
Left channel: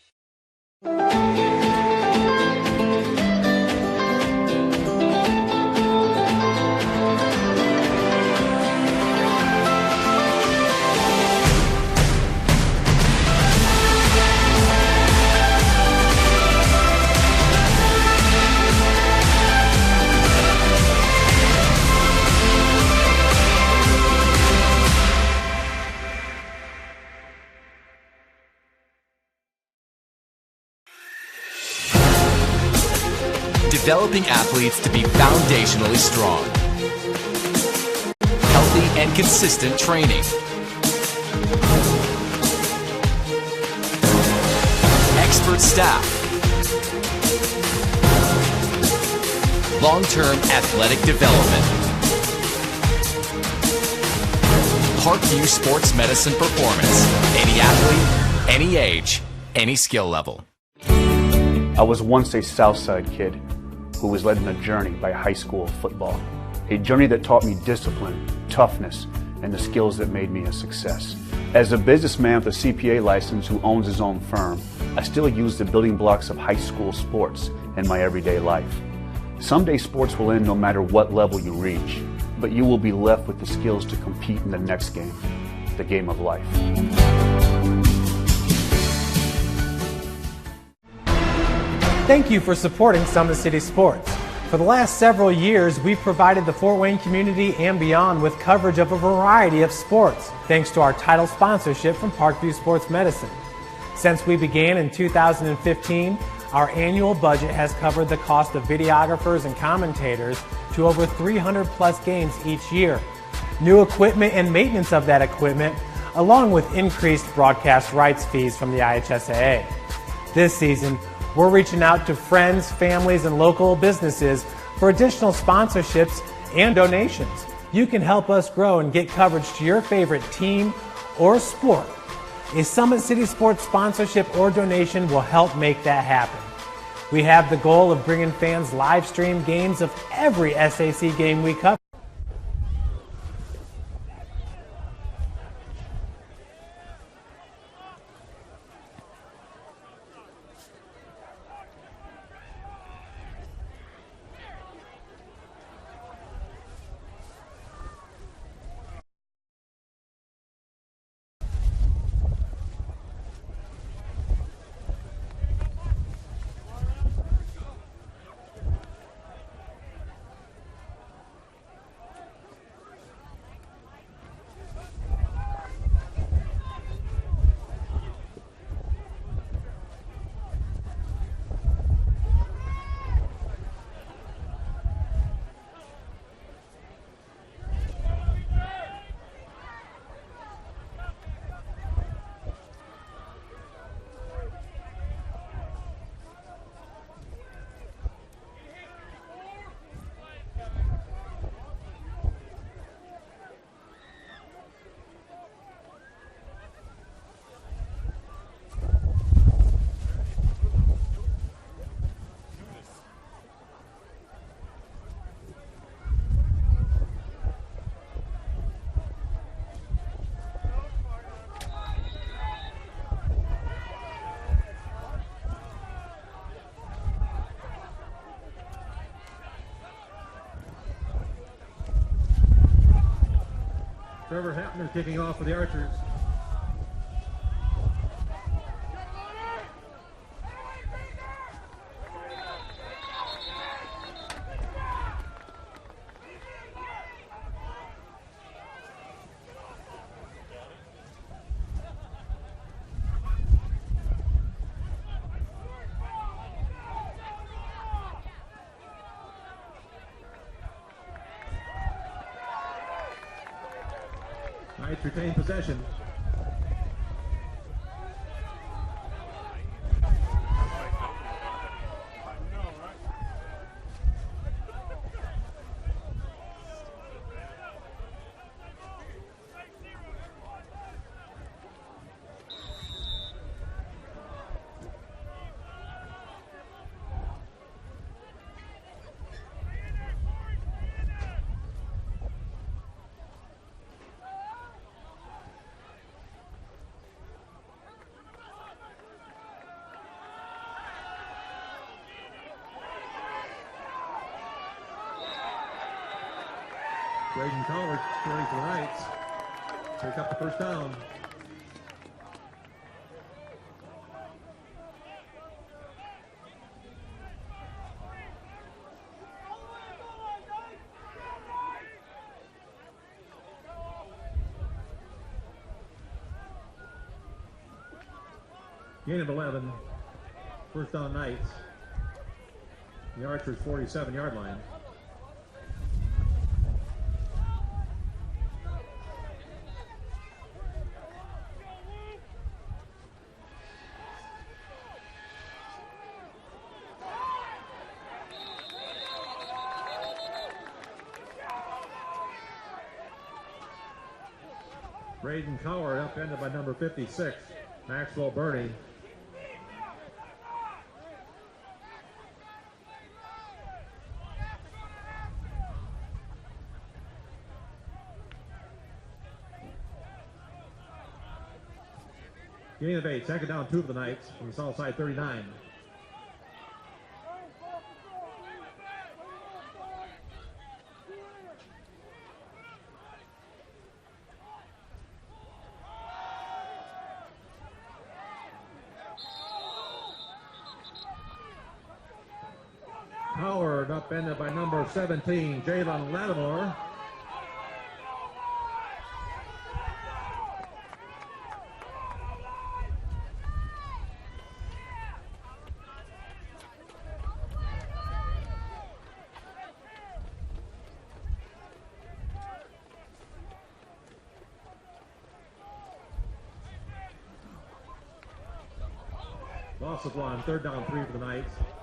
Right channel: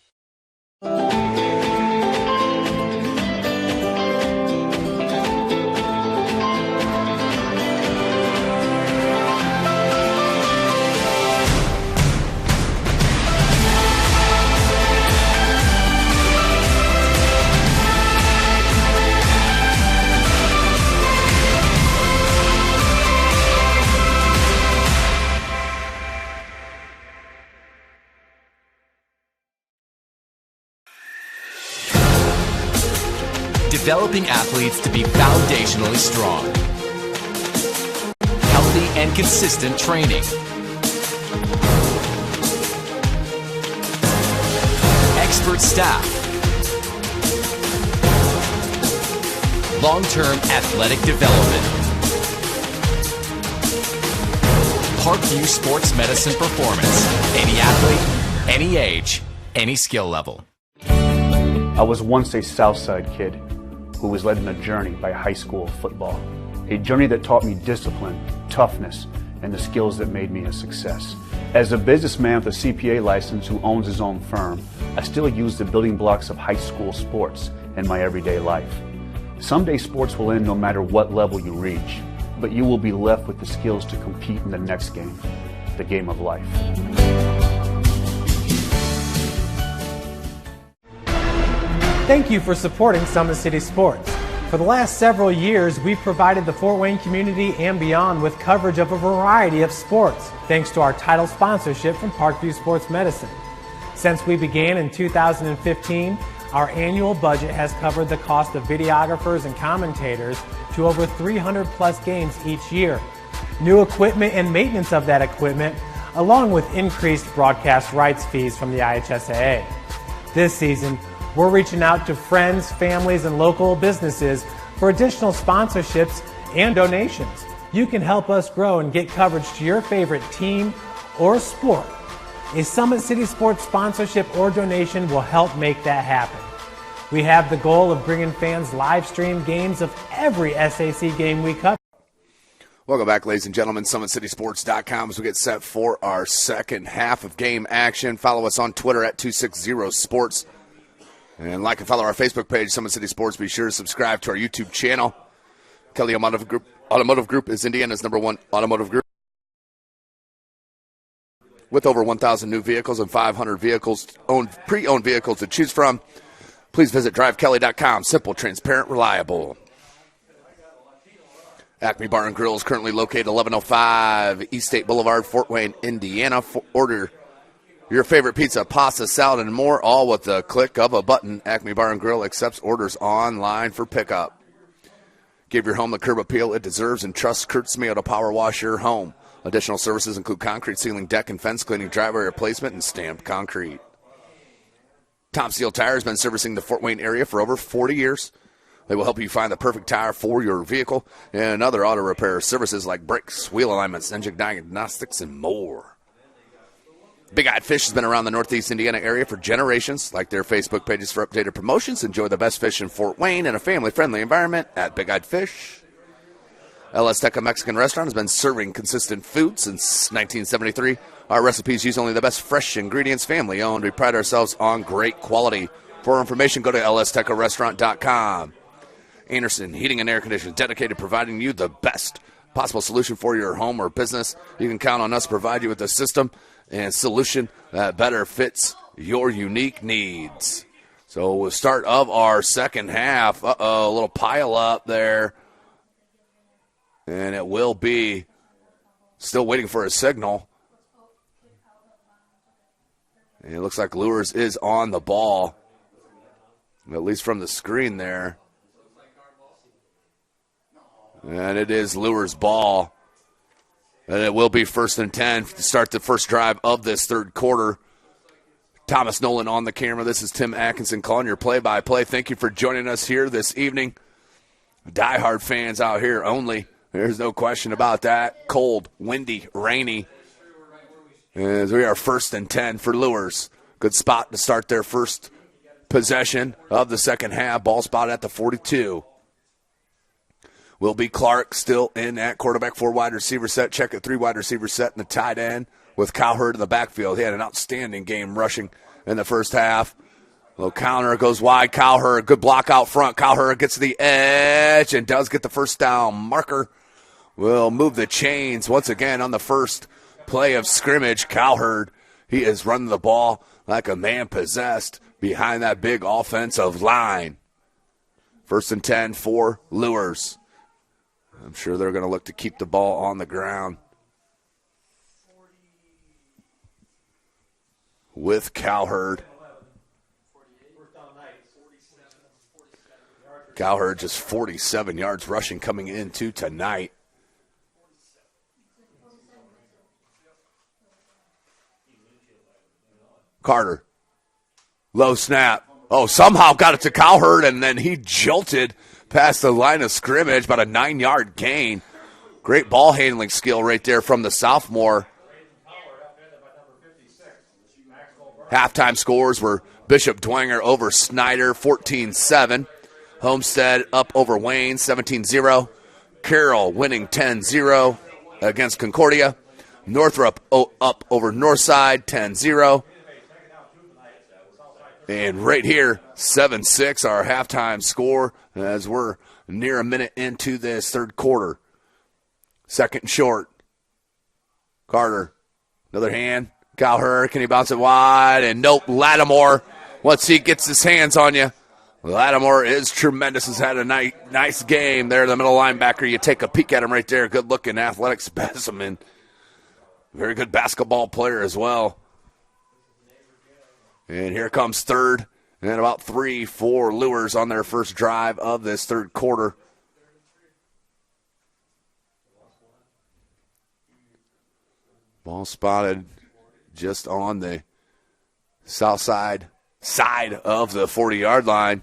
Developing athletes to be foundationally strong. Healthy and consistent training. Expert staff. Long-term athletic development. Parkview Sports Medicine Performance. Any athlete, any age, any skill level. I was once a Southside kid who was led on a journey by high school football. A journey that taught me discipline, toughness, and the skills that made me a success. As a businessman with a CPA license who owns his own firm, I still use the building blocks of high school sports in my everyday life. Someday sports will end no matter what level you reach, but you will be left with the skills to compete in the next game, the game of life. Thank you for supporting Summit City Sports. For the last several years, we've provided the Fort Wayne community and beyond with coverage of a variety of sports, thanks to our title sponsorship from Parkview Sports Medicine. Since we began in 2015, our annual budget has covered the cost of videographers and commentators to over 300 plus games each year. New equipment and maintenance of that equipment, along with increased broadcast rights fees from the IHSAA. This season, we're reaching out to friends, families, and local businesses for additional sponsorships and donations. You can help us grow and get coverage to your favorite team or sport. A Summit City Sports sponsorship or donation will help make that happen. We have the goal of bringing fans live stream games of every SAC game we cover. Welcome back, ladies and gentlemen. SummitCitySports.com as we get set for our second half of game action. Follow us on Twitter at 260sports. And like and follow our Facebook page, Summit City Sports. Be sure to subscribe to our YouTube channel. Kelly Automotive Group is Indiana's #1 automotive group, with over 1,000 new vehicles and 500 vehicles pre-owned vehicles to choose from. Please visit drivekelly.com. Simple, transparent, reliable. Acme Bar and Grill is currently located 1105 East State Boulevard, Fort Wayne, Indiana. Order your favorite pizza, pasta, salad, and more, all with the click of a button. Acme Bar and Grill accepts orders online for pickup. Give your home the curb appeal it deserves and trust Kurt Smeo to power wash your home. Additional services include concrete ceiling, deck, and fence cleaning, driveway replacement, and stamped concrete. Tom Steel Tire has been servicing the Fort Wayne area for over 40 years. They will help you find the perfect tire for your vehicle and other auto repair services like brakes, wheel alignments, engine diagnostics, and more. Big Eyed Fish has been around the Northeast Indiana area for generations. Like their Facebook pages for updated promotions. Enjoy the best fish in Fort Wayne in a family-friendly environment at Big Eyed Fish. El Azteca Mexican Restaurant has been serving consistent food since 1973. Our recipes use only the best fresh ingredients, family-owned. We pride ourselves on great quality. For more information, go to laztecarestaurant.com. Anderson Heating and Air Conditioning, dedicated to providing you the best possible solution for your home or business. You can count on us to provide you with a system and solution that better fits your unique needs. So we'll start of our second half. A little pile up there. And it will be still waiting for a signal. And it looks like Luers is on the ball, at least from the screen there. And it is Luers' ball. And it will be 1st and 10 to start the first drive of this third quarter. Thomas Nolan on the camera. This is Tim Atkinson calling your play-by-play. Thank you for joining us here this evening. Diehard fans out here only. There's no question about that. Cold, windy, rainy. As we are 1st and 10 for Luers. Good spot to start their first possession of the second half. Ball spot at the 42. Will be Clark still in at quarterback, 4 wide receiver set. Check it, 3 wide receiver set in the tight end with Cowherd in the backfield. He had an outstanding game rushing in the first half. Little counter goes wide. Cowherd, good block out front. Cowherd gets to the edge and does get the first down marker. Will move the chains once again on the first play of scrimmage. Cowherd, he is running the ball like a man possessed behind that big offensive line. 1st and 10 for Luers. I'm sure they're going to look to keep the ball on the ground with Cowherd. Cowherd just 47 yards rushing coming into tonight. Carter, low snap. Oh, somehow got it to Cowherd, and then he jolted past the line of scrimmage, about a 9-yard gain. Great ball handling skill right there from the sophomore. Braden Cowherd upended by number 56, Maxwell Burton. Halftime scores were Bishop Dwenger over Snyder, 14-7. Homestead up over Wayne, 17-0. Carroll winning 10-0 against Concordia. Northrop up over Northside, 10-0. Gain of 8, second down 2 of the night from the south side, 39. And right here, 7-6, our halftime score as we're near a minute into this third quarter. Second and short. Carter, another hand. Cowherd, can he bounce it wide? And nope, Lattimore, once he gets his hands on you, Lattimore is tremendous. Has had a nice game there. The middle linebacker, you take a peek at him right there. Good-looking athletic specimen. Very good basketball player as well. And here comes third. And about 3 for Luers on their first drive of this third quarter. Ball spotted just on the south side of the 40-yard line.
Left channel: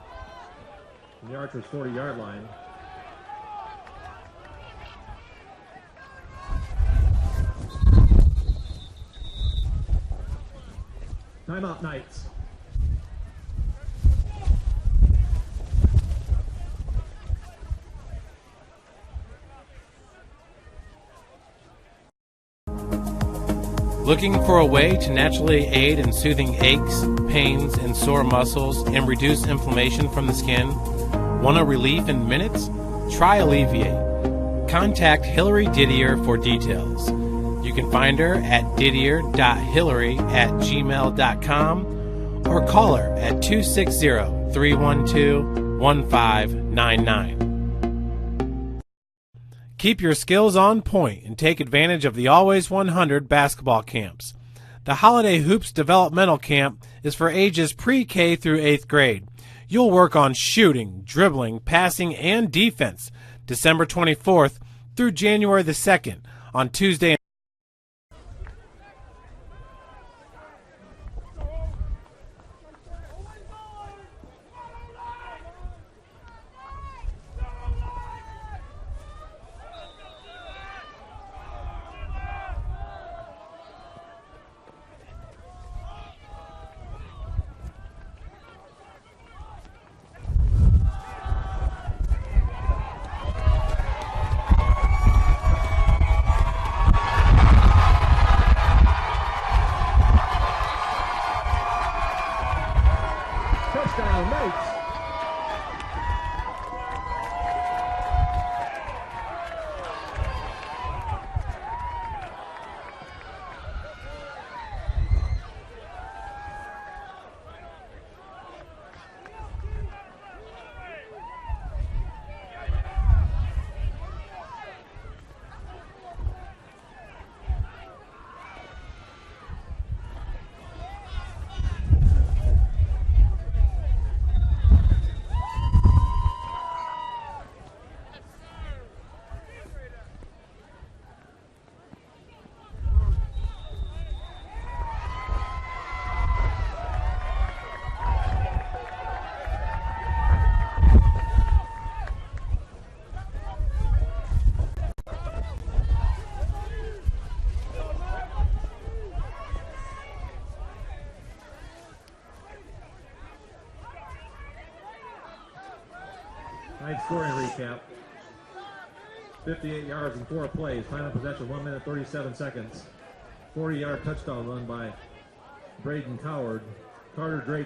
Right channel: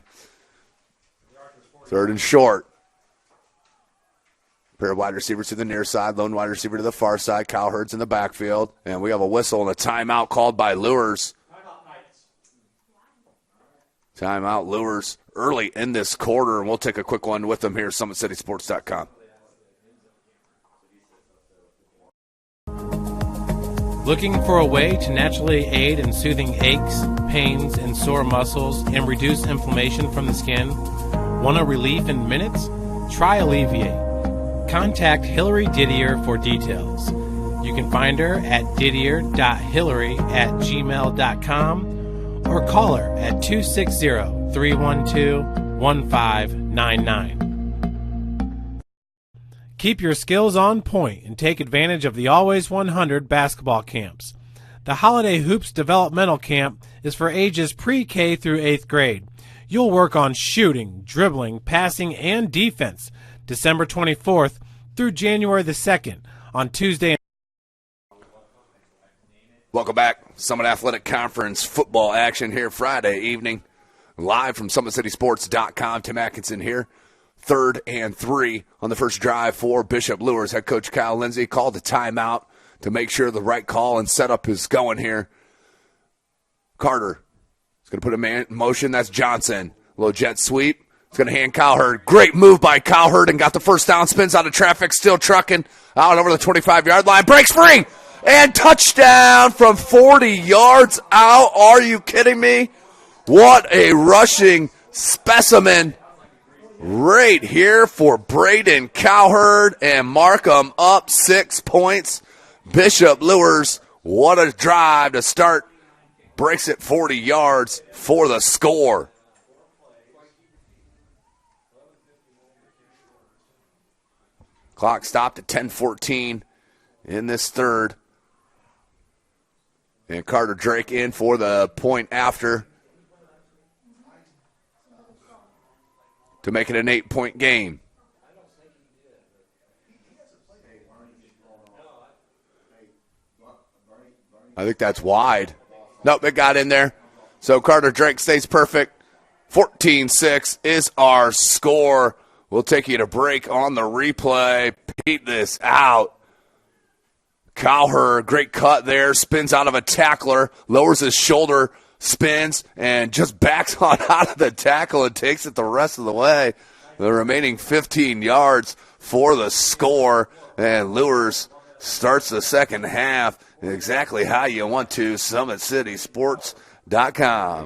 Third and short. Pair of wide receivers to the near side, lone wide receiver to the far side. Kyle Hurd's in the backfield. And we have a whistle and a timeout called by Luers. Timeout Knights. Timeout Luers early in this quarter, and we'll take a quick one with them here at SummitCitySports.com. Looking for a way to naturally aid in soothing aches, pains, and sore muscles and reduce inflammation from the skin? Want a relief in minutes? Try Alleviate. Contact Hillary Didier for details. You can find her at didier.hillary@gmail.com or call her at 260-312-1599. Keep your skills on point and take advantage of the Always 100 basketball camps. The Holiday Hoops Developmental Camp is for ages pre-K through 8th grade. You'll work on shooting, dribbling, passing, and defense December 24th through January the 2nd on Tuesday. Welcome back. Summit Athletic Conference football action here Friday evening. Live from SummitCitySports.com. Tim Atkinson here. 3rd and 3 on the first drive for Bishop Luers. Head coach Kyle Lindsay called a timeout to make sure the right call and setup is going here. Carter is going to put a man in motion. That's Johnson. Little jet sweep. He's going to hand Kyle Hurd. Great move by Kyle Hurd and got the first down. Spins out of traffic. Still trucking out over the 25-yard line. Breaks free. And touchdown from 40 yards out. Are you kidding me? What a rushing specimen right here for Braden Cowherd and Markham up 6 points. Bishop Luers, what a drive to start. Breaks it 40 yards for the score. Clock stopped at 10:14 in this third. And Carter Drake in for the point after to make it an 8-point game. I think that's wide. Nope, it got in there. So Carter Drake stays perfect. 14-6 is our score. We'll take you to break on the replay. Peep this out. Cowher, great cut there, spins out of a tackler, lowers his shoulder, spins, and just backs on out of the tackle and takes it the rest of the way. The remaining 15 yards for the score, and Luers starts the second half exactly how you want to. SummitCitySports.com.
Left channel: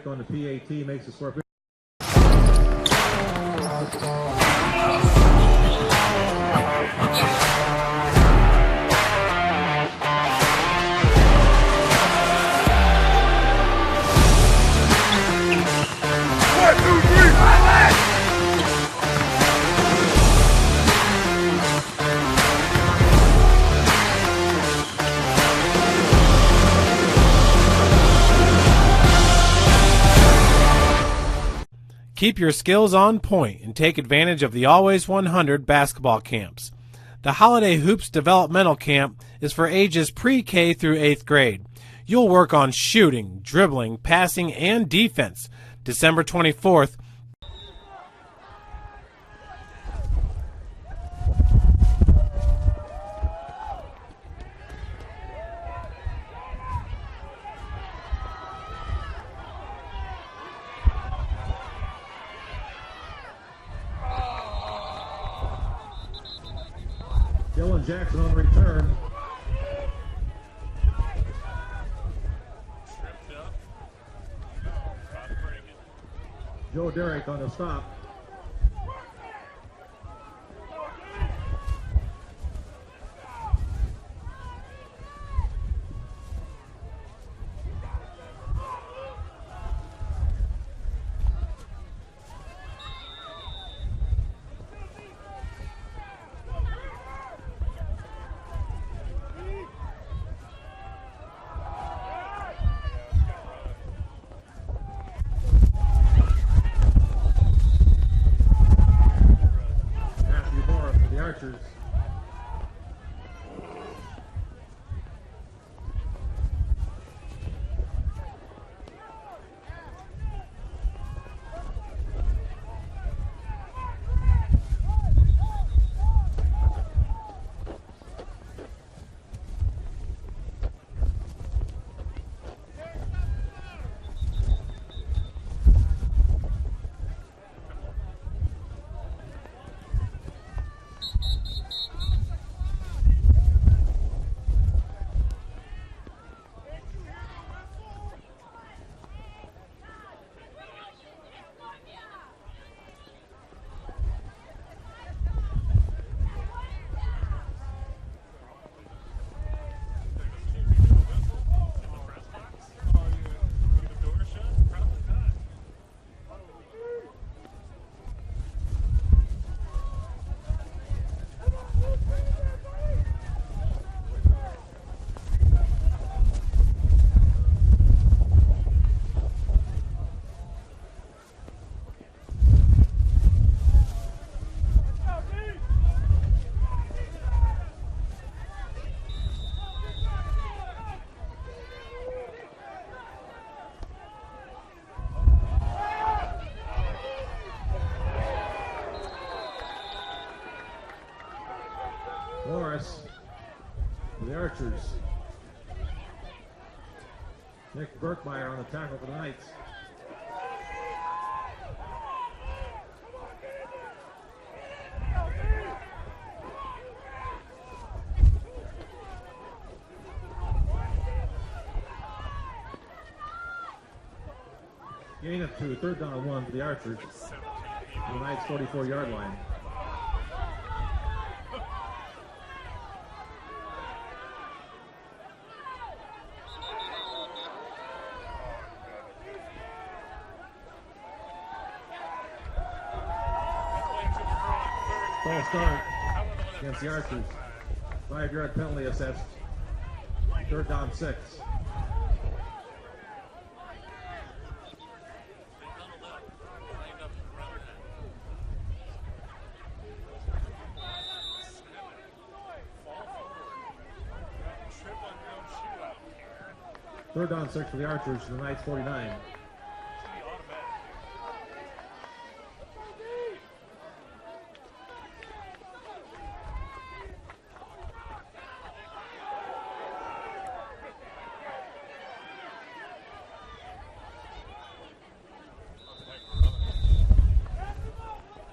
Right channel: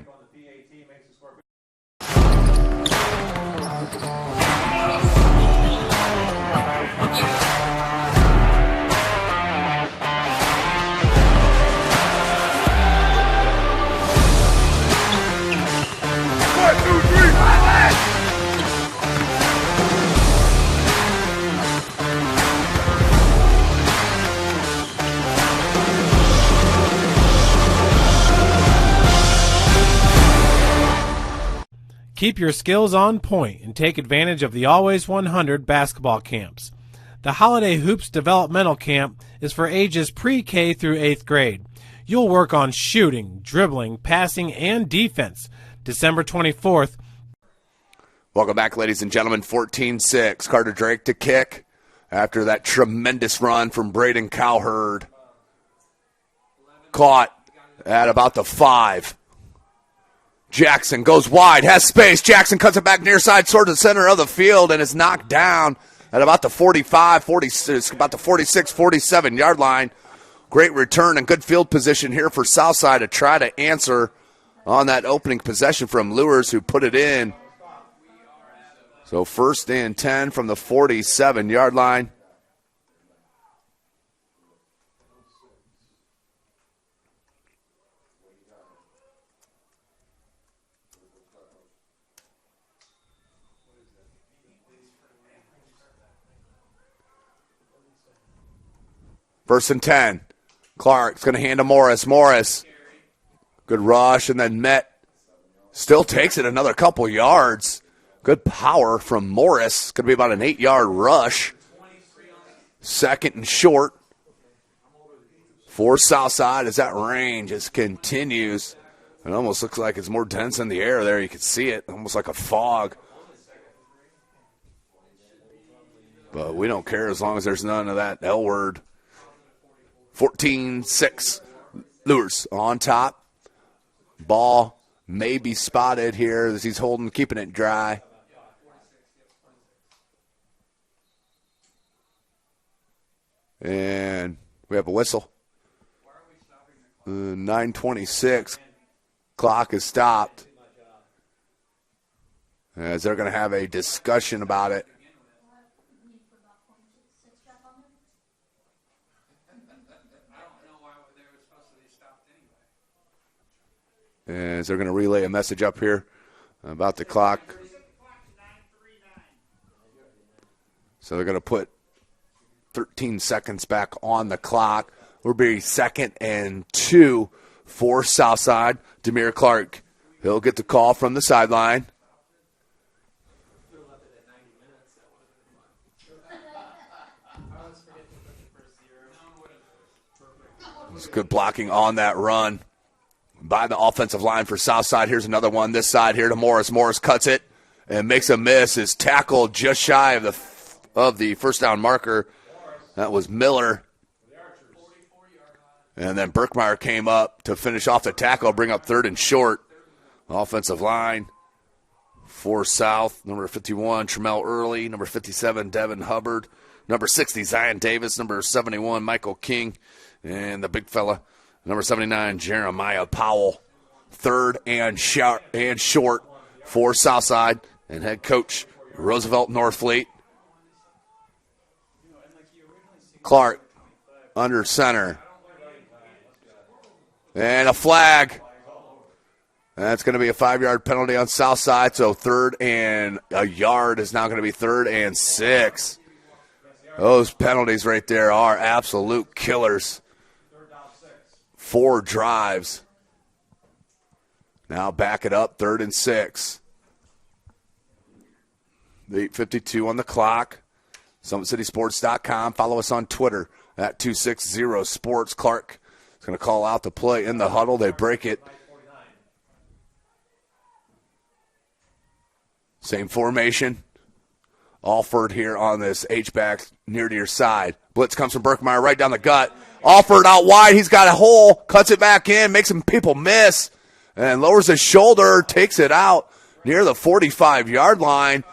Keep your skills on point and take advantage of the Always 100 basketball camps. The Holiday Hoops Developmental Camp is for ages pre-K through 8th grade. You'll work on shooting, dribbling, passing, and defense December 24th. Welcome back, ladies and gentlemen. 14-6. Carter Drake to kick after that tremendous run from Braden Cowherd. Caught at about the 5. Jackson goes wide, has space. Jackson cuts it back near side, towards the center of the field, and is knocked down at about the 45, 46, about the 46, 47-yard line. Great return and good field position here for Southside to try to answer on that opening possession from Luers, who put it in. So 1st and 10 from the 47-yard line. First and 10. Clark's going to hand to Morris. Morris, good rush, and then met. Still takes it another couple yards. Good power from Morris. Going to be about an 8-yard rush. Second and short for Southside as that rain just continues. It almost looks like it's more dense in the air there. You can see it, almost like a fog. But we don't care as long as there's none of that L word. 14-6. Luers on top. Ball may be spotted here as he's holding, keeping it dry. And we have a whistle. 9:26. Clock is stopped. As they're going to have a discussion about it. As they're going to relay a message up here about the clock. So they're going to put 13 seconds back on the clock. We'll be 2nd and 2 for Southside. Demir Clark, he'll get the call from the sideline. It's good blocking on that run by the offensive line for Southside. Here's another one this side here to Morris. Morris cuts it and makes a miss. His tackle just shy of the first down marker. Morris. That was Miller. The Archers. And then Berkmeyer came up to finish off the tackle, bring up 3rd and short. Offensive line for South. Number 51, Tremel Early. Number 57, Devin Hubbard. Number 60, Zion Davis. Number 71, Michael King. And the big fella, number 79, Jeremiah Powell. 3rd and short for Southside. And head coach Roosevelt Northfleet. Clark under center. And a flag. That's going to be a 5-yard penalty on Southside. So 3rd and a yard is now going to be 3rd and 6. Those penalties right there are absolute killers. 3rd down 6. 4 drives. Now back it up, 3rd and 6. 8:52 on the clock. SummitCitySports.com. Follow us on Twitter at 260sports. Clark is going to call out the play in the huddle. They break it. Same formation. Alford here on this H-back near to your side. Blitz comes from Berkmeyer right down the gut. Alford out wide. He's got a hole. Cuts it back in. Makes some people miss. And lowers his shoulder. Takes it out near the 45-yard line.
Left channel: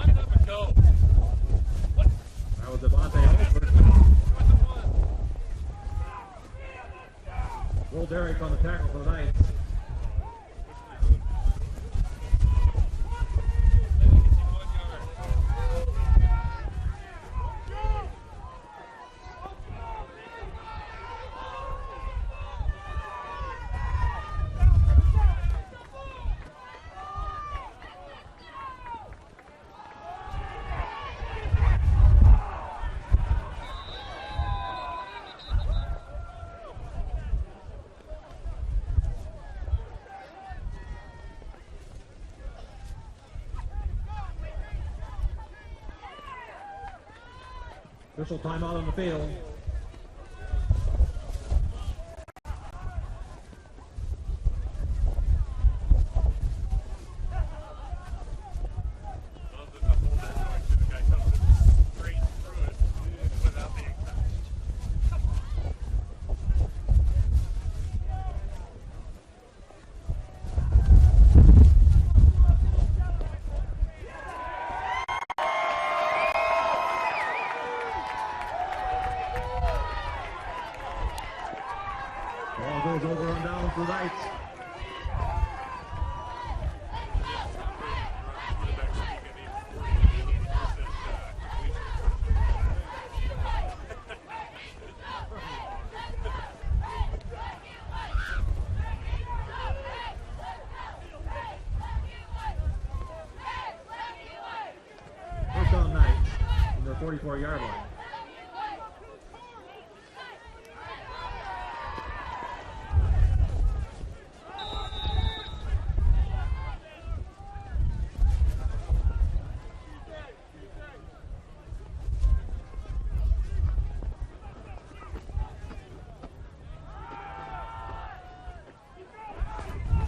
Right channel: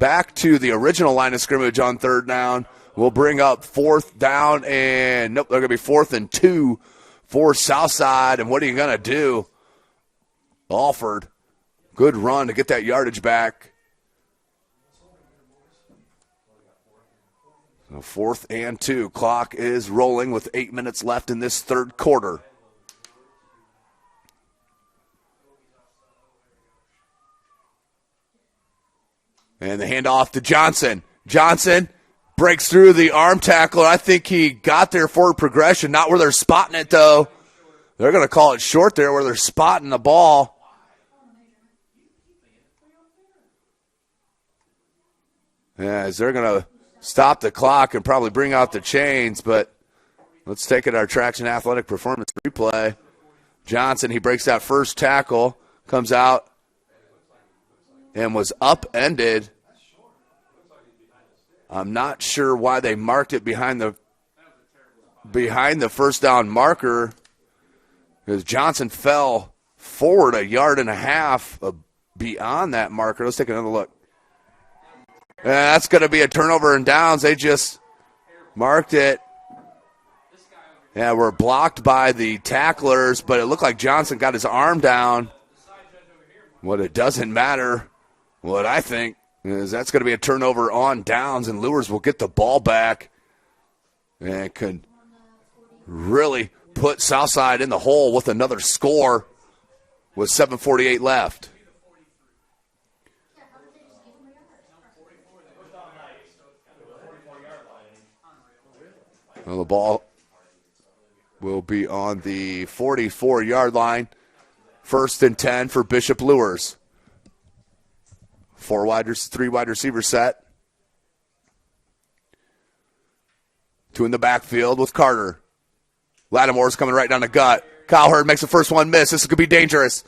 Back to the original line of scrimmage on 3rd down. We'll bring up 4th down. And nope, they're going to be 4th and 2 for Southside. And what are you going to do? Alford. Good run to get that yardage back. 4th and 2. Clock is rolling with 8 minutes left in this 3rd quarter. And the handoff to Johnson. Johnson breaks through the arm tackle. I think he got there forward progression, not where they're spotting it, though. They're going to call it short there where they're spotting the ball. As they're going to stop the clock and probably bring out the chains, but let's take it our Traction Athletic Performance replay. Johnson, he breaks that first tackle, comes out and was upended. I'm not sure why they marked it behind the first down marker, because Johnson fell forward 1.5 yards beyond that marker. Let's take another look. And that's going to be a turnover and downs. They just marked it. Yeah, we're blocked by the tacklers, but it looked like Johnson got his arm down. What it doesn't matter, what I think, is that's going to be a turnover on downs, and Luers will get the ball back. And it could really put Southside in the hole with another score with 7:48 left. First down Knight, from the 44-yard line. Well, the ball will be on the 44-yard line. 1st and 10 for Bishop Luers. 3 wide receiver set. 2 in the backfield with Carter. Lattimore's coming right down the gut. Cowherd makes the first one miss. This could be dangerous.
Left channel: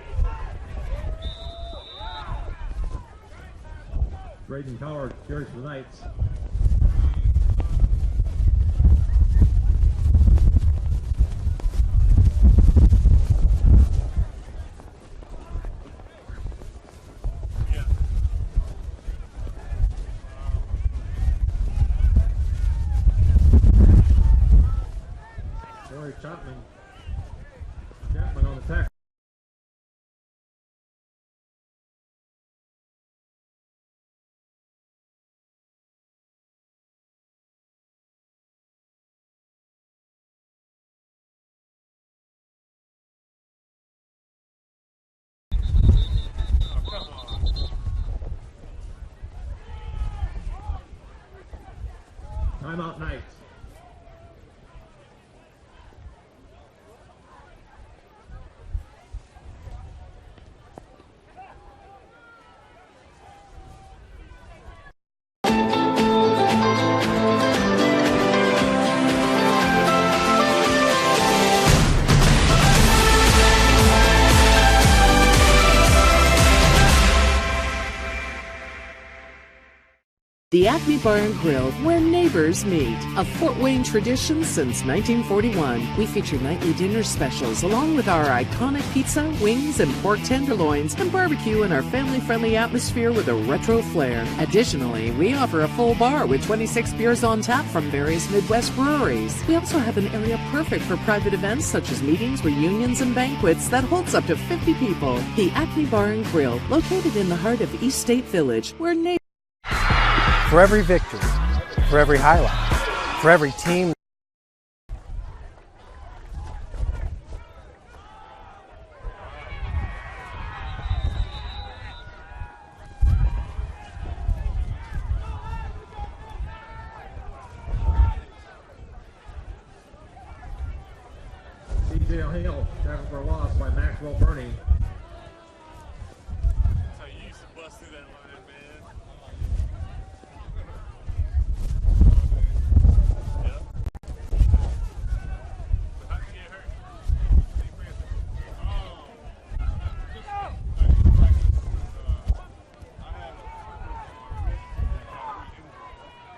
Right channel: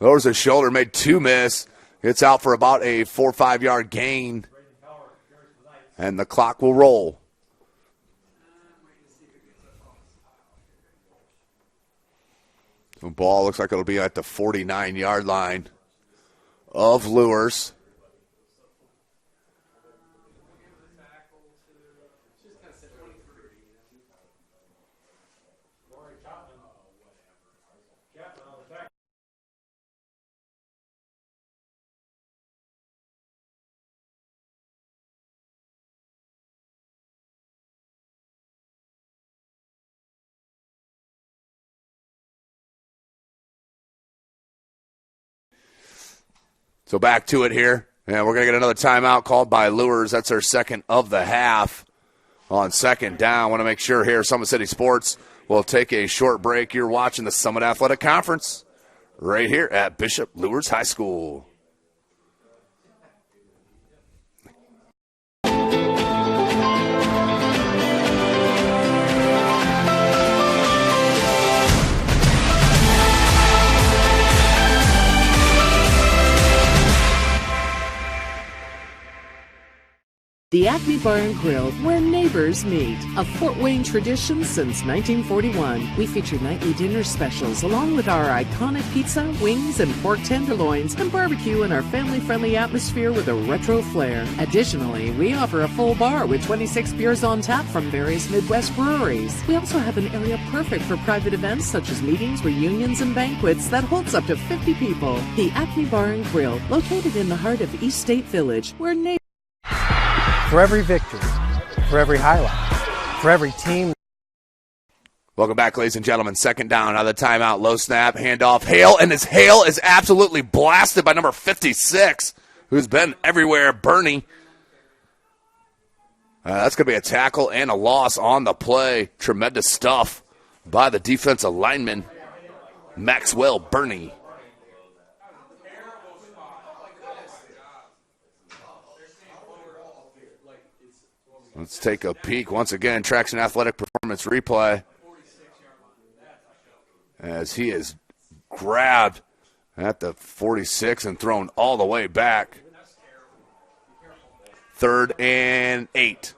Lowers his shoulder, made 2 miss. It's out for about a 4 or 5 yard gain. And the clock will roll. The ball looks like it'll be at the 49-yard line of Luers. Chapman on the tackle. So back to it here. And we're going to get another timeout called by Luers. That's our second of the half. On 2nd down, want to make sure here, Summit City Sports will take a short break. You're watching the Summit Athletic Conference right here at Bishop Luers High School. The Acme Bar and Grill, where neighbors meet. A Fort Wayne tradition since 1941. We feature nightly dinner specials along with our iconic pizza, wings, and pork tenderloins, and barbecue in our family-friendly atmosphere with a retro flair. Additionally, we offer a full bar with 26 beers on tap from various Midwest breweries. We also have an area perfect for private events such as meetings, reunions, and banquets that holds up to 50 people. The Acme Bar and Grill, located in the heart of East State Village, where neighbors... For every victory, for every highlight, for every team. Welcome back, ladies and gentlemen. 2nd down, out of the timeout. Low snap, handoff. Hale, and his Hale is absolutely blasted by number 56, who's been everywhere, Bernie. That's going to be a tackle and a loss on the play. Tremendous stuff by the defensive lineman, Maxwell Bernie. Let's take a peek once again. Traction Athletic Performance replay. As he is grabbed at the 46 and thrown all the way back. 3rd and 8.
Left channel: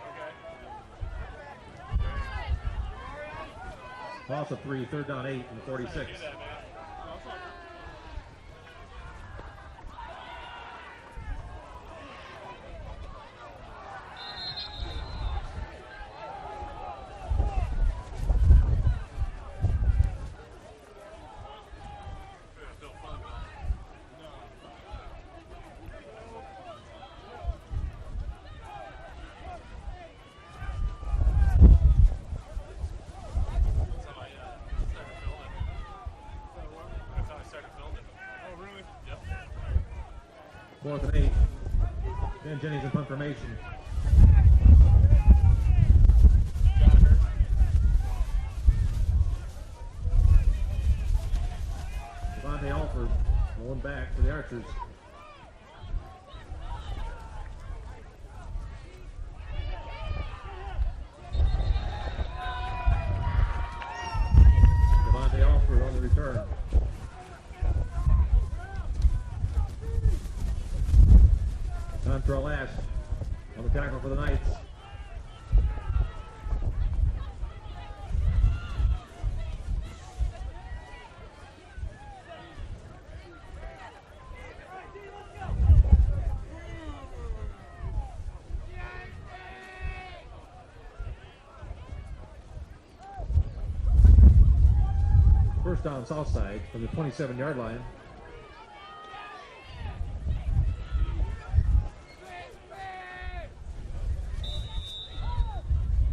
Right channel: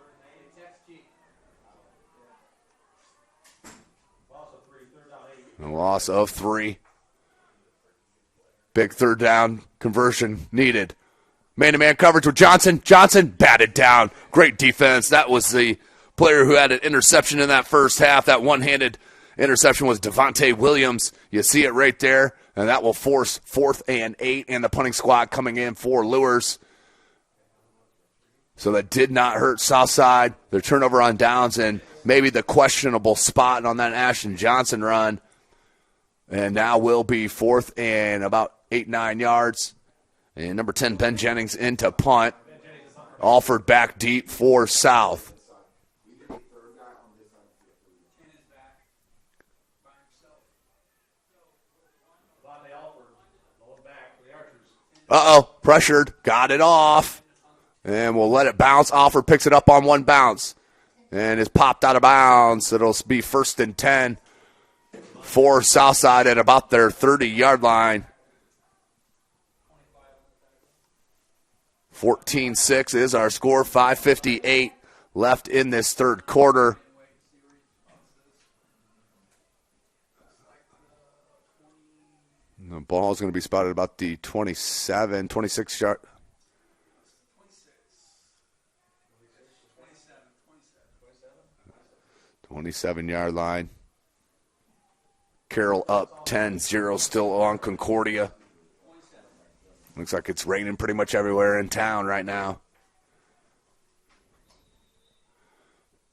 Loss of 3, 3rd down 8. Loss of 3. Big 3rd down conversion needed. Man-to-man coverage with Johnson. Johnson batted down. Great defense. That was the player who had an interception in that first half. That one-handed interception was Devontae Williams. You see it right there. And that will force 4th and 8. And the punting squad coming in for Luers. So that did not hurt Southside. Their turnover on downs and maybe the questionable spot on that Ashton Johnson run. And now will be 4th and about 8-9 yards. And number 10, Ben Jennings into punt. Alford back deep for South. Alford going back to the Archers. Uh-oh, pressured, got it off. And we'll let it bounce. Alford picks it up on one bounce. And is popped out of bounds. It'll be 1st and 10 for Southside at about their 30-yard line. 14-6 is our score. 5:58 left in this 3rd quarter. The ball is going to be spotted about the 26 yard. Yard line. Carroll up 10-0 still on Concordia. Looks like it's raining pretty much everywhere in town right now.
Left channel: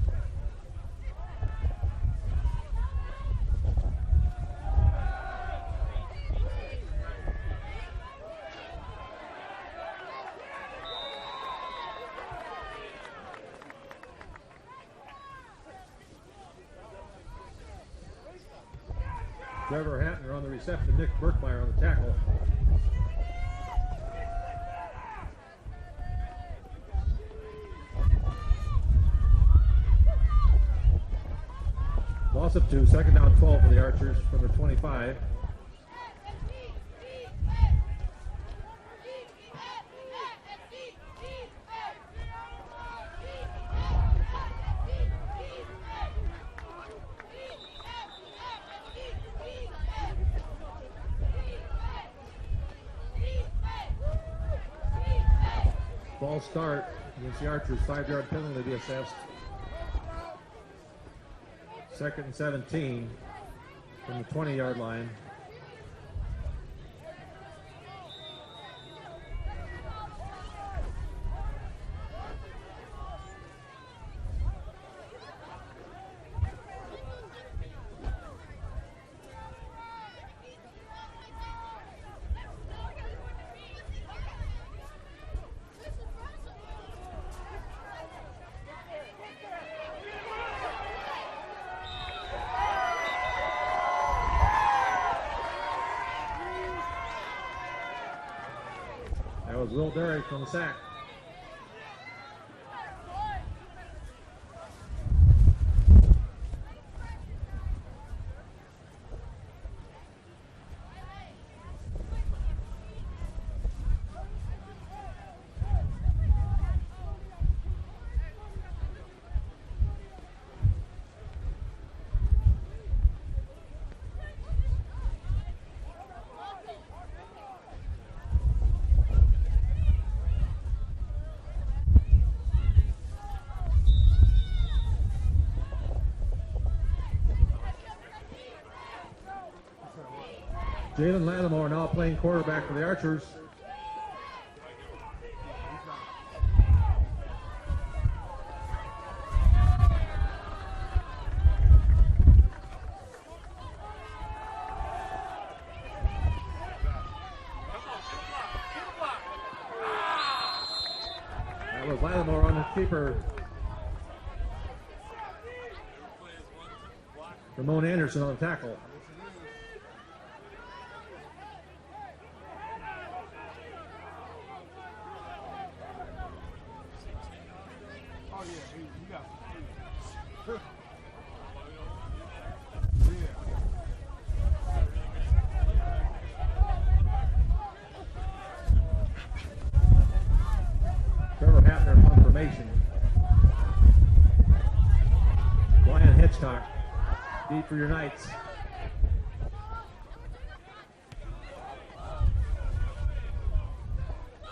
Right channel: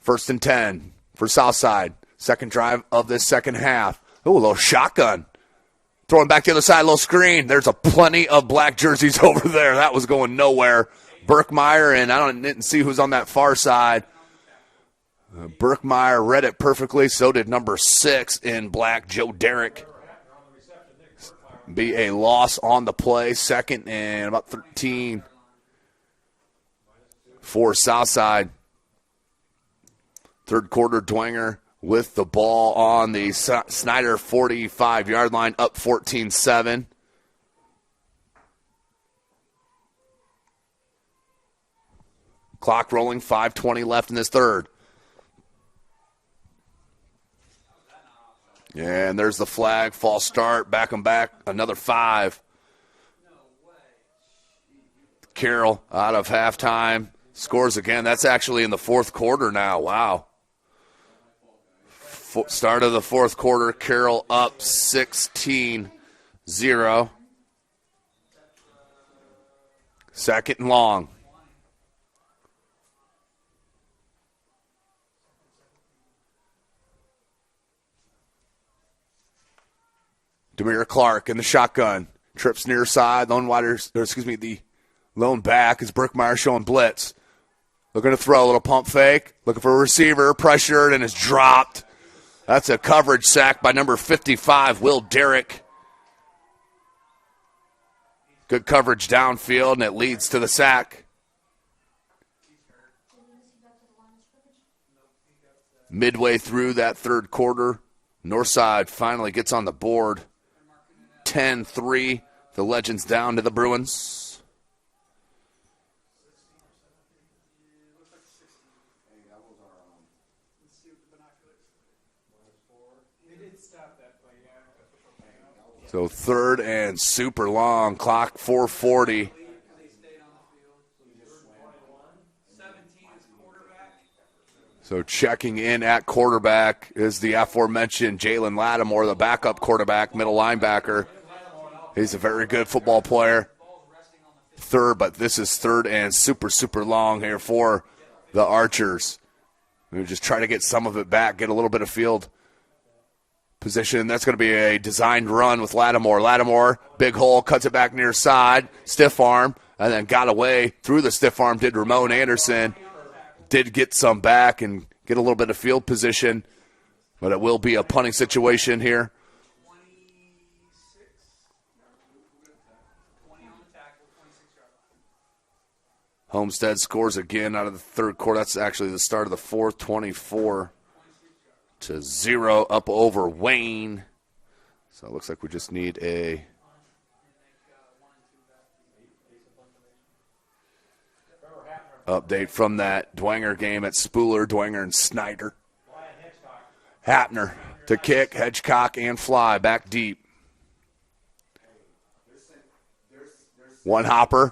1st and 10 for Southside. 2nd drive of this 2nd half. Ooh, a little shotgun. Throwing back the other side, a little screen. There's a plenty of black jerseys over there. That was going nowhere. Burkmeyer, and I didn't see who's on that far side. Berkmeyer read it perfectly. So did number 6 in black, Joe Derrick. Trevor Hatner on the reception, Nick Berkmeyer on the Be catch. a loss on the play. Second and about 13 for Southside. Third quarter, Dwenger with the ball on the Snyder 45-yard line, up 14-7. Clock rolling, 5:20 left in this third. And there's the flag, false start, back and back, another 5. Carroll out of halftime, scores again. That's actually in the fourth quarter now, wow. Start of the fourth quarter, Carroll up 16-0. Second and long. Demir Clark in the shotgun. Trips near side. The lone back is Berkmeyer showing blitz. Looking to throw a little pump fake. Looking for a receiver. Pressured and is dropped. That's a coverage sack by number 55, Will Derrick. Good coverage downfield, and it leads to the sack. Midway through that third quarter, Northside finally gets on the board. 10-3, the Legends down to the Bruins. So third and super long, clock 4:40. So checking in at quarterback is the aforementioned Jalen Lattimore, the backup quarterback, middle linebacker. Jalen Lattimore now He's a very good quarterback for the football Archers. player. Third, but this is third and super long here for the Archers. We just try to get some of it back, get a little bit of field position. That's going to be a designed run with Lattimore. Lattimore, big hole, cuts it back near side, stiff arm, and then got away through the stiff arm, did Ramon Anderson. Did get some back and get a little bit of field position, but it will be a punting situation here. Homestead scores again out of the third quarter. That's actually the start of the fourth, 24-0 up over Wayne. So it looks like we just need a update from that Dwenger game at Spooler, Dwenger and Snyder. Hatner to kick, Hedgecock and fly back deep. One hopper.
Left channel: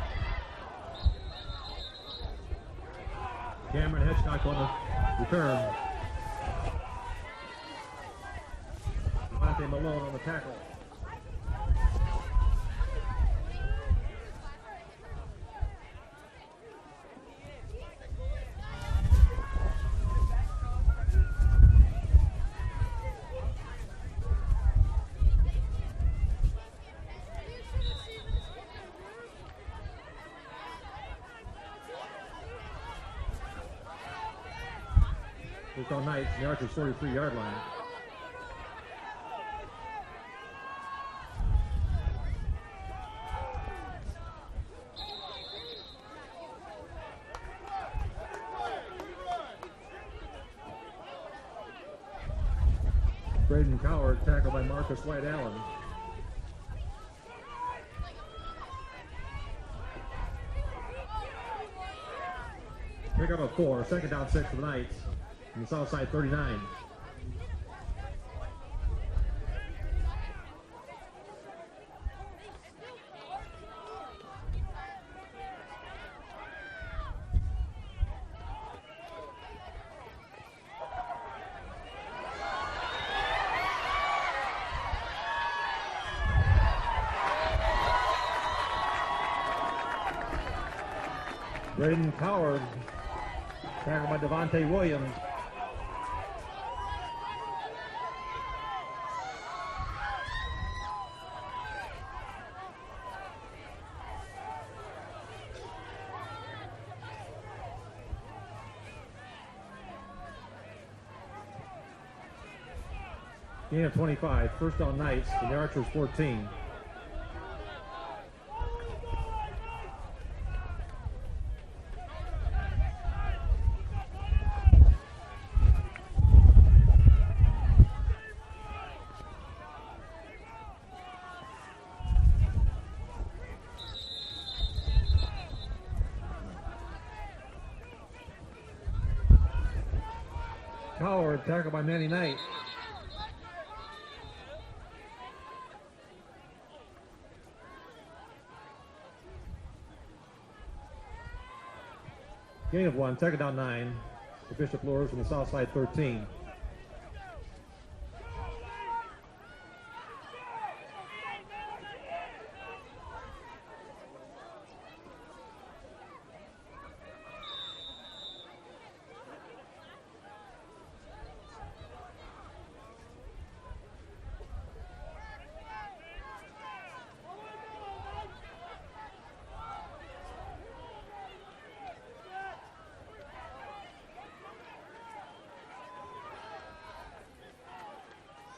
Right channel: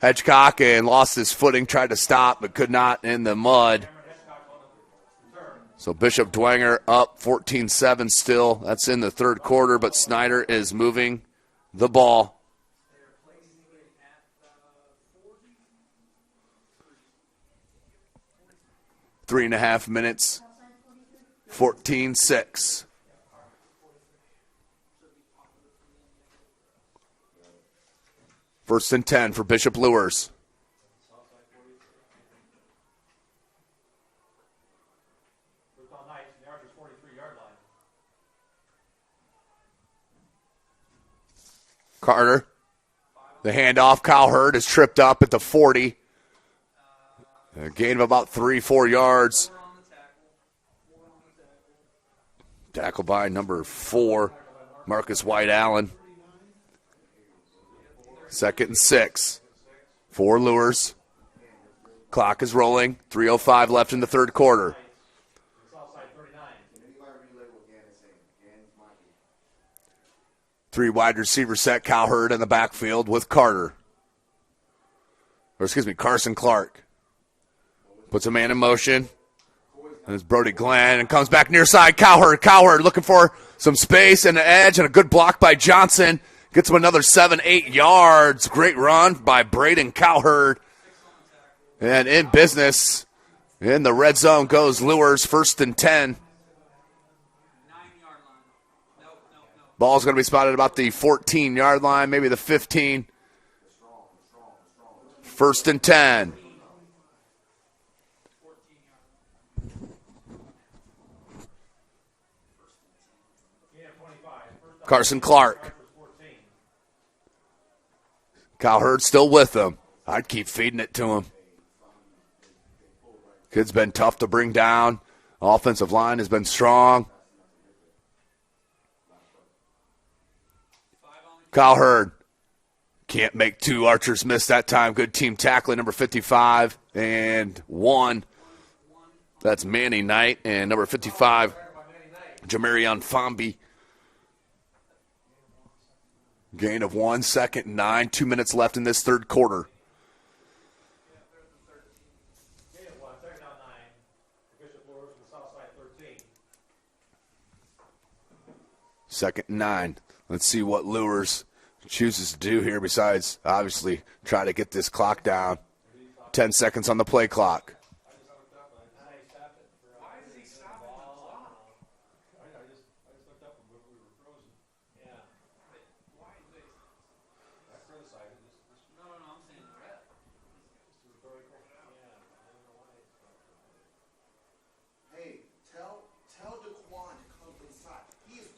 Hedgecock and lost his footing, tried to stop but could not in the mud. So Bishop Dwenger up 14-7 still. That's in the third quarter, but Snyder is moving the ball. Three and a half minutes, 14-6. First and 10 for Bishop Luers. All night, the Archers 43-yard line. Carter, the handoff. Kyle Hurd is tripped up at the 40. A gain of about 3-4 yards. Tackle by number 4, Marcus White Allen. Second and 6 for Luers. Clock is rolling. 3:05 left in the third quarter. Southside 39. 3 wide receiver set. Kyle Hurd in the backfield with Carson Clark. Puts a man in motion. And it's Brody Glenn and comes back near side. Cowherd looking for some space and an edge and a good block by Johnson. Gets him another 7-8 yards. Great run by Braden Cowherd. And in business, in the red zone goes Luers, first and 10. Ball's going to be spotted about the 14-yard line, maybe the 15. First and 10. Gain of 25. First down Carson 9, Clark. the Archers 14. Kyle Hurd still with him. I'd keep feeding it to him. Kid's been tough to bring down. Offensive line has been strong. Kyle Hurd can't make two. Archers miss that time. Good team tackling, number 55 and 1. That's Manny Knight, and number 55, tackle by Manny Knight. Jamarion Fomby. Gain of 1, 2nd and 9. 2 minutes left in this third quarter. Gain of 1, 2nd down 9. The Bishop Luers from the south side 13. 2nd and 9. Let's see what Luers chooses to do here besides, obviously, try to get this clock down. 10 seconds on the play clock.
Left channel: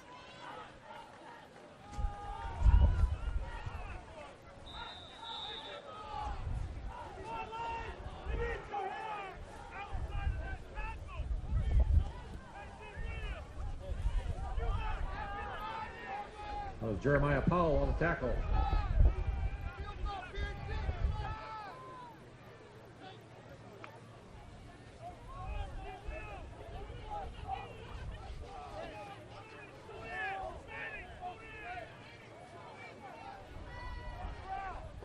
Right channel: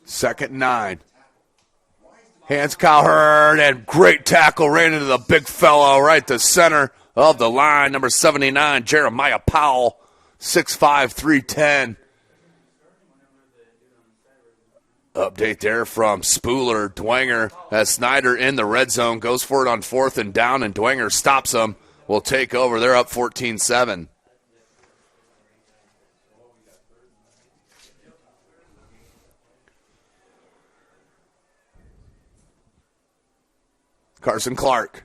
Second and 9. Hands Kyle Hurd, and great tackle ran into the big fellow right to center of the line. Number 79, Jeremiah Powell, 6'5", 310. Update there from Spooler. Dwenger as Snyder in the red zone goes for it on 4th and down, and Dwenger stops him. Will take over. They're up 14-7. Carson Clark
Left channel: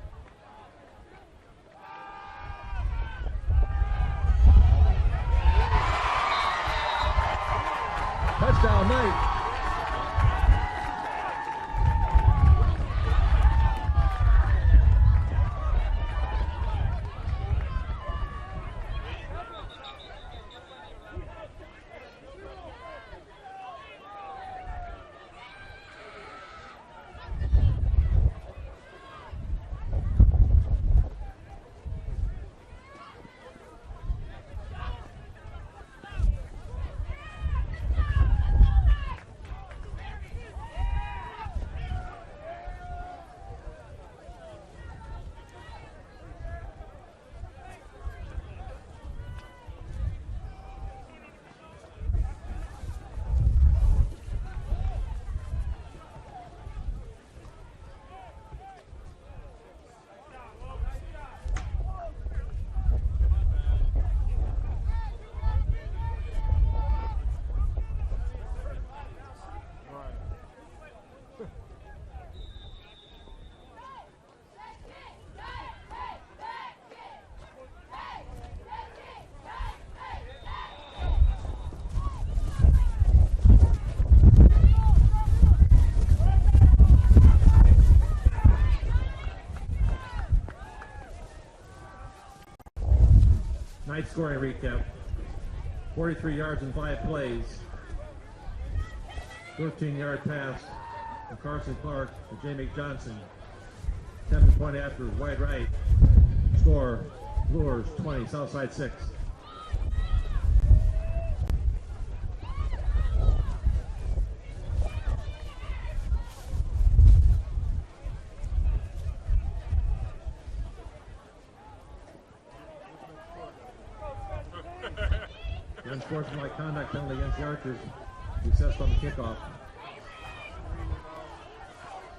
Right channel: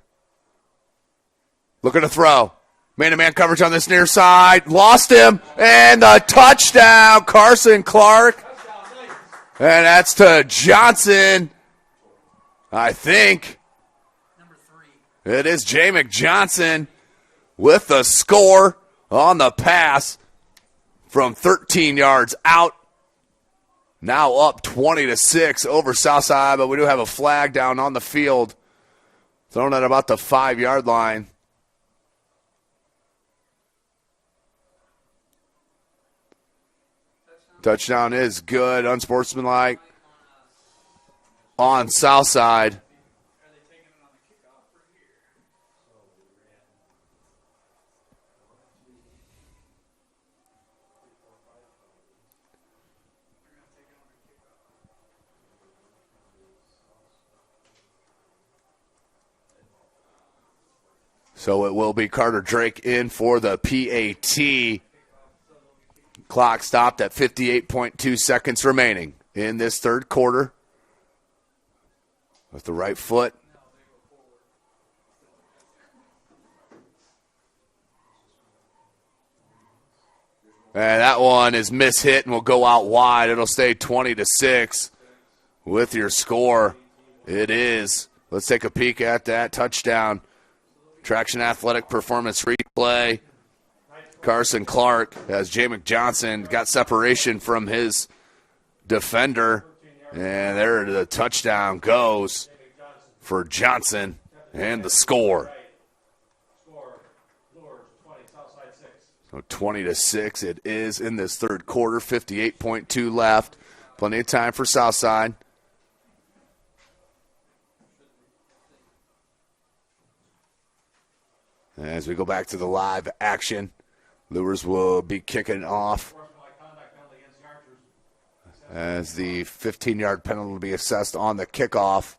looking to throw. Man-to-man coverage on this near side. Lost him. And the touchdown, Carson Clark. Touchdown Knight. And that's to Johnson. I think it is Jamek Johnson with the score on the pass from 13 yards out. Now up 20-6 over Southside, but we do have a flag down on the field. Thrown at about the 5-yard line. Touchdown is good, unsportsmanlike on Southside. So it will be Carter Drake in for the PAT. Clock stopped at 58.2 seconds remaining in this third quarter. With the right foot. And that one is mishit and will go out wide. It'll stay 20-6 with your score. It is. Let's take a peek at that touchdown. Traction Athletic Performance replay. Carson Clark as Jamek Johnson got separation from his defender. And there the touchdown goes for Johnson and the score. Score, Luers 20, Southside 6. 20-6 it is in this third quarter. 58.2 left. Plenty of time for Southside. As we go back to the live action, Luers will be kicking off as the 15-yard penalty will be assessed on the kickoff.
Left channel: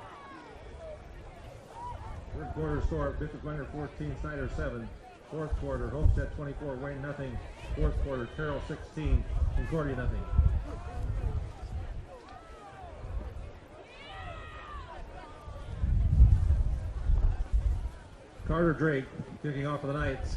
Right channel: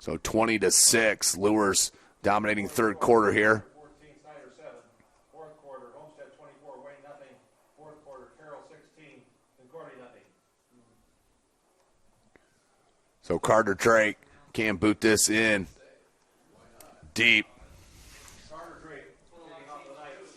So 20-6, Luers dominating third quarter here. 14, Snyder 7. Fourth quarter, Homestead 24, Wayne nothing. Fourth quarter, Terrell 16, Concordia nothing. So Carter Drake can boot this in deep. Carter Drake kicking off for the Knights.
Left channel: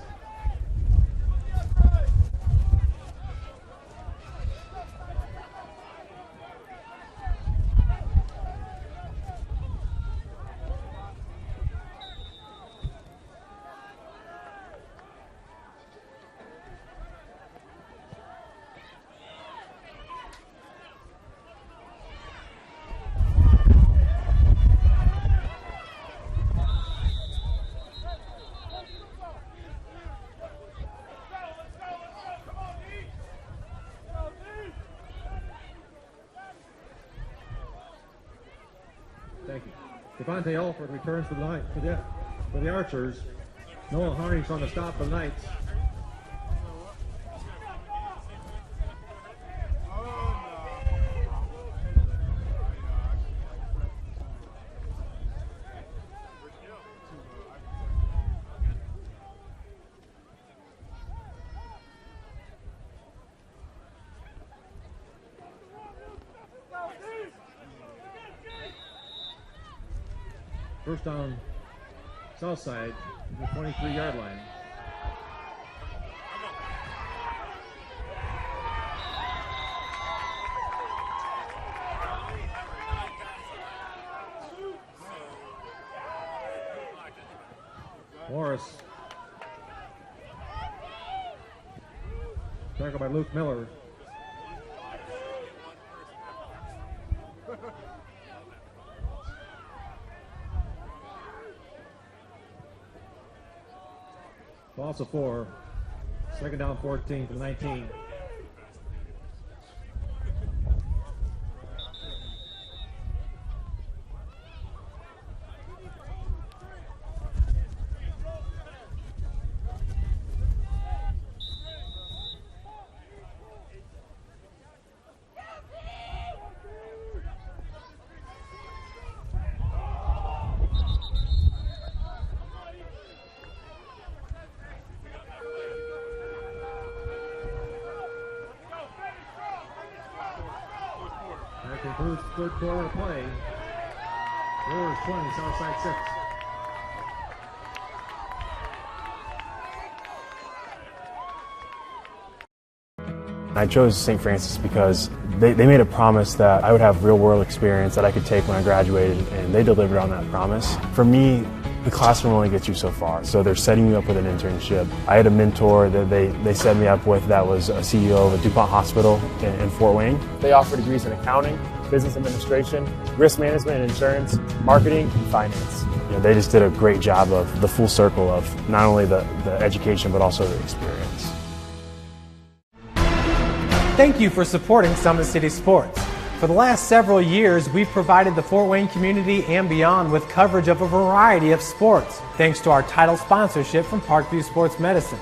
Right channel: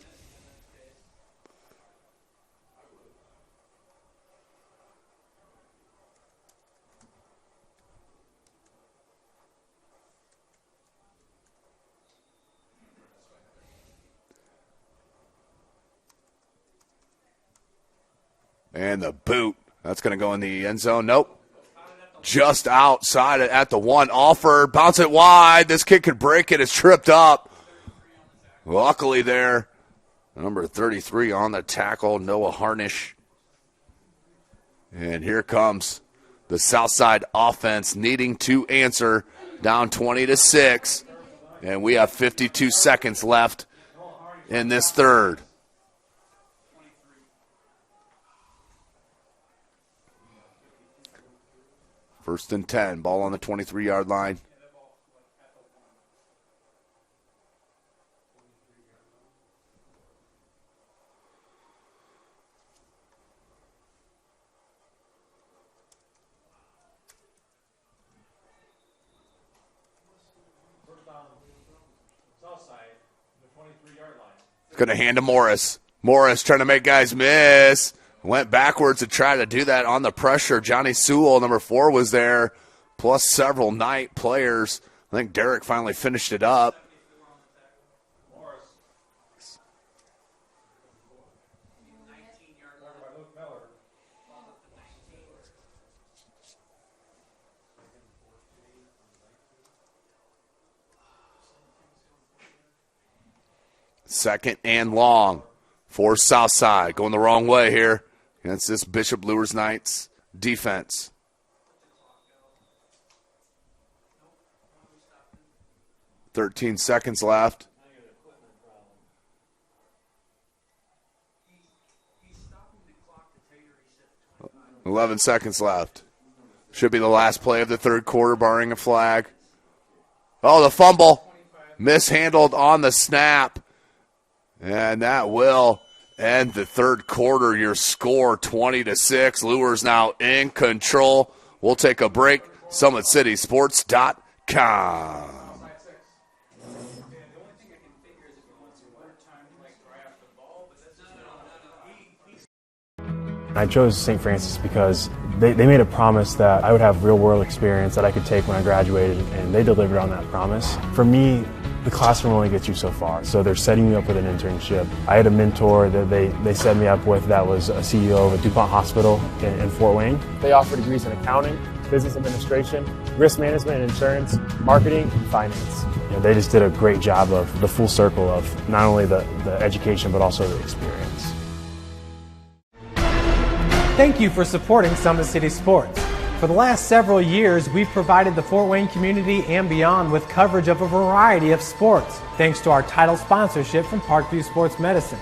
And the boot, that's going to go in the end zone. Nope. Just outside at the 1. Alford, bounce it wide. This kid could break it. It's tripped up. Luckily there, number 33 on the tackle, Noah Harnish. And here comes the Southside offense needing to answer, down 20-6. And we have 52 seconds left in this third. First and 10, ball on the 23-yard line. First down, Southside, the 23-yard line. Going to hand to Morris. Morris trying to make guys miss. Went backwards to try to do that on the pressure. Johnny Sewell, number 4, was there, plus several Knight players. I think Derek finally finished it up. Morris. Tackled by Luke Miller. Second and long for Southside. Going the wrong way here against this Bishop Luers Knights defense. .13 seconds left. .11 seconds left. Should be the last play of the third quarter, barring a flag. Oh, the fumble. Mishandled on the snap. And that will end the third quarter. Your score, 20-6. Luers now in control. We'll take a break. SummitCitySports.com. I chose St. Francis because they made a promise that I would have real-world experience that I could take when I graduated, and they delivered on that promise. For me, the classroom only gets you so far, so they're setting you up with an internship. I had a mentor that they set me up with that was a CEO of a DuPont hospital in Fort Wayne. They offer degrees in accounting, business administration, risk management and insurance, marketing, and finance. You know, they just did a great job of the full circle of not only the education but also the experience. Thank you for supporting Summit City Sports. For the last several years, we've provided the Fort Wayne community and beyond with coverage of a variety of sports, thanks to our title sponsorship from Parkview Sports Medicine.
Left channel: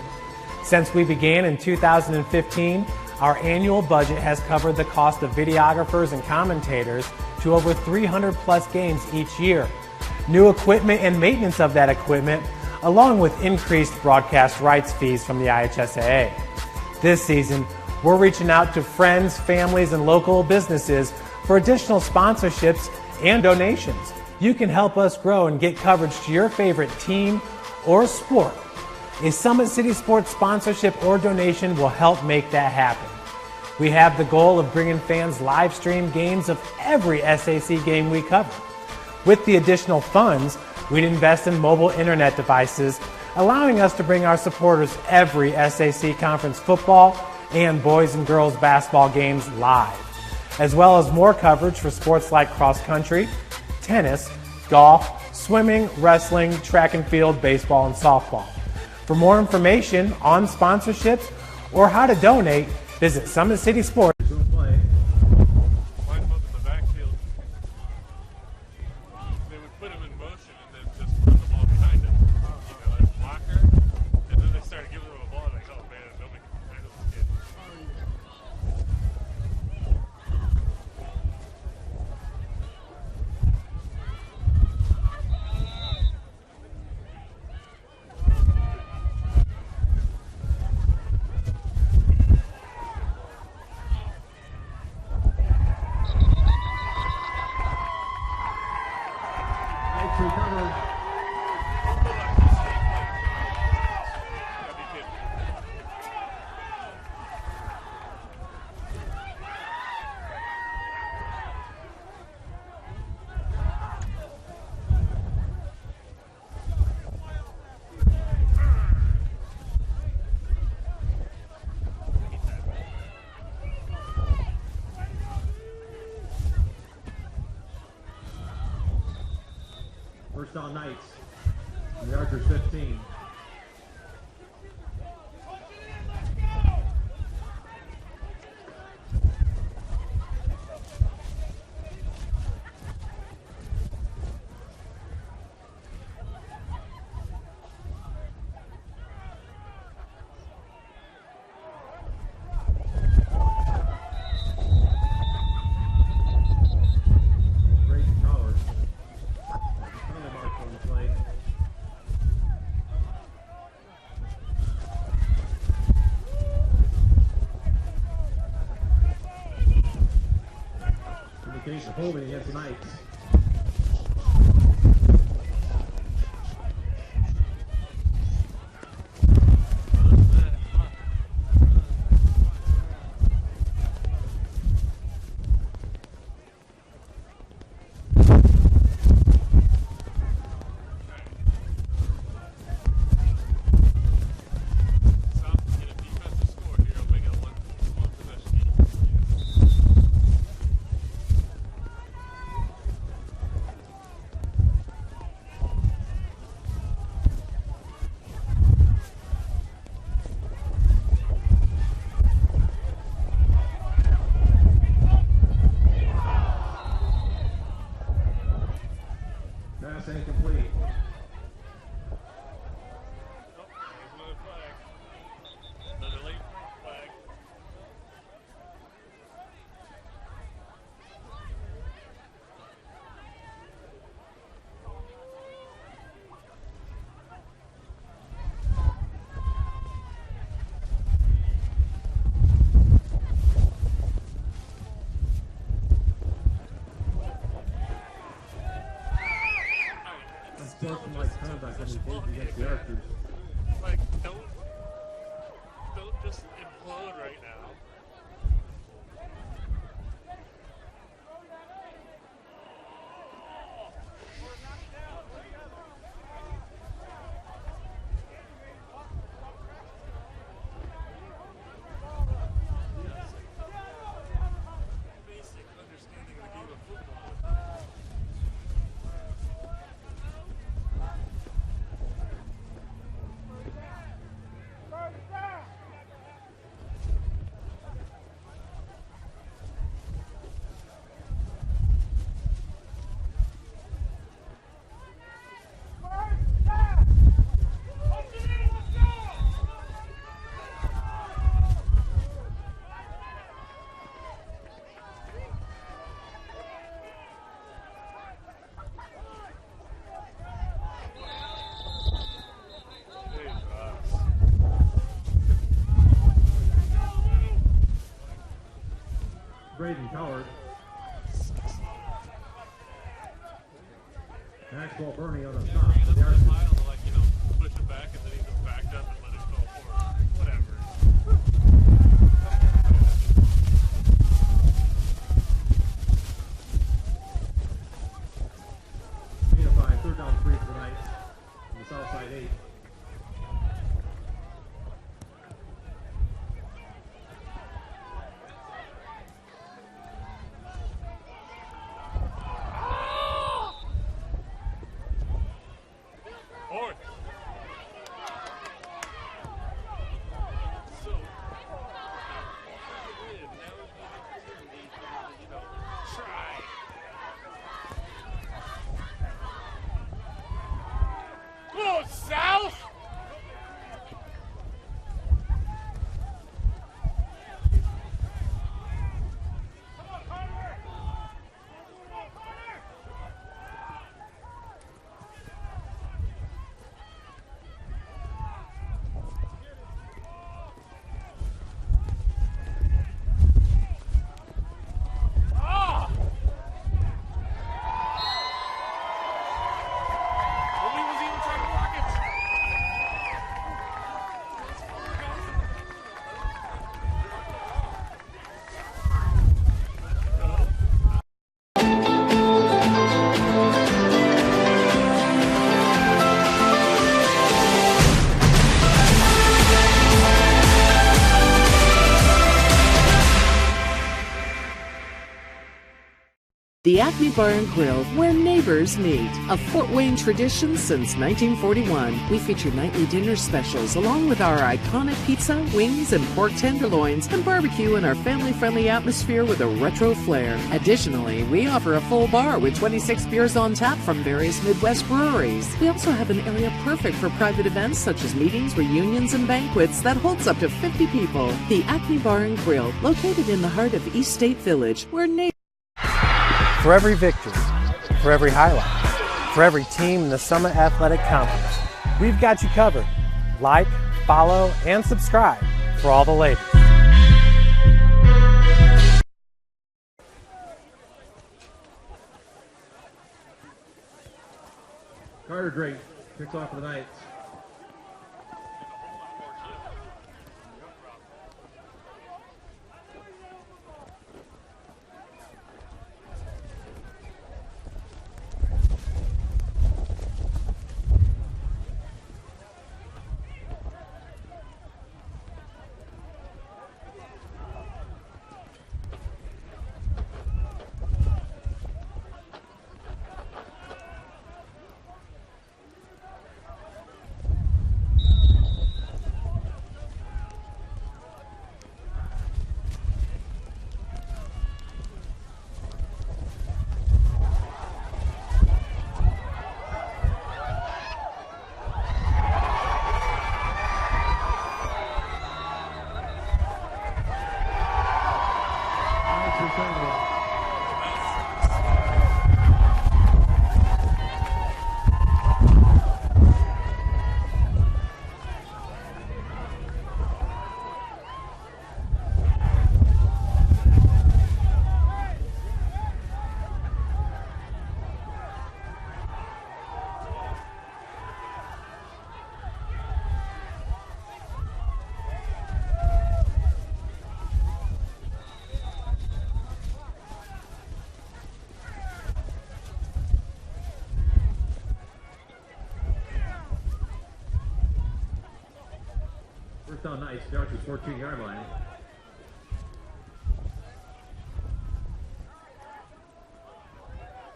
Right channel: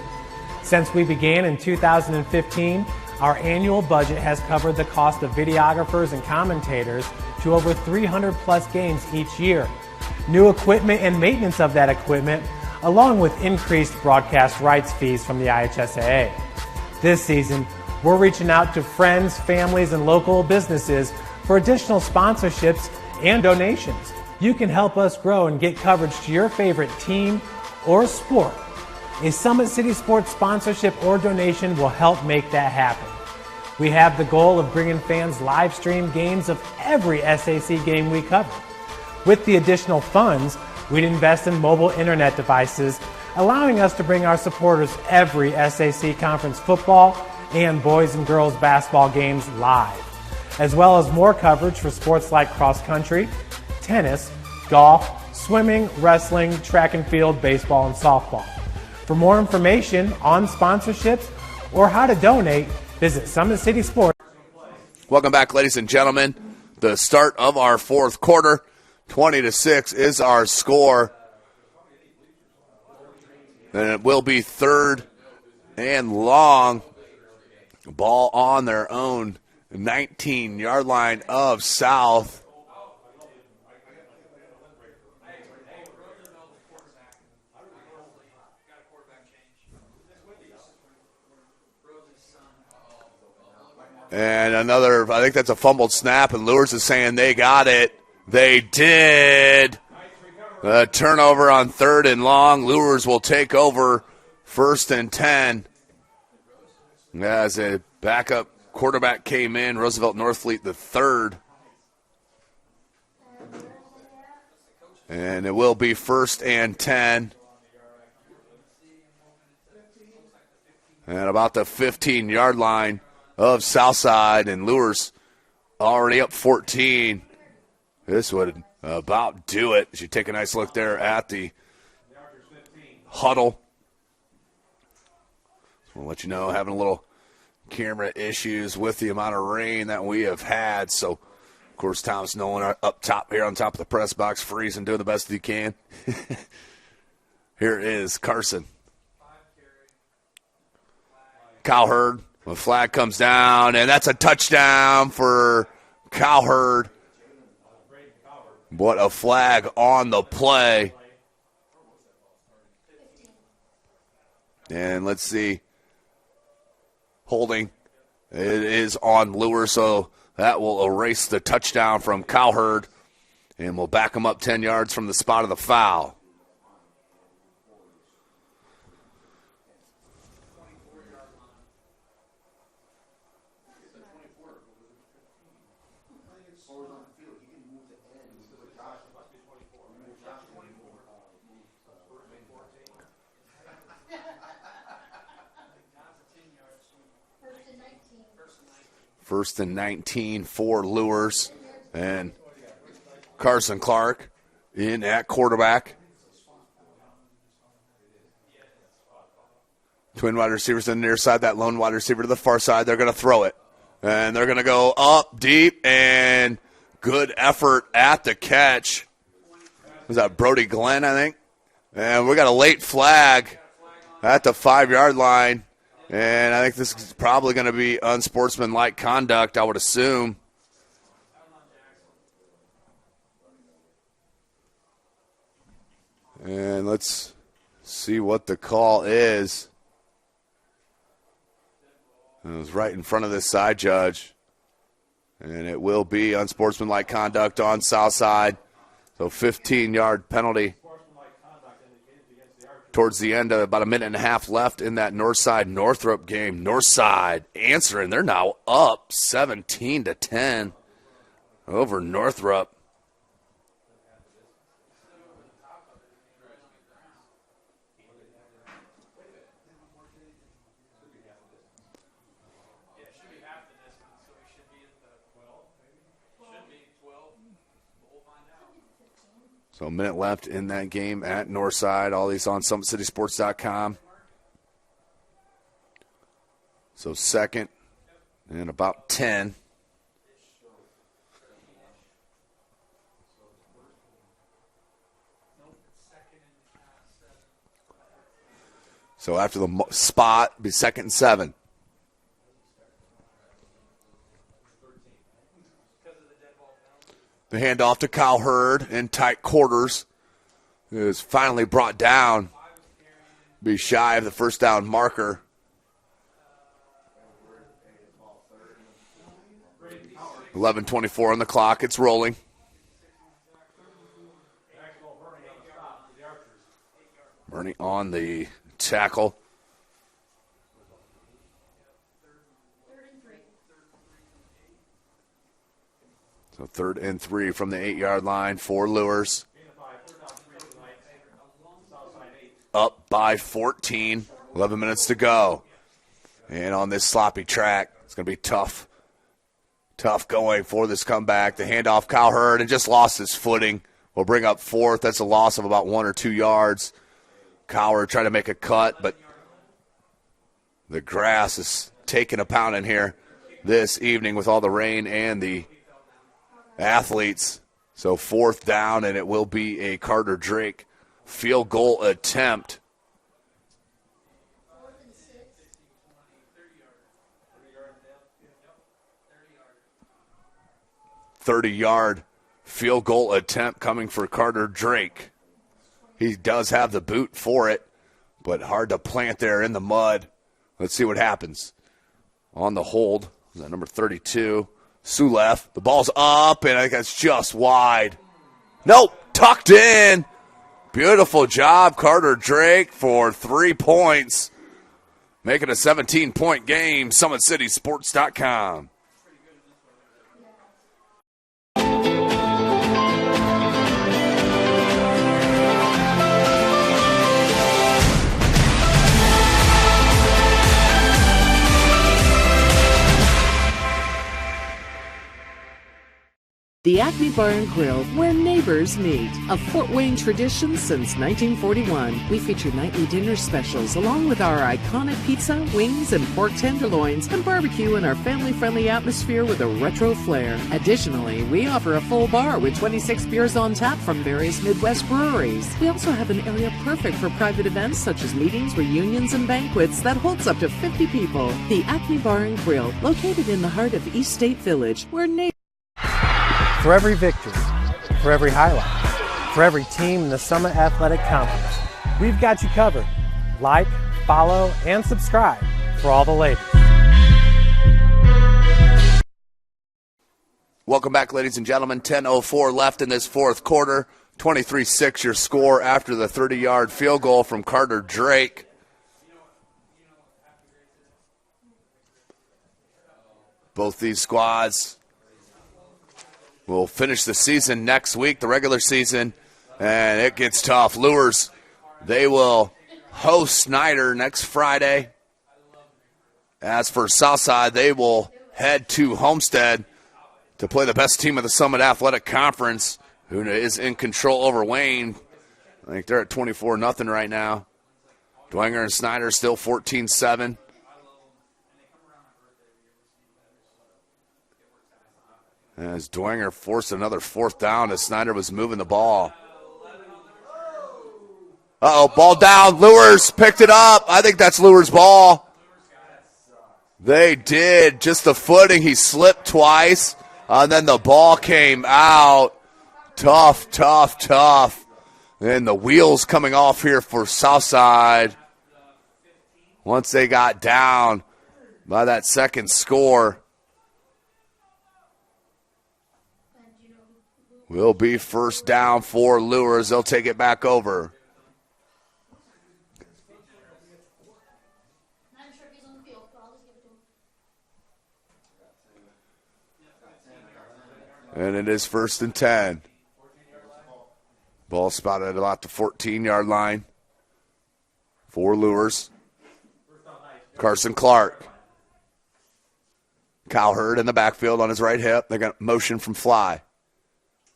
Since we began in 2015, our annual budget has covered the cost of videographers and commentators to over 300 plus games each year. New equipment and maintenance of that equipment, along with increased broadcast rights fees from the IHSAA. This season, we're reaching out to friends, families, and local businesses for additional sponsorships and donations. You can help us grow and get coverage to your favorite team or sport. A Summit City Sports sponsorship or donation will help make that happen. We have the goal of bringing fans live stream games of every SAC game we cover. With the additional funds, we'd invest in mobile internet devices, allowing us to bring our supporters every SAC conference football and boys and girls basketball games live, as well as more coverage for sports like cross country, tennis, golf, swimming, wrestling, track and field, baseball, and softball. For more information on sponsorships or how to donate, visit Summit City Sports. Welcome back, ladies and gentlemen. The start of our fourth quarter. 20-6 is our score. And it will be third and long. Ball on their own 19-yard line of South. And another, I think that's a fumbled snap, and Luers is saying they got it. They did. A turnover on third and long. Luers will take over first and 10. As a backup quarterback came in, Roosevelt Northfleet the third. And it will be first and 10. And about the 15-yard line of Southside, and Luers already up 14. This would about do it. You take a nice look there at the Yards are 15. huddle. I'll let you know, having a little camera issues with the amount of rain that we have had. So, of course, Thomas Nolan up top here on top of the press box, freezing, doing the best he can. Here is Carson. Cowherd, the flag comes down, and that's a touchdown for Cowherd. What a flag on the play. And let's see. Holding. It is on Luers, so that will erase the touchdown from Cowherd. And we'll back him up 10 yards from the spot of the foul. First and 19 for Luers, and Carson Clark in at quarterback. Twin wide receivers on the near side, that lone wide receiver to the far side. They're going to throw it, and they're going to go up deep, and good effort at the catch. Is that Brody Glenn, I think? And we got a late flag at the 5-yard line. And I think this is probably going to be unsportsmanlike conduct, I would assume. And let's see what the call is. It was right in front of this side judge. And it will be unsportsmanlike conduct on south side. So 15-yard penalty. Towards the end, about a minute and a half left in that Northside-Northrop game. Northside answering. They're now up 17-10 over Northrop. So a minute left in that game at Northside. All these on SummitCitySports.com. So second and about 10. So after the spot, the second and 7. The handoff to Cowherd in tight quarters is finally brought down. Be shy of the first down marker. 11:24 on the clock. It's rolling. Bernie on the tackle. Third and 3 from the 8-yard line for Luers. Up by 14. 11 minutes to go. And on this sloppy track, it's going to be tough. Tough going for this comeback. The handoff, Cowherd, and just lost his footing. We'll bring up 4th. That's a loss of about 1 or 2 yards. Cowherd trying to make a cut, but the grass is taking a pounding here this evening with all the rain and the athletes. So 4th down, and it will be a Carter Drake field goal attempt. .30-yard field goal attempt coming for Carter Drake. He does have the boot for it, but hard to plant there in the mud. Let's see what happens. On the hold, number 32. Sulef, the ball's up, and I think that's just wide. Nope, tucked in. Beautiful job, Carter Drake, for 3 points. Making a 17-point game, SummitCitySports.com. The Acme Bar and Grill, where neighbors meet. A Fort Wayne tradition since 1941. We feature nightly dinner specials along with our iconic pizza, wings, and pork tenderloins, and barbecue in our family-friendly atmosphere with a retro flair. Additionally, we offer a full bar with 26 beers on tap from various Midwest breweries. We also have an area perfect for private events such as meetings, reunions, and banquets that holds up to 50 people. The Acme Bar and Grill, located in the heart of East State Village, where neighbors... For every victory, for every highlight, for every team in the Summit Athletic Conference, we've got you covered. Like, follow, and subscribe for all the latest. Welcome back, ladies and gentlemen. 10:04 left in this fourth quarter. 23-6 your score after the 30-yard field goal from Carter Drake. Both these squads will finish the season next week, the regular season, and it gets tough. Luers, they will host Snyder next Friday. As for Southside, they will head to Homestead to play the best team of the Summit Athletic Conference, who is in control over Wayne. I think they're at 24-0 right now. Dwenger and Snyder still 14-7. As Dwenger forced another fourth down as Snyder was moving the ball. Ball down. Luers picked it up. I think that's Luers' ball. They did. Just the footing. He slipped twice. And then the ball came out. Tough. And the wheels coming off here for Southside. Once they got down by that second score. Will be first down for Luers. They'll take it back over. And it is 1st and 10. Ball spotted at about the 14-yard line for Luers. Carson Clark. Cowherd in the backfield on his right hip. They got motion from Fly.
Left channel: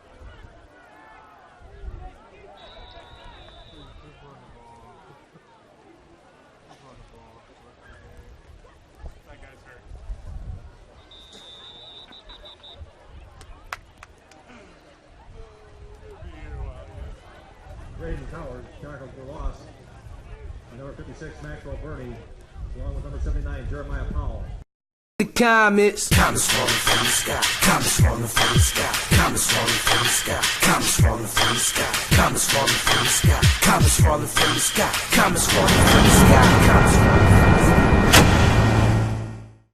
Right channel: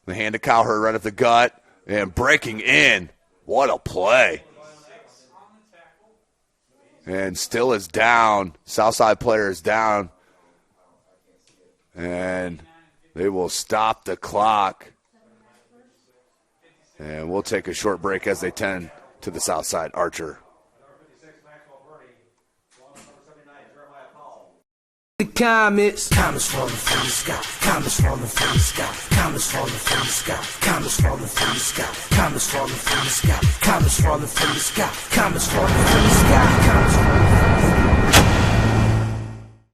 The hand to Cowherd right at the gut. And breaking in. What a play. And still is down. Southside player is down. And they will stop the clock. And we'll take a short break as they tend to the Southside. Archer. Number 56, Maxwell Bernie, along with number 79, Jeremiah Powell. The comets falling from the sky, comets falling from the sky, comets falling from the sky, comets falling from the sky, comets falling from the sky, comets falling from the sky, comets falling from the sky, comets falling from the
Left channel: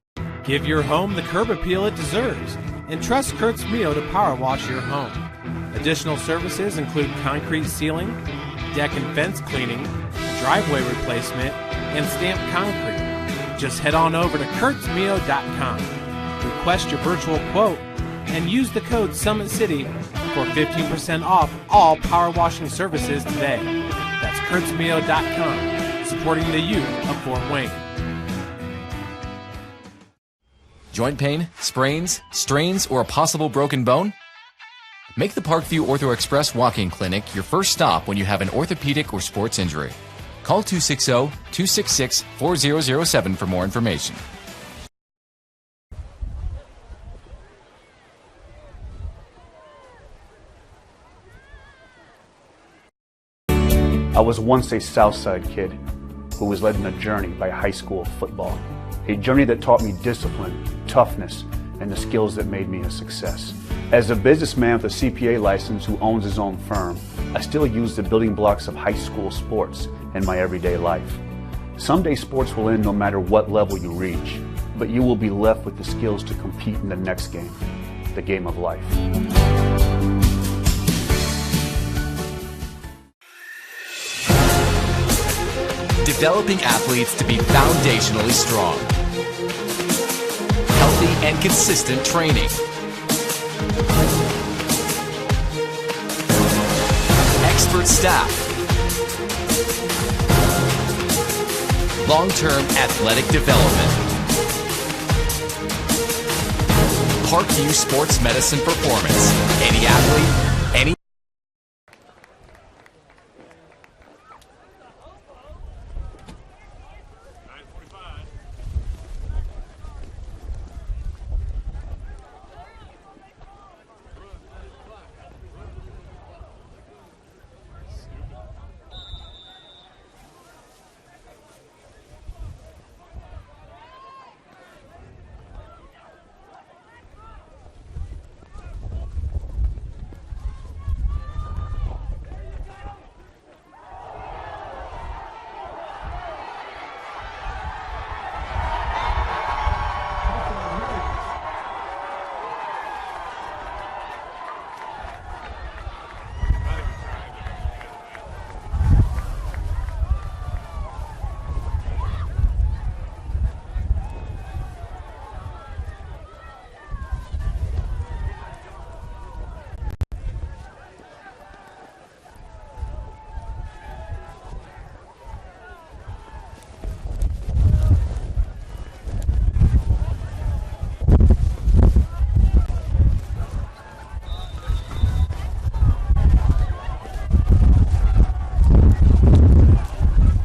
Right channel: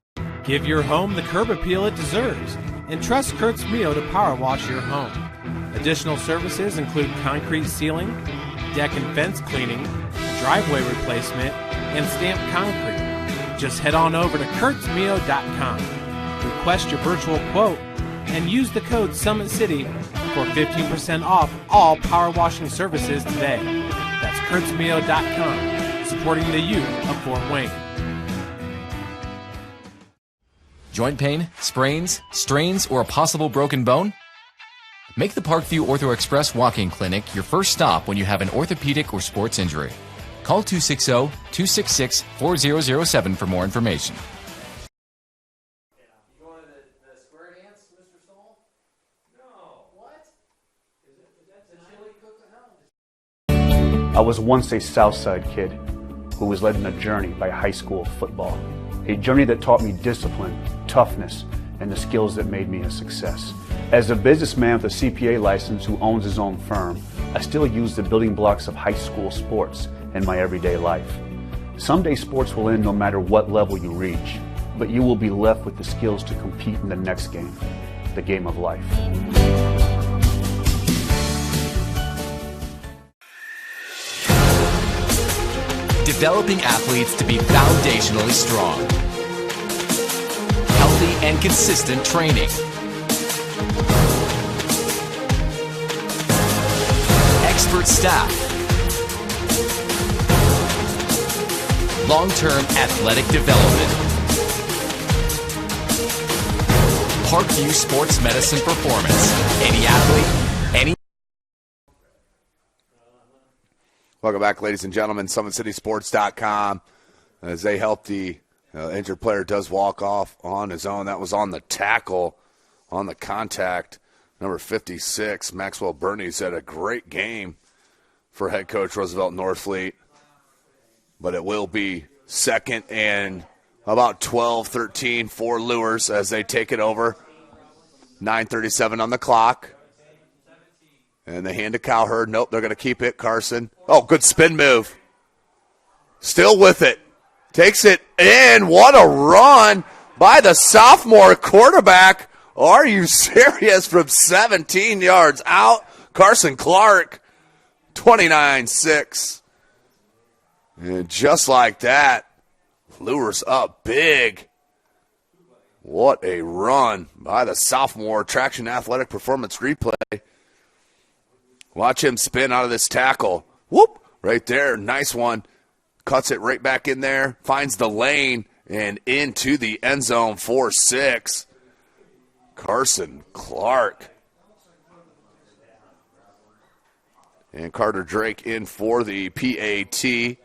sky. Give your home the curb appeal it deserves and trust Kurt's Mio to power wash your home. Additional services include concrete sealing, deck and fence cleaning, driveway replacement, and stamped concrete. Just head on over to kurtzmio.com, request your virtual quote, and use the code SummitCity for 15% off all power washing services today. That's kurtzmio.com, supporting the youth of Fort Wayne. Joint pain, sprains, strains, or a possible broken bone? Make the Parkview Ortho Express walk-in clinic your first stop when you have an orthopedic or sports injury. Call 260-266-4007 for more information. I was once a Southside kid who was led on a journey by high school football. A journey that taught me discipline, toughness, and the skills that made me a success. As a businessman with a CPA license who owns his own firm, I still use the building blocks of high school sports in my everyday life. Someday sports will end no matter what level you reach, but you will be left with the skills to compete in the next game, the game of life. Developing athletes to be foundationally strong. Healthy and consistent training. Expert staff. Long-term athletic development. Parkview Sports Medicine Performance. Any athlete, any. Welcome back, ladies and gentlemen. SummitCitySports.com. As they help the injured player does walk off on his own. That was on the tackle, on the contact. Number 56, Maxwell Bernies, had a great game for head coach Roosevelt Norfleet. But it will be second and about 12, 13 for Luers as they take it over. 9:37 on the clock. And they hand to Cowherd. Nope, they're going to keep it. Carson. Oh, good spin move. Still with it. Takes it in. What a run by the sophomore quarterback. Are you serious? From 17 yards out. Carson Clark, 29-6. And just like that, Luers up big. What a run by the sophomore. Traction Athletic Performance Replay. Watch him spin out of this tackle. Whoop! Right there. Nice one. Cuts it right back in there. Finds the lane and into the end zone. 4-6. Carson Clark. And Carter Drake in for the PAT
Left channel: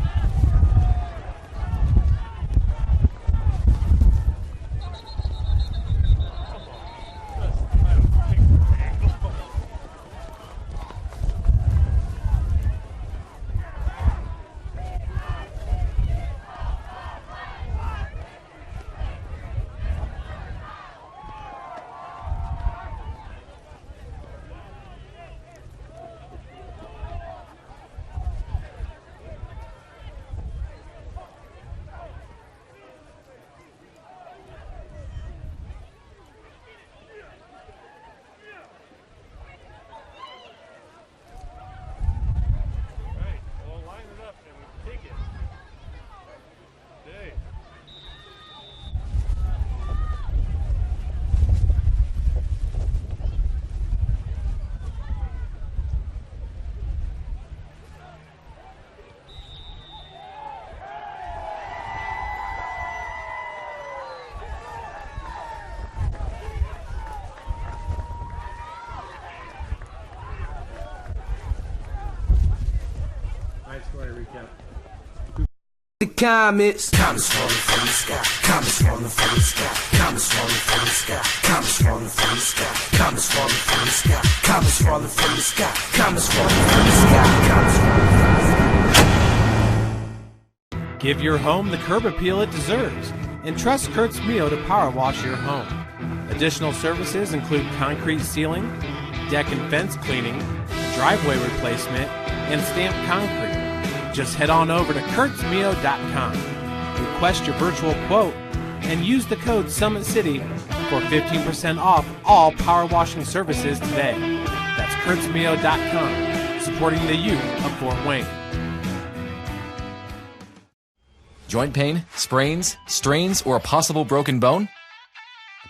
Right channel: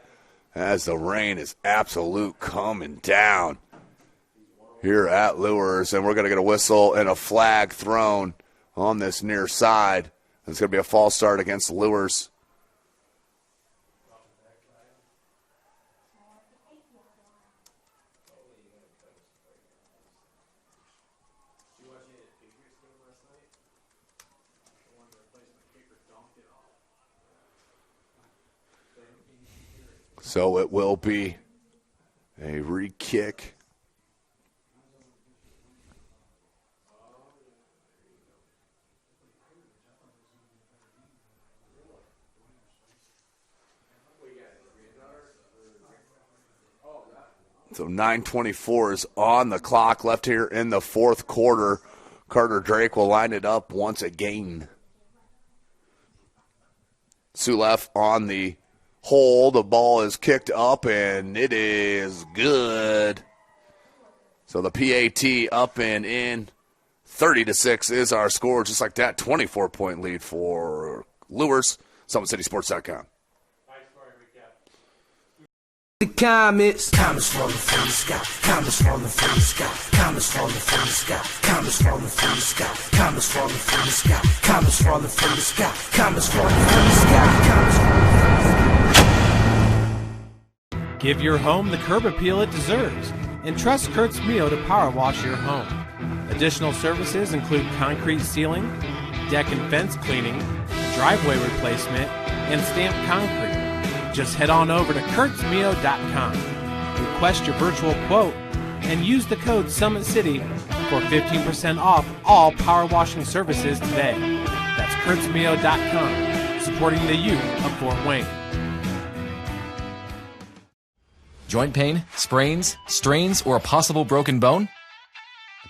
as the rain is absolute coming down here at Luers. And we're going to get a whistle and a flag thrown on this near side. It's going to be a false start against Luers. So it will be a re-kick. So 9:24 is on the clock left here in the fourth quarter. Carter Drake will line it up once again. Sulef on the hole. The ball is kicked up and it is good. So the PAT up and in. 30-6 is our score. Just like that, 24-point lead for Luers. SummitCitySports.com. Nice play recap. The comments falling from the sky, comments falling from the sky, comments falling from the sky, comments falling from the sky, comments falling from the sky, comments falling from the sky, comments falling from the sky, comments falling from the sky. Give your home the curb appeal it deserves and trust Kurt's Mio to power wash your home. Additional services include concrete sealing, deck and fence cleaning, driveway replacement, and stamped concrete. Just head on over to kurtzmio.com, request your virtual quote, and use the code SummitCity for 15% off all power washing services today. That's kurtzmio.com, supporting the youth of Fort Wayne. Joint pain, sprains, strains, or a possible broken bone?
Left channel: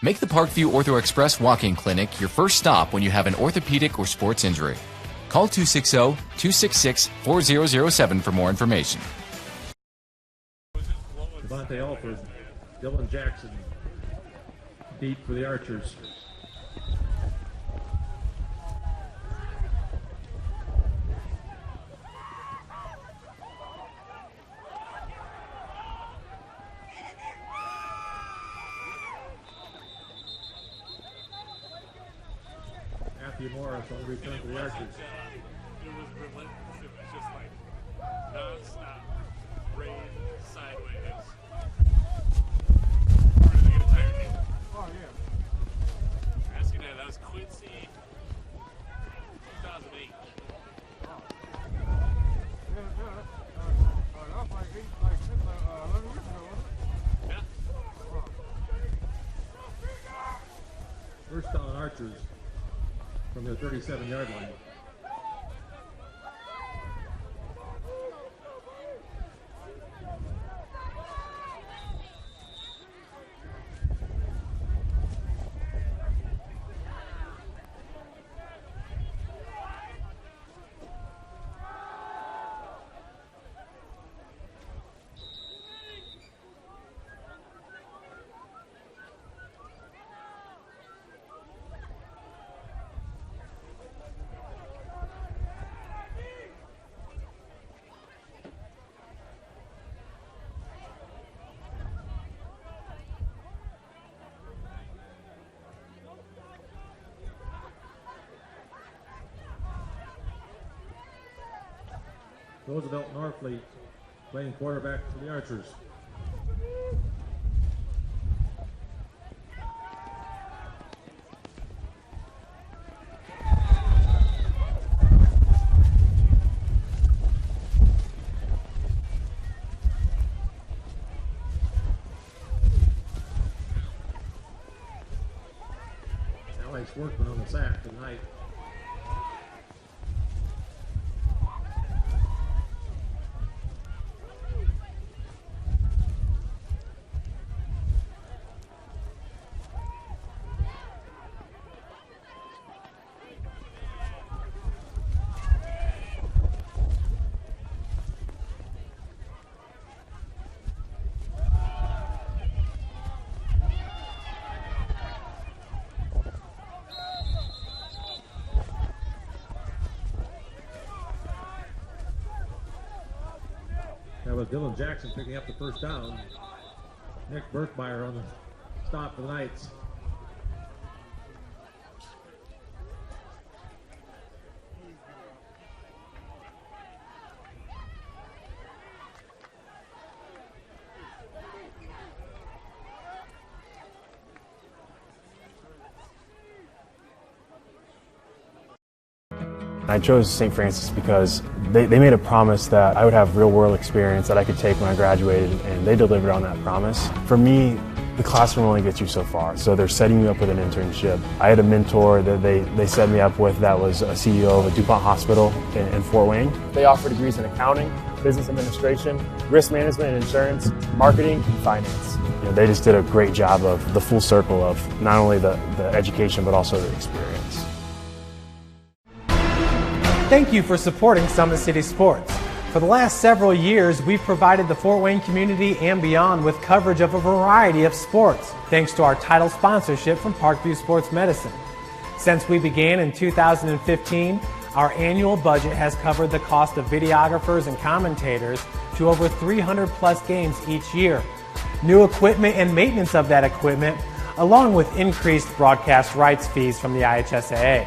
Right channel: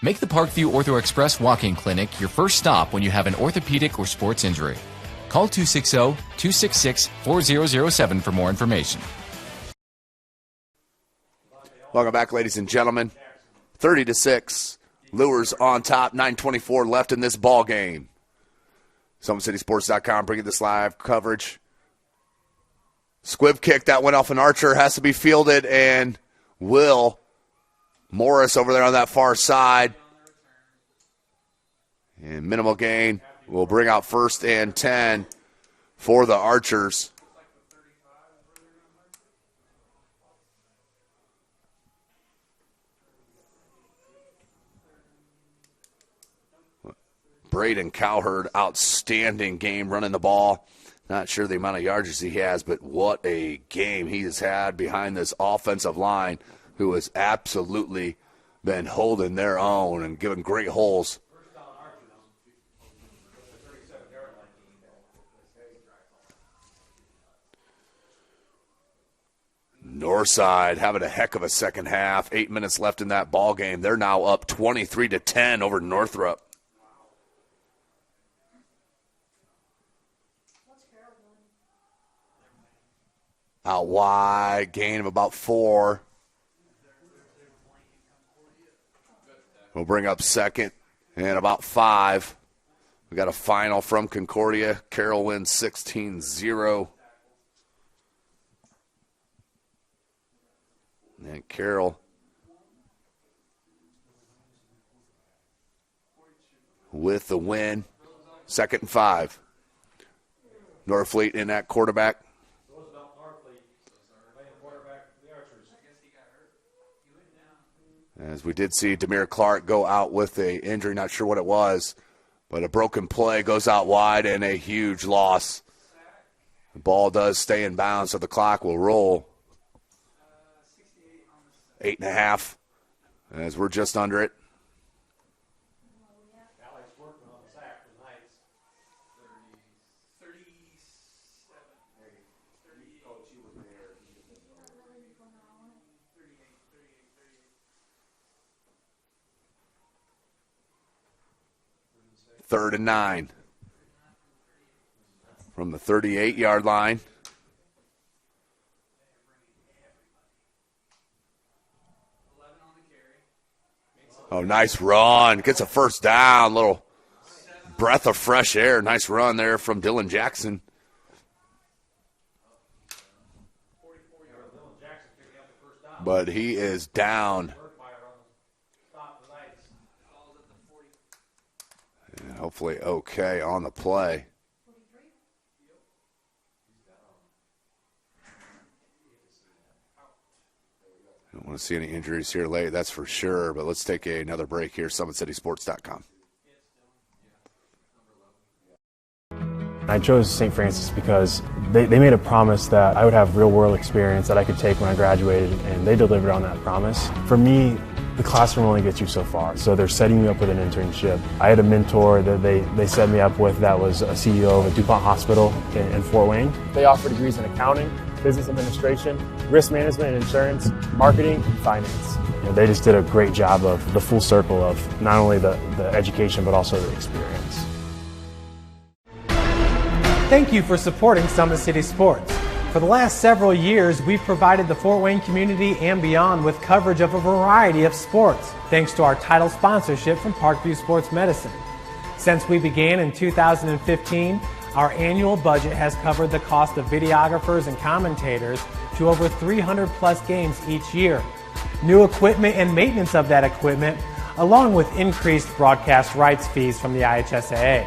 Make the Parkview Ortho Express walk-in clinic your first stop when you have an orthopedic or sports injury. Call 260-266-4007 for more information. Welcome back, ladies and gentlemen. 30-6. Luers on top. 9:24 left in this ball game. SummitCitySports.com bringing this live coverage. Squib kick that went off an archer has to be fielded, and Will Morris over there on that far side. And minimal gain will bring out 1st and 10 for the Archers. Braden Cowherd, outstanding game running the ball. Not sure the amount of yards he has, but what a game he has had behind this offensive line, who has absolutely been holding their own and giving great holes. First down Archers from the 37-yard line. Northside having a heck of a second half. 8 minutes left in that ball game. They're now up 23-10 over Northrop. Out wide, gain of about 4. We'll bring up 2nd and about 5. We got a final from Concordia. Carroll wins 16-0. And Carroll with the win. 2nd and 5. Norfleet in that quarterback. Roosevelt Norfleet playing quarterback for the Archers. As we did see Demir Clark go out with a injury, not sure what it was, but a broken play goes out wide and a huge loss. Ball does stay in bounds, so the clock will roll. 8.5, as we're just under it. Alex Workman on the sack tonight. Third and 9 from the 38-yard line. Oh, nice run. Gets a first down. Little breath of fresh air. Nice run there from Dylan Jackson. That was Dylan Jackson picking up the first down. But he is down. Burkmeyer on the stop for the Knights. And hopefully okay on the play. I don't see any injuries here late, that's for sure. But let's take another break here. SummitCitySports.com. I chose St. Francis because they made a promise that I would have real-world experience that I could take when I graduated, and they delivered on that promise. For me, the classroom only gets you so far, so they're setting me up with an internship. I had a mentor that they set me up with that was a CEO of a DuPont hospital in Fort Wayne. They offer degrees in accounting, business administration, risk management and insurance, marketing, and finance. You know, they just did a great job of the full circle of not only the education but also the experience. Thank you for supporting Summit City Sports. For the last several years, we've provided the Fort Wayne community and beyond with coverage of a variety of sports, thanks to our title sponsorship from Parkview Sports Medicine. Since we began in 2015, our annual budget has covered the cost of videographers and commentators to over 300 plus games each year. New equipment and maintenance of that equipment, along with increased broadcast rights fees from the IHSAA.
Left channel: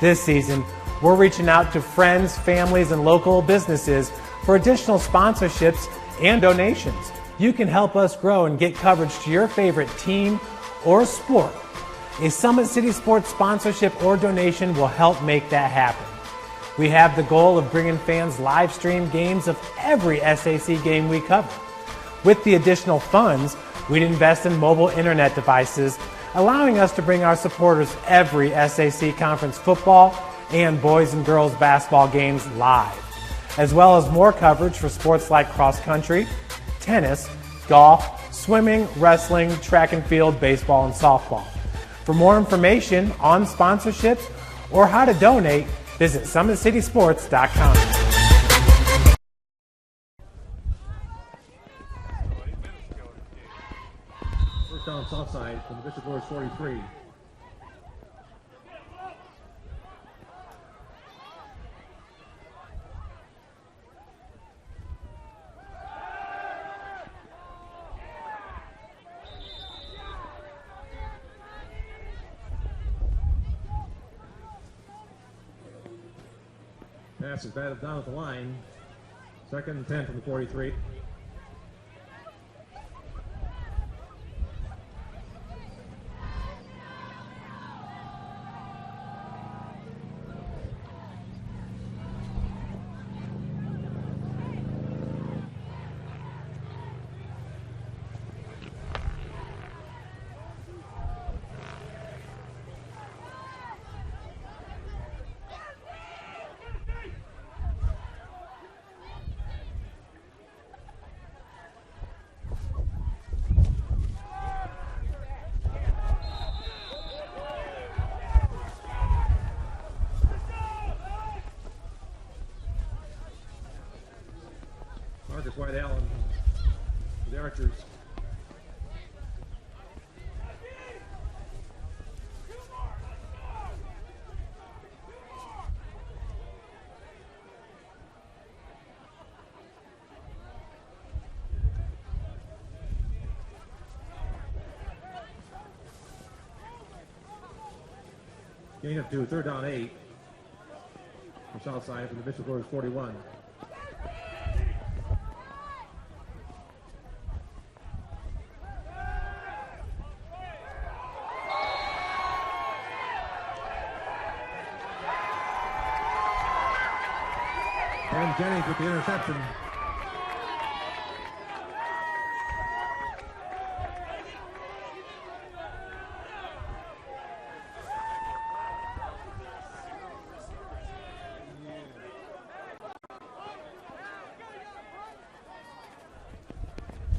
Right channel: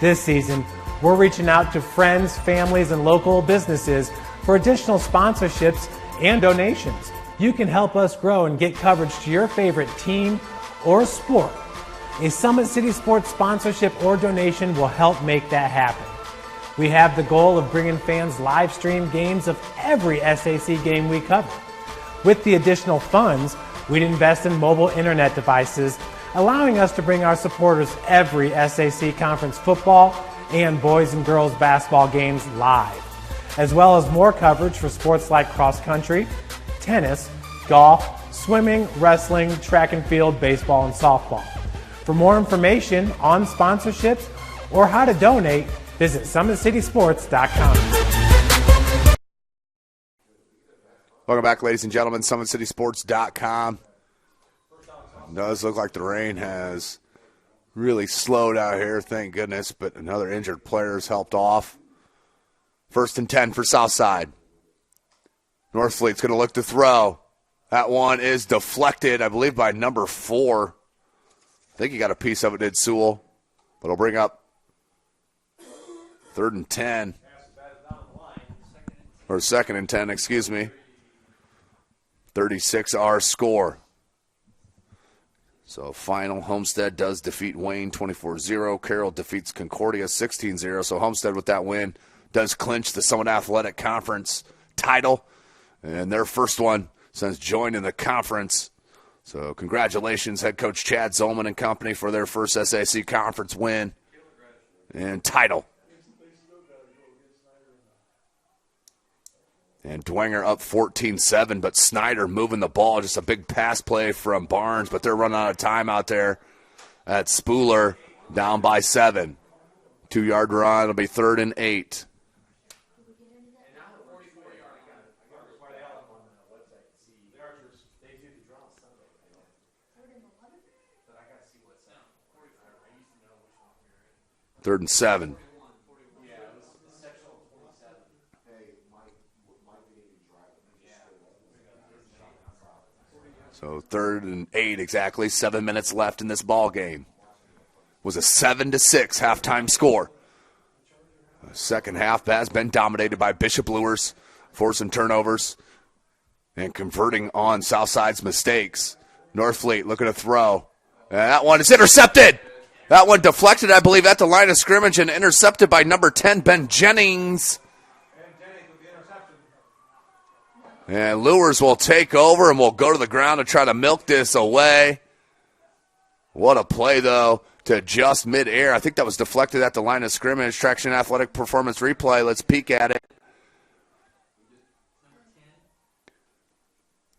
This season, we're reaching out to friends, families, and local businesses for additional sponsorships and donations. You can help us grow and get coverage to your favorite team or sport. A Summit City Sports sponsorship or donation will help make that happen. We have the goal of bringing fans live stream games of every SAC game we cover. With the additional funds, we'd invest in mobile internet devices, allowing us to bring our supporters every SAC conference football and boys and girls basketball games live, as well as more coverage for sports like cross country, tennis, golf, swimming, wrestling, track and field, baseball, and softball. For more information on sponsorships or how to donate, visit SummitCitySports.com. Welcome back, ladies and gentlemen. SummitCitySports.com. Does look like the rain has really slowed out here, thank goodness, but another injured player has helped off. 1st and 10 for Southside. Northfleet's going to look to throw. That one is deflected, I believe, by number 4. I think he got a piece of it, did Sewell. It'll bring up 3rd and 10. Pass is batted down at the line. Or 2nd and 10, excuse me. 36 our score. So final, Homestead does defeat Wayne 24-0. Carroll defeats Concordia 16-0. So Homestead with that win does clinch the Summit Athletic Conference title. And their first one since joining the conference. So congratulations, head coach Chad Zolman and company, for their first SAC conference win and title. And Dwenger up 14-7, but Snyder moving the ball. Just a big pass play from Barnes, but they're running out of time out there. That's Spooler down by 7. 2-yard run. It'll be 3rd and 8. Marcus White Allen for the Archers. 3rd and 7. So 3rd and 8 exactly. 7 minutes left in this ball game. It was a 7-6 halftime score. The second half has been dominated by Bishop Luers, forcing turnovers and converting on Southside's mistakes. Northfleet looking to throw. And that one is intercepted. That one deflected, I believe, at the line of scrimmage and intercepted by number 10, Ben Jennings. Ben Jennings with the interception. And Luers will take over and will go to the ground to try to milk this away. What a play, though, to just midair. I think that was deflected at the line of scrimmage. Traction Athletic Performance Replay. Let's peek at it.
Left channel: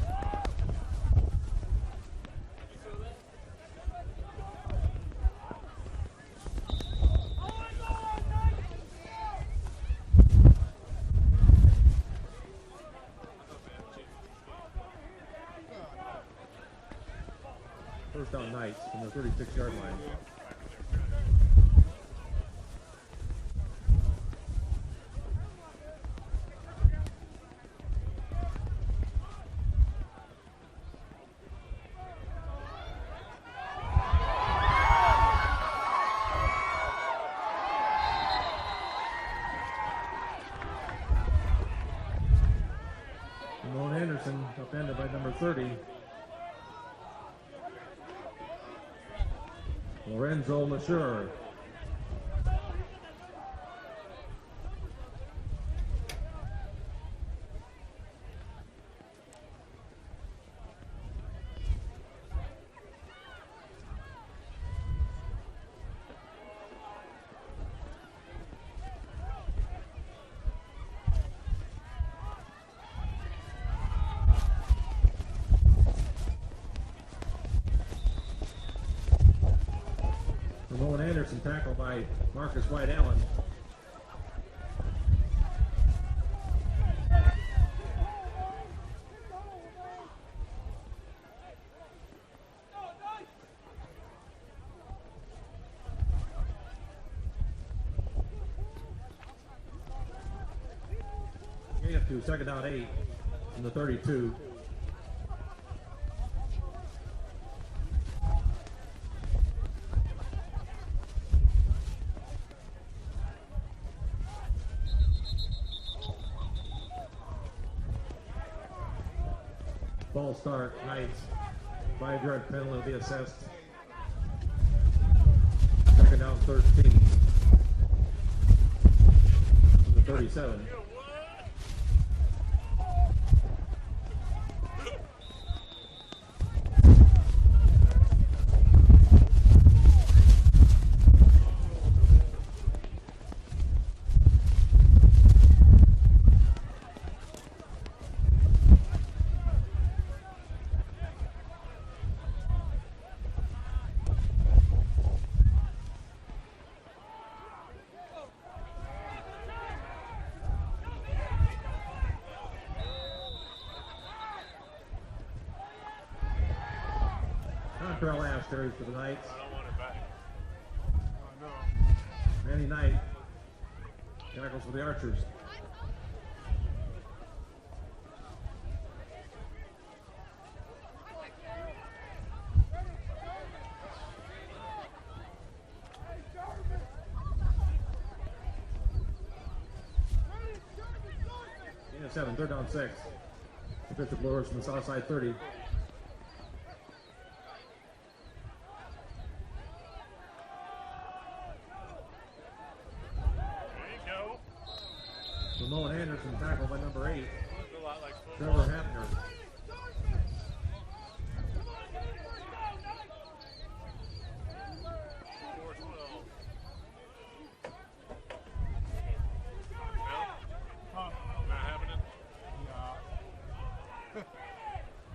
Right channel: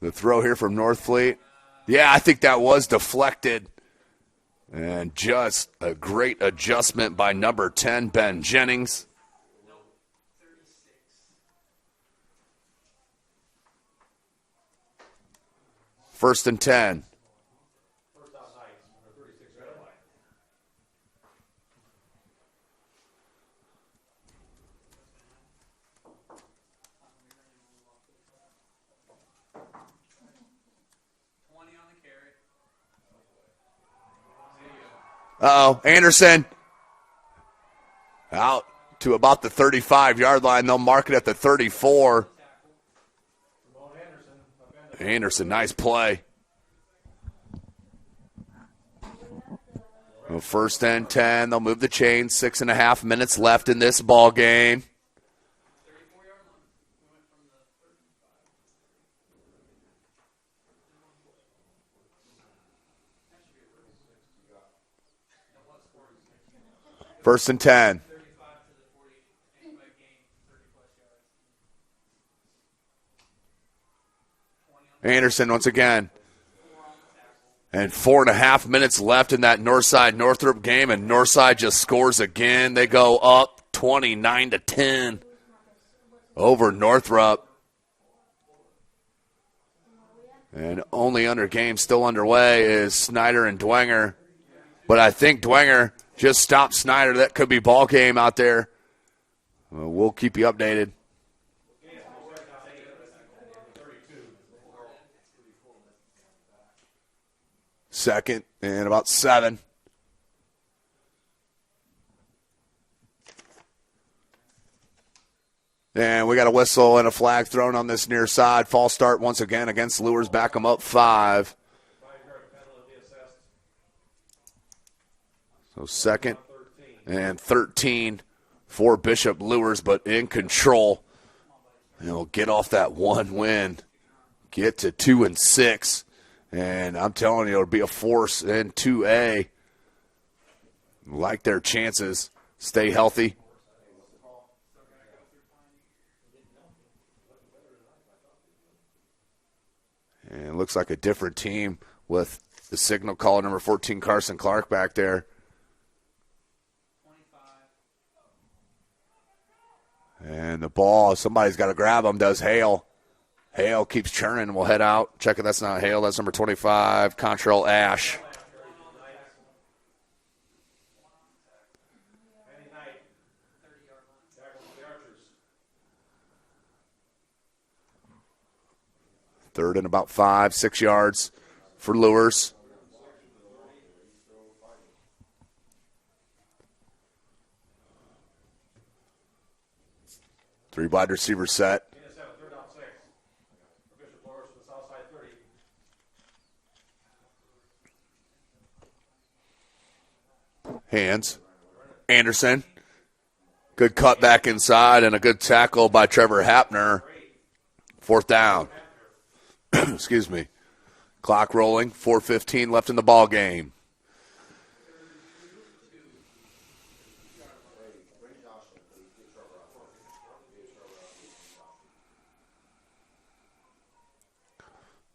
The throw here from Northfleet. Yeah, I think that was deflected. And just a great adjustment by number 10, Ben Jennings. First and 10. First down Knights from the 36-yard line. Uh-oh, Anderson out to about the 35-yard line. They'll mark it at the 34. Anderson, nice play. First and 10. They'll move the chains. 6.5 minutes left in this ball game. First and 10. Anderson once again. And 4.5 minutes left in that Northside-Northrop game, and Northside just scores again. They go up 29-10 over Northrop. And only under game still underway is Snyder and Dwenger. But I think Dwenger just stopped Snyder. That could be ball game out there. We'll keep you updated. Second down 8 from the 32. Second and about 7. And we got a whistle and a flag thrown on this near side. False start once again against Luers. Back them up 5. 5-yard penalty will be assessed. Second and 13 for Bishop Luers, but in control. They'll get off that one win, get to 2 and 6. And I'm telling you, it'll be a force in 2A. Like their chances. Stay healthy. And it looks like a different team with the signal caller number 14, Carson Clark, back there. And the ball, somebody's got to grab him, does Hale. Hale keeps churning. We'll head out. Checking that's not Hale. That's number 25, Contrail Ash. Manny Knight tackles for the Archers. Third and about 5, 6 yards for Luers. Three wide receiver set. 7, 3rd down 6. Bishop Luers from the south side 30. Hands. Anderson. Good cut back inside and a good tackle by Trevor Hapner. 4th down. Excuse me. Clock rolling. 4:15 left in the ball game.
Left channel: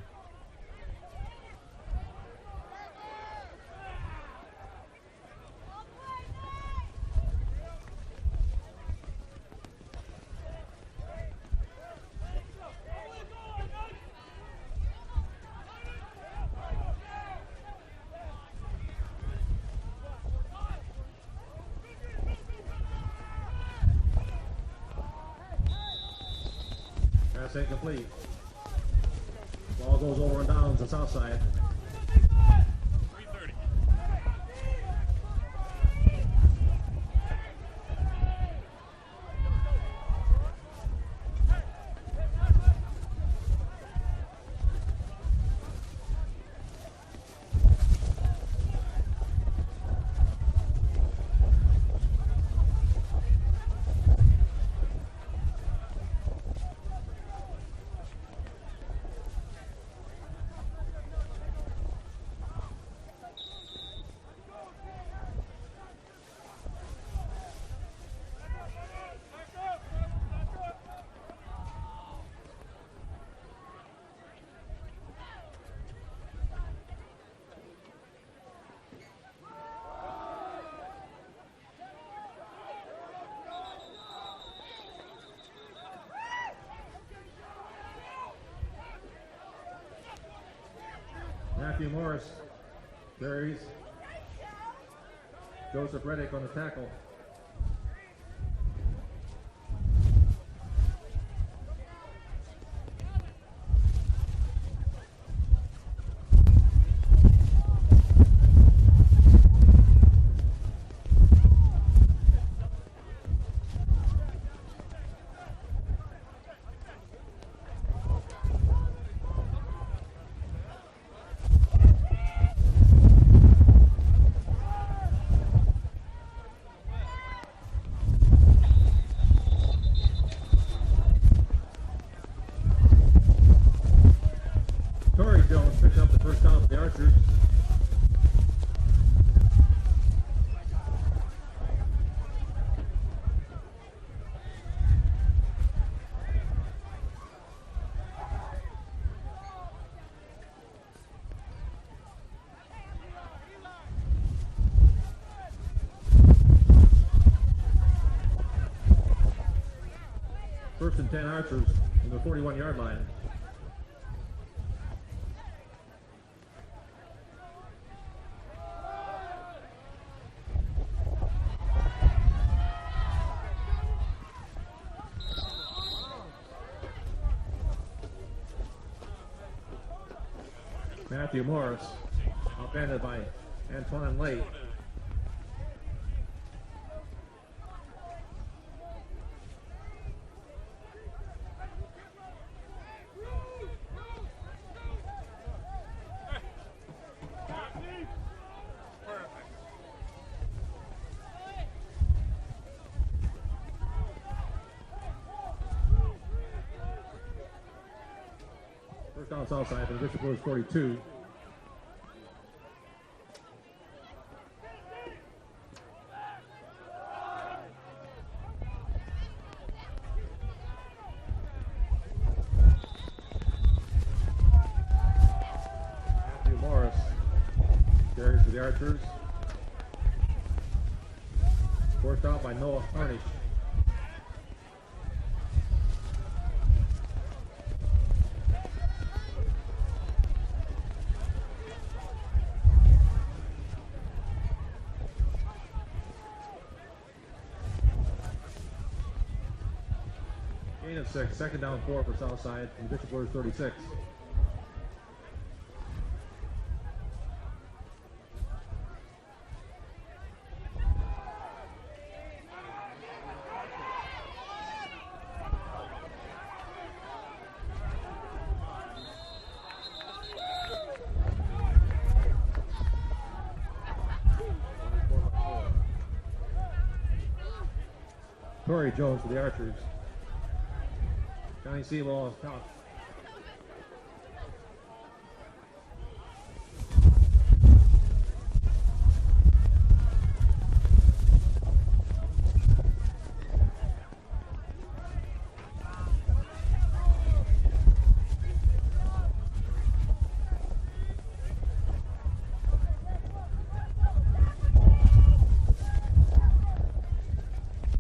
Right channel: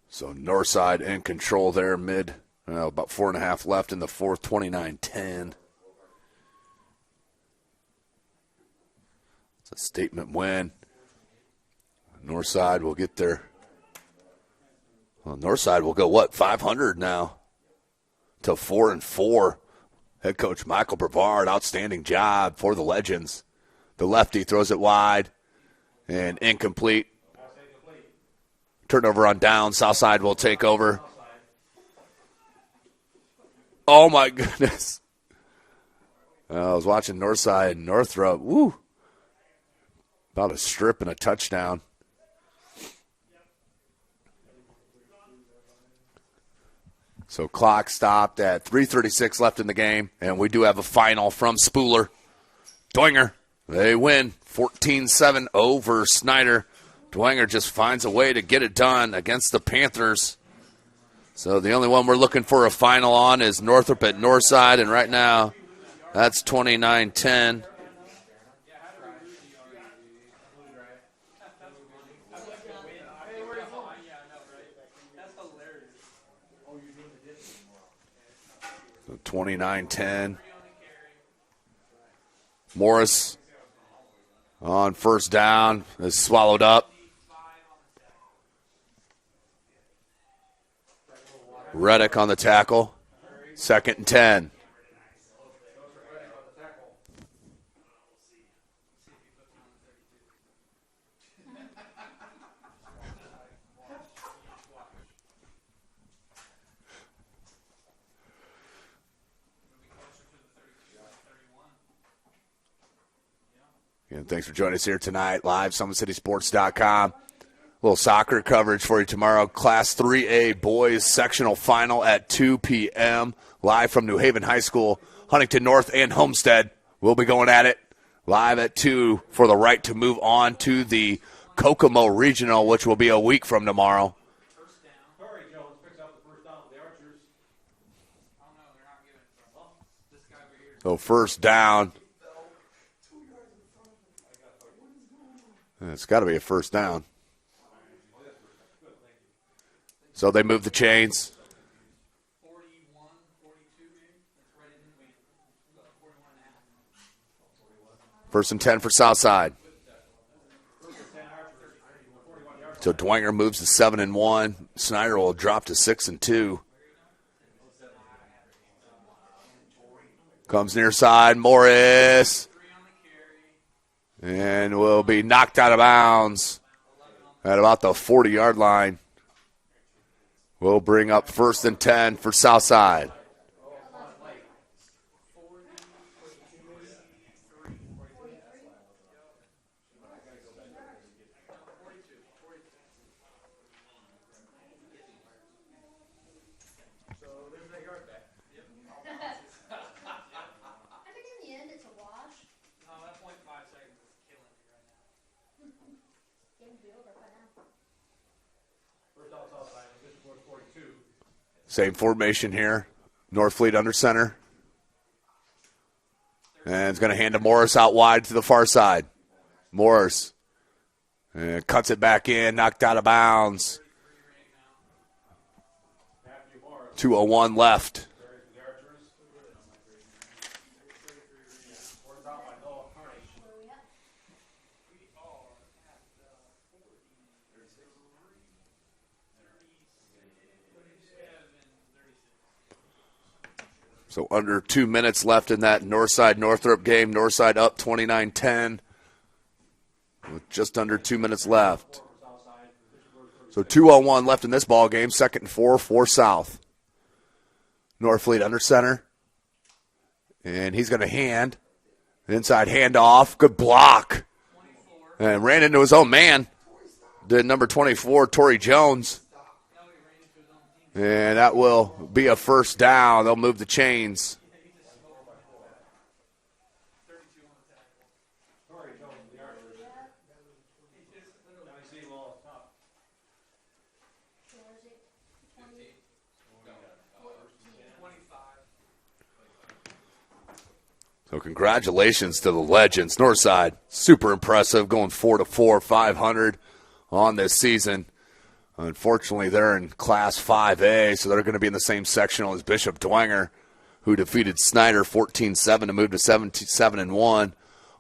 So Northside in control there, about 4.5 left in the 4th, 29-10. It's a statement win. Northside will get there. Well, Northside will go, 500 now to 4-4 Head coach Michael Brevard, outstanding job for the Legends. The lefty throws it wide and incomplete. Pass incomplete. Turnover on down. Southside will take over. Oh, my goodness. I was watching Northside Northrop. Woo. About a strip and a touchdown. So clock stopped at 3:36 left in the game, and we do have a final from Spooler. Dwenger, they win 14-7 over Snyder. Dwenger just finds a way to get it done against the Panthers. So the only one we're looking for a final on is Northrop at Northside, and right now that's 29-10. So 29-10. Morris on first down is swallowed up. Reddick on the tackle. 2nd and 10. Joseph Reddick on the tackle. And thanks for joining us here tonight, live, SummitCitySports.com. A little soccer coverage for you tomorrow. Class 3A boys sectional final at 2 p.m. Live from New Haven High School, Huntington North, and Homestead. We'll be going at it live at 2 for the right to move on to the Kokomo Regional, which will be a week from tomorrow. Torrey Jones picks up the first down for the Archers. So first down. It's got to be a first down. So they move the chains. First and 10 for Southside. First and 10 Archers in the 41-yard line. So Dwenger moves to 7-1. Snyder will drop to 6-2. Comes near side, Morris. And will be knocked out of bounds at about the 40-yard line. We'll bring up first and 10 for Southside. Antoine Lake. Down Southside, and Bishop Blues 42. Same formation here. Northfleet under center. And it's going to hand to Morris out wide to the far side. Morris cuts it back in, knocked out of bounds. 2:01 left. Carries for the Archers. Forced out by Noah Harnish. So under 2 minutes left in that Northside-Northrop game. Northside up 29-10. With just under 2 minutes left. So 2:01 left in this ball game. 2nd and 4 for South. Northfleet under center. And he's going to hand. Inside handoff. Good block. And ran into his own man. Did number 24, Torrey Jones. And that will be a first down. They'll move the chains. Torrey Jones for the Archers. Johnny Seymour off top. So congratulations to the Legends. Northside, super impressive, going 4-4, 500 on this season. Unfortunately, they're in Class 5A, so they're going to be in the same sectional as Bishop Dwenger, who defeated Snyder 14-7 to move to 7-1.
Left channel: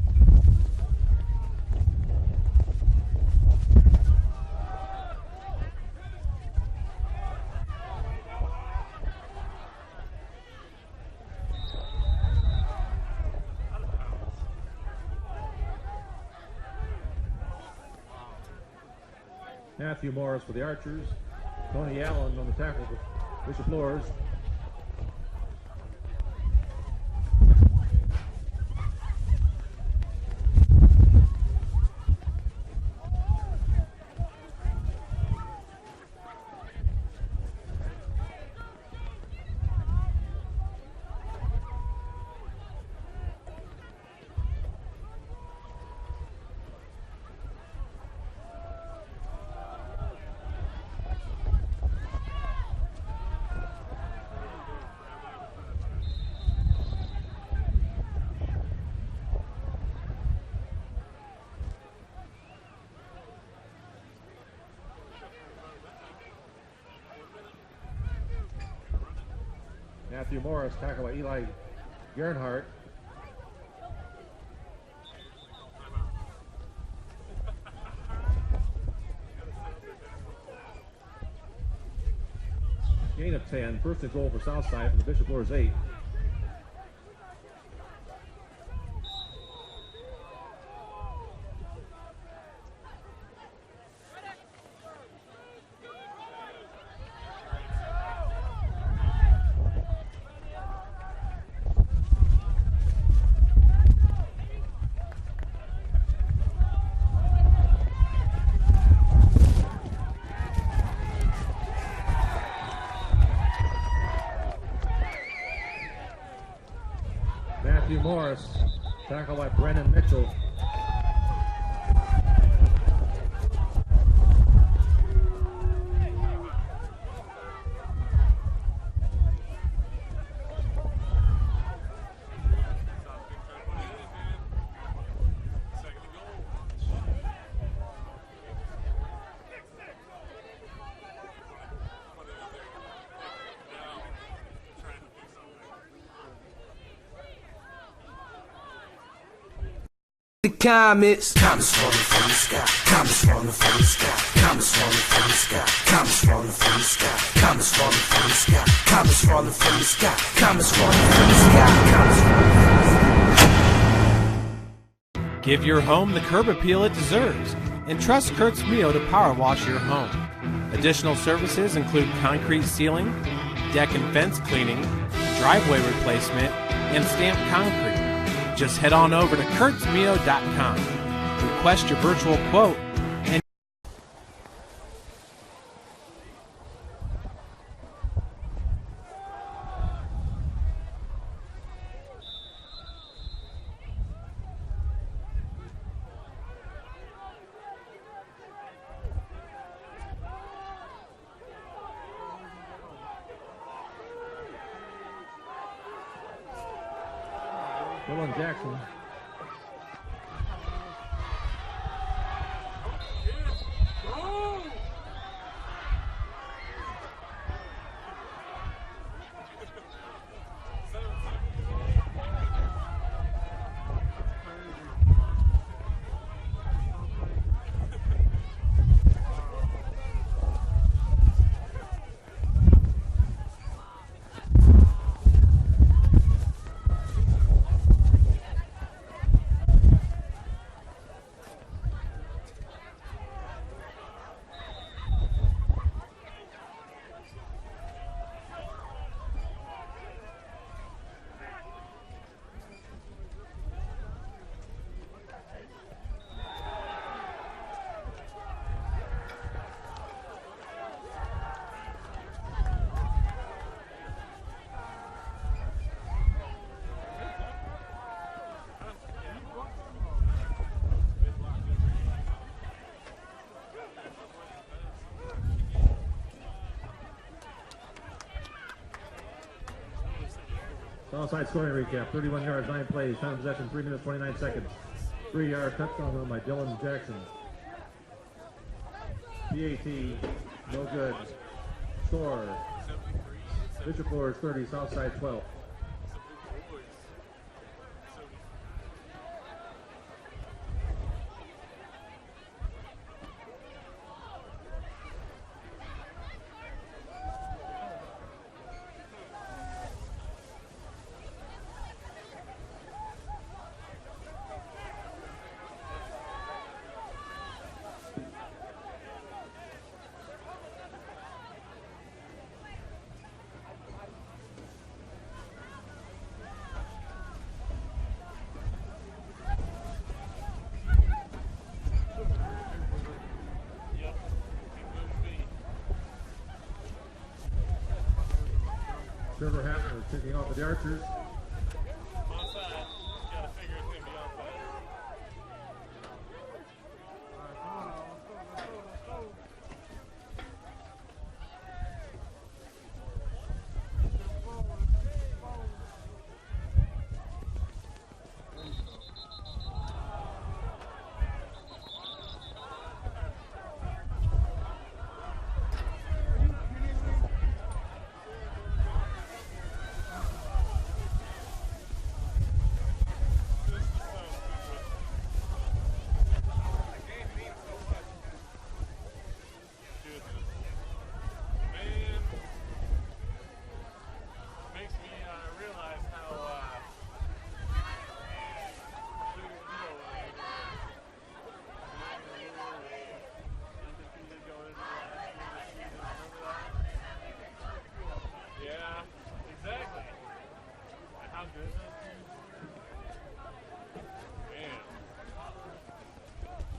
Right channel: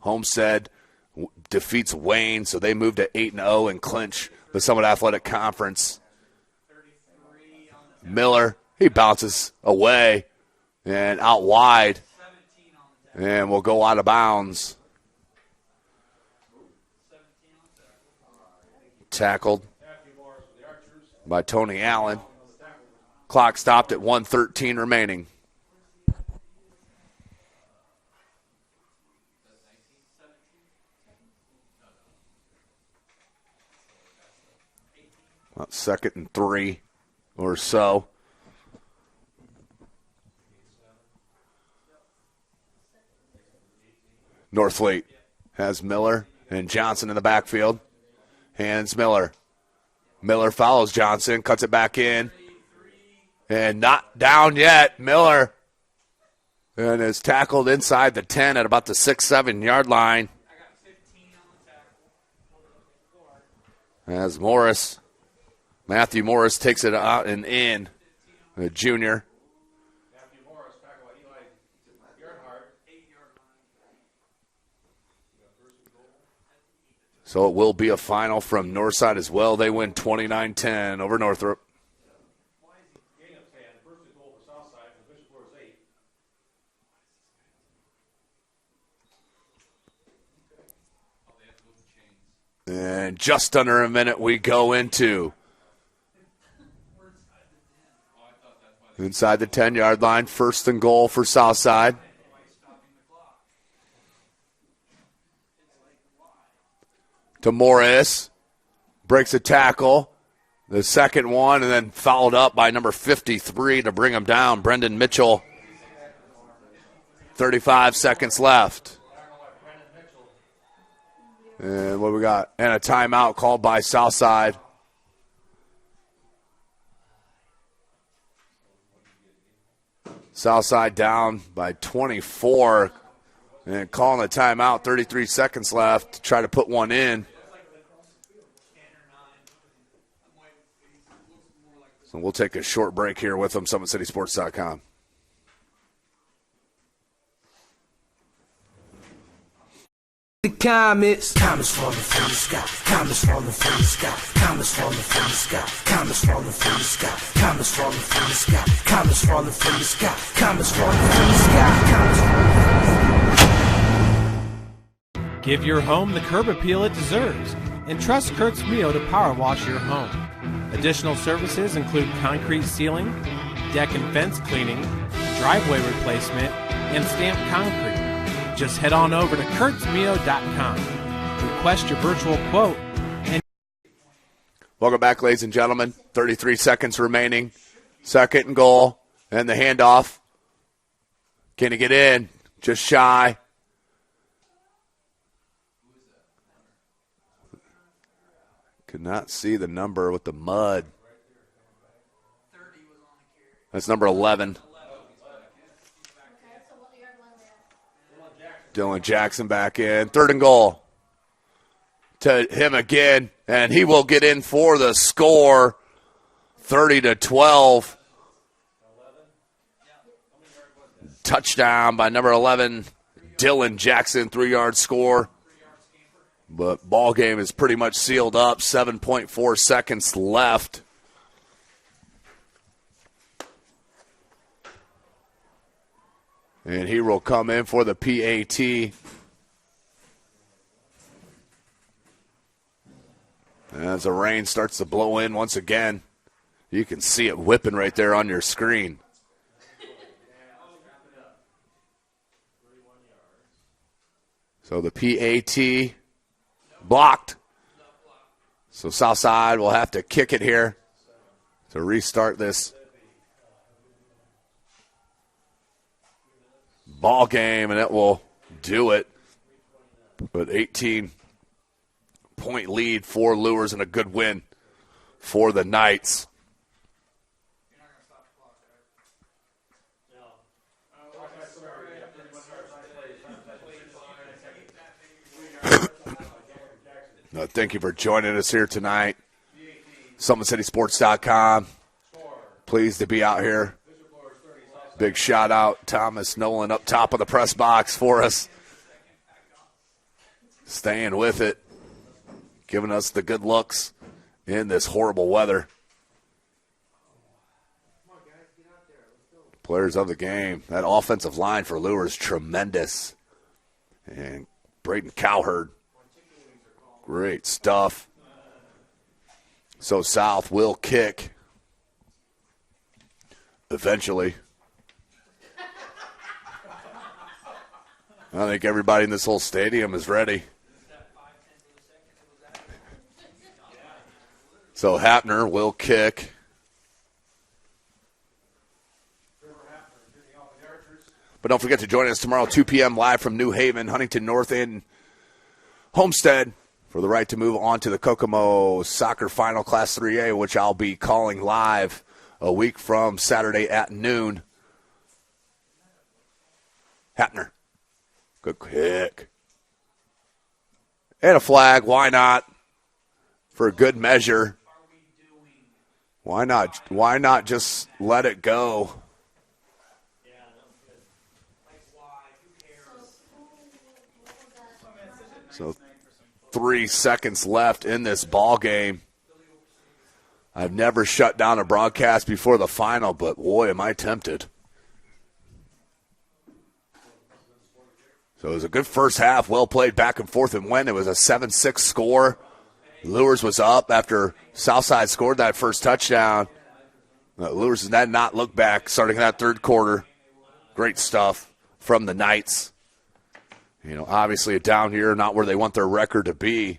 Homestead defeats Wayne, so they move to 8-0 and clinch the Summit Athletic Conference. Miller, he bounces away and out wide And will go out of bounds. Tackled Matthew Morris for the Archers. by Tony Allen. On the tackle. Clock stopped at 1:13 remaining. About 2nd and 3 or so. Northfleet has Miller and Johnson in the backfield. Hands Miller. Miller follows Johnson, cuts it back in. And not down yet. Miller and is tackled inside the 10 at about the 6-7 yard line. As Matthew Morris takes it out and in. The junior. Matthew Morris tackled by Eli Gernhardt. So it will be a final from Northside as well. They win 29-10 over Northrop. Gain of 10. First and goal for Southside from the Bishop Luers 8. And just under a minute we go into. Inside the 10-yard line, first and goal for Southside. To Morris, breaks a tackle, the second one, and then followed up by number 53 to bring him down, Brendan Mitchell. 35 seconds left. Tackle by Brendan Mitchell. And what we got? And a timeout called by Southside. Southside down by 24. And calling a timeout, 33 seconds left to try to put one in. So we'll take a short break here with them, SummitCitySports.com. The comets falling from the sky, comets falling from the sky, comets falling from the sky, comets falling from the sky, comets falling from the sky, comets falling from the sky, comets falling from the sky, comets falling from the sky. Give your home the curb appeal it deserves and trust Kurt's Mio to power wash your home. Additional services include concrete sealing, deck and fence cleaning, driveway replacement, and stamped concrete. Just head on over to kurtzmio.com. Request your virtual quote. Welcome back, ladies and gentlemen. 33 seconds remaining. Second and goal. And the handoff. Can he get in? Just shy. Could not see the number with the mud. That's number 11. Dylan Jackson back in. Third and goal. To him again, and he will get in for the score. 30-12. Touchdown by number 11, Dylan Jackson, 3-yard score. But ball game is pretty much sealed up. 7.4 seconds left. And he will come in for the PAT. As the rain starts to blow in once again, you can see it whipping right there on your screen. So the PAT blocked. So Southside will have to kick it here to restart this ball game, and it will do it. But 18-point lead for Luers and a good win for the Knights. Southside scoring recap. 31 yards, 9 plays, time possession, 3 minutes, 29 seconds. 3 yards, by Dylan Jackson. Thank you for joining us here tonight. PAT. SummitCitySports.com. Score. Pleased to be out here. Bishop Luers 30, Southside. Big shout out, Thomas Nolan up top of the press box for us. Staying with it. Giving us the good looks in this horrible weather. Players of the game. That offensive line for Luers, tremendous. And Braden Cowherd, great stuff. So South will kick eventually. I think everybody in this whole stadium is ready. So Hapner will kick. But don't forget to join us tomorrow, 2 p.m. live from New Haven, Huntington North, and Homestead for the right to move on to the Kokomo Soccer Final Class 3A, which I'll be calling live a week from Saturday at noon. Hapner. Good kick. And a flag. Why not? For good measure. Why not? Why not just let it go? So 3 seconds left in this ball game. I've never shut down a broadcast before the final, but boy, am I tempted. So it was a good first half, well played back and forth and went. It was a 7-6 score. Luers was up after Southside scored that first touchdown. Luers did not look back starting that third quarter. Great stuff from the Knights. You know, obviously down here, not where they want their record to be.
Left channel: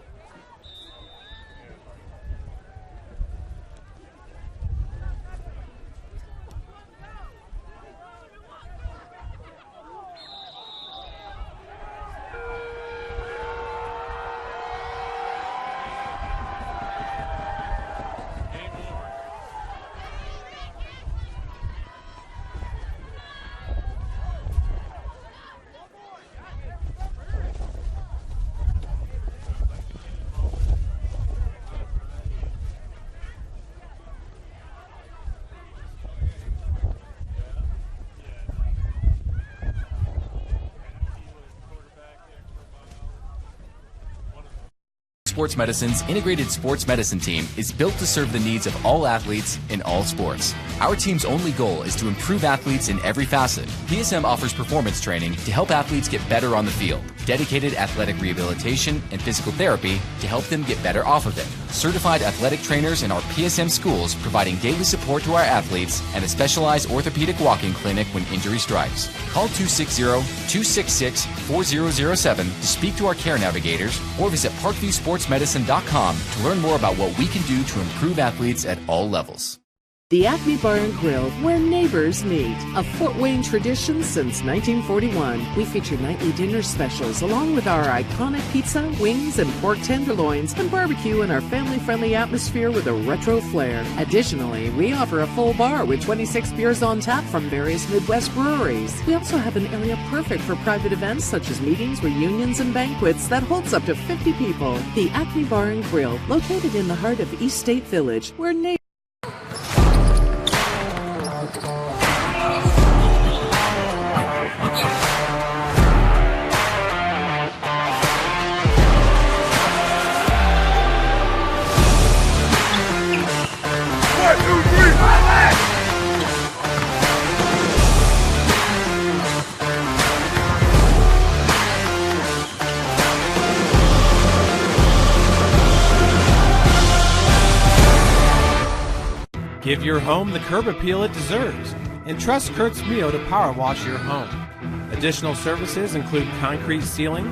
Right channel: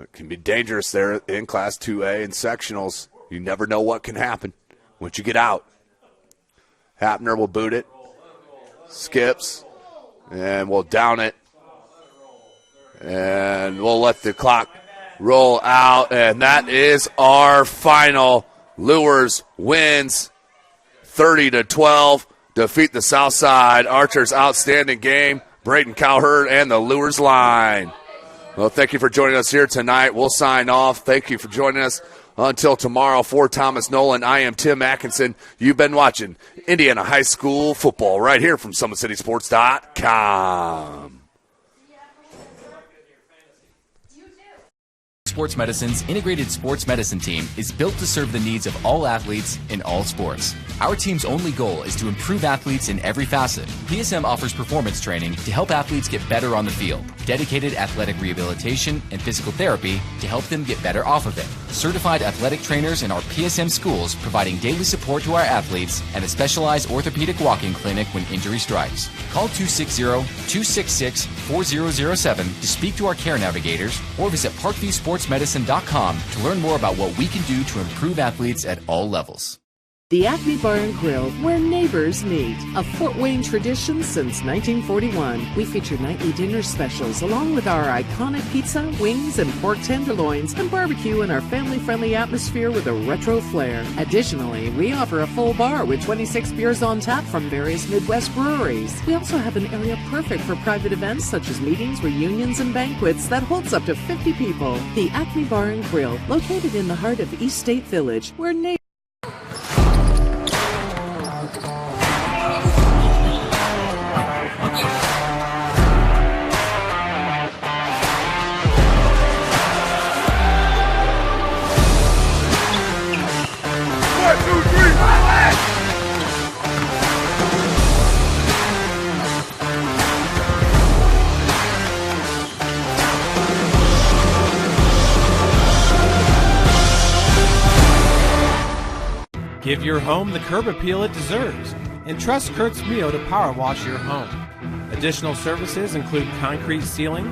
It can be dangerous there in Class 2A and sectionals. You never know what can happen once you get out. Hapner will boot it. Skips. And we'll down it. And we'll let the clock roll out. And that is our final. Luers wins 30-12. Defeat the Southside Archers. Outstanding game. Braden Cowherd and the Luers line. Well, thank you for joining us here tonight. We'll sign off. Thank you for joining us. Until tomorrow, for Thomas Nolan, I am Tim Atkinson. You've been watching Indiana High School football right here from SummitCitySports.com. Sports Medicine's integrated sports medicine team is built to serve the needs of all athletes in all sports. Our team's only goal is to improve athletes in every facet. PSM offers performance training to help athletes get better on the field, dedicated athletic rehabilitation and physical therapy to help them get better off of it, certified athletic trainers in our PSM schools providing daily support to our athletes, and a specialized orthopedic walk-in clinic when injury strikes. Call 260-266-4007 to speak to our care navigators or visit ParkviewSportsMedicine.com to learn more about what we can do to improve athletes at all levels. The Acme Bar and Grill, where neighbors meet. A Fort Wayne tradition since 1941. We feature nightly dinner specials along with our iconic pizza, wings, and pork tenderloins, and barbecue in our family-friendly atmosphere with a retro flair. Additionally, we offer a full bar with 26 beers on tap from various Midwest breweries. We also have an area perfect for private events such as meetings, reunions, and banquets that holds up to 50 people. The Acme Bar and Grill, located in the heart of East State Village, where neighbors Give your home the curb appeal it deserves and trust Kurt's Mio to power wash your home. Additional services include concrete sealing,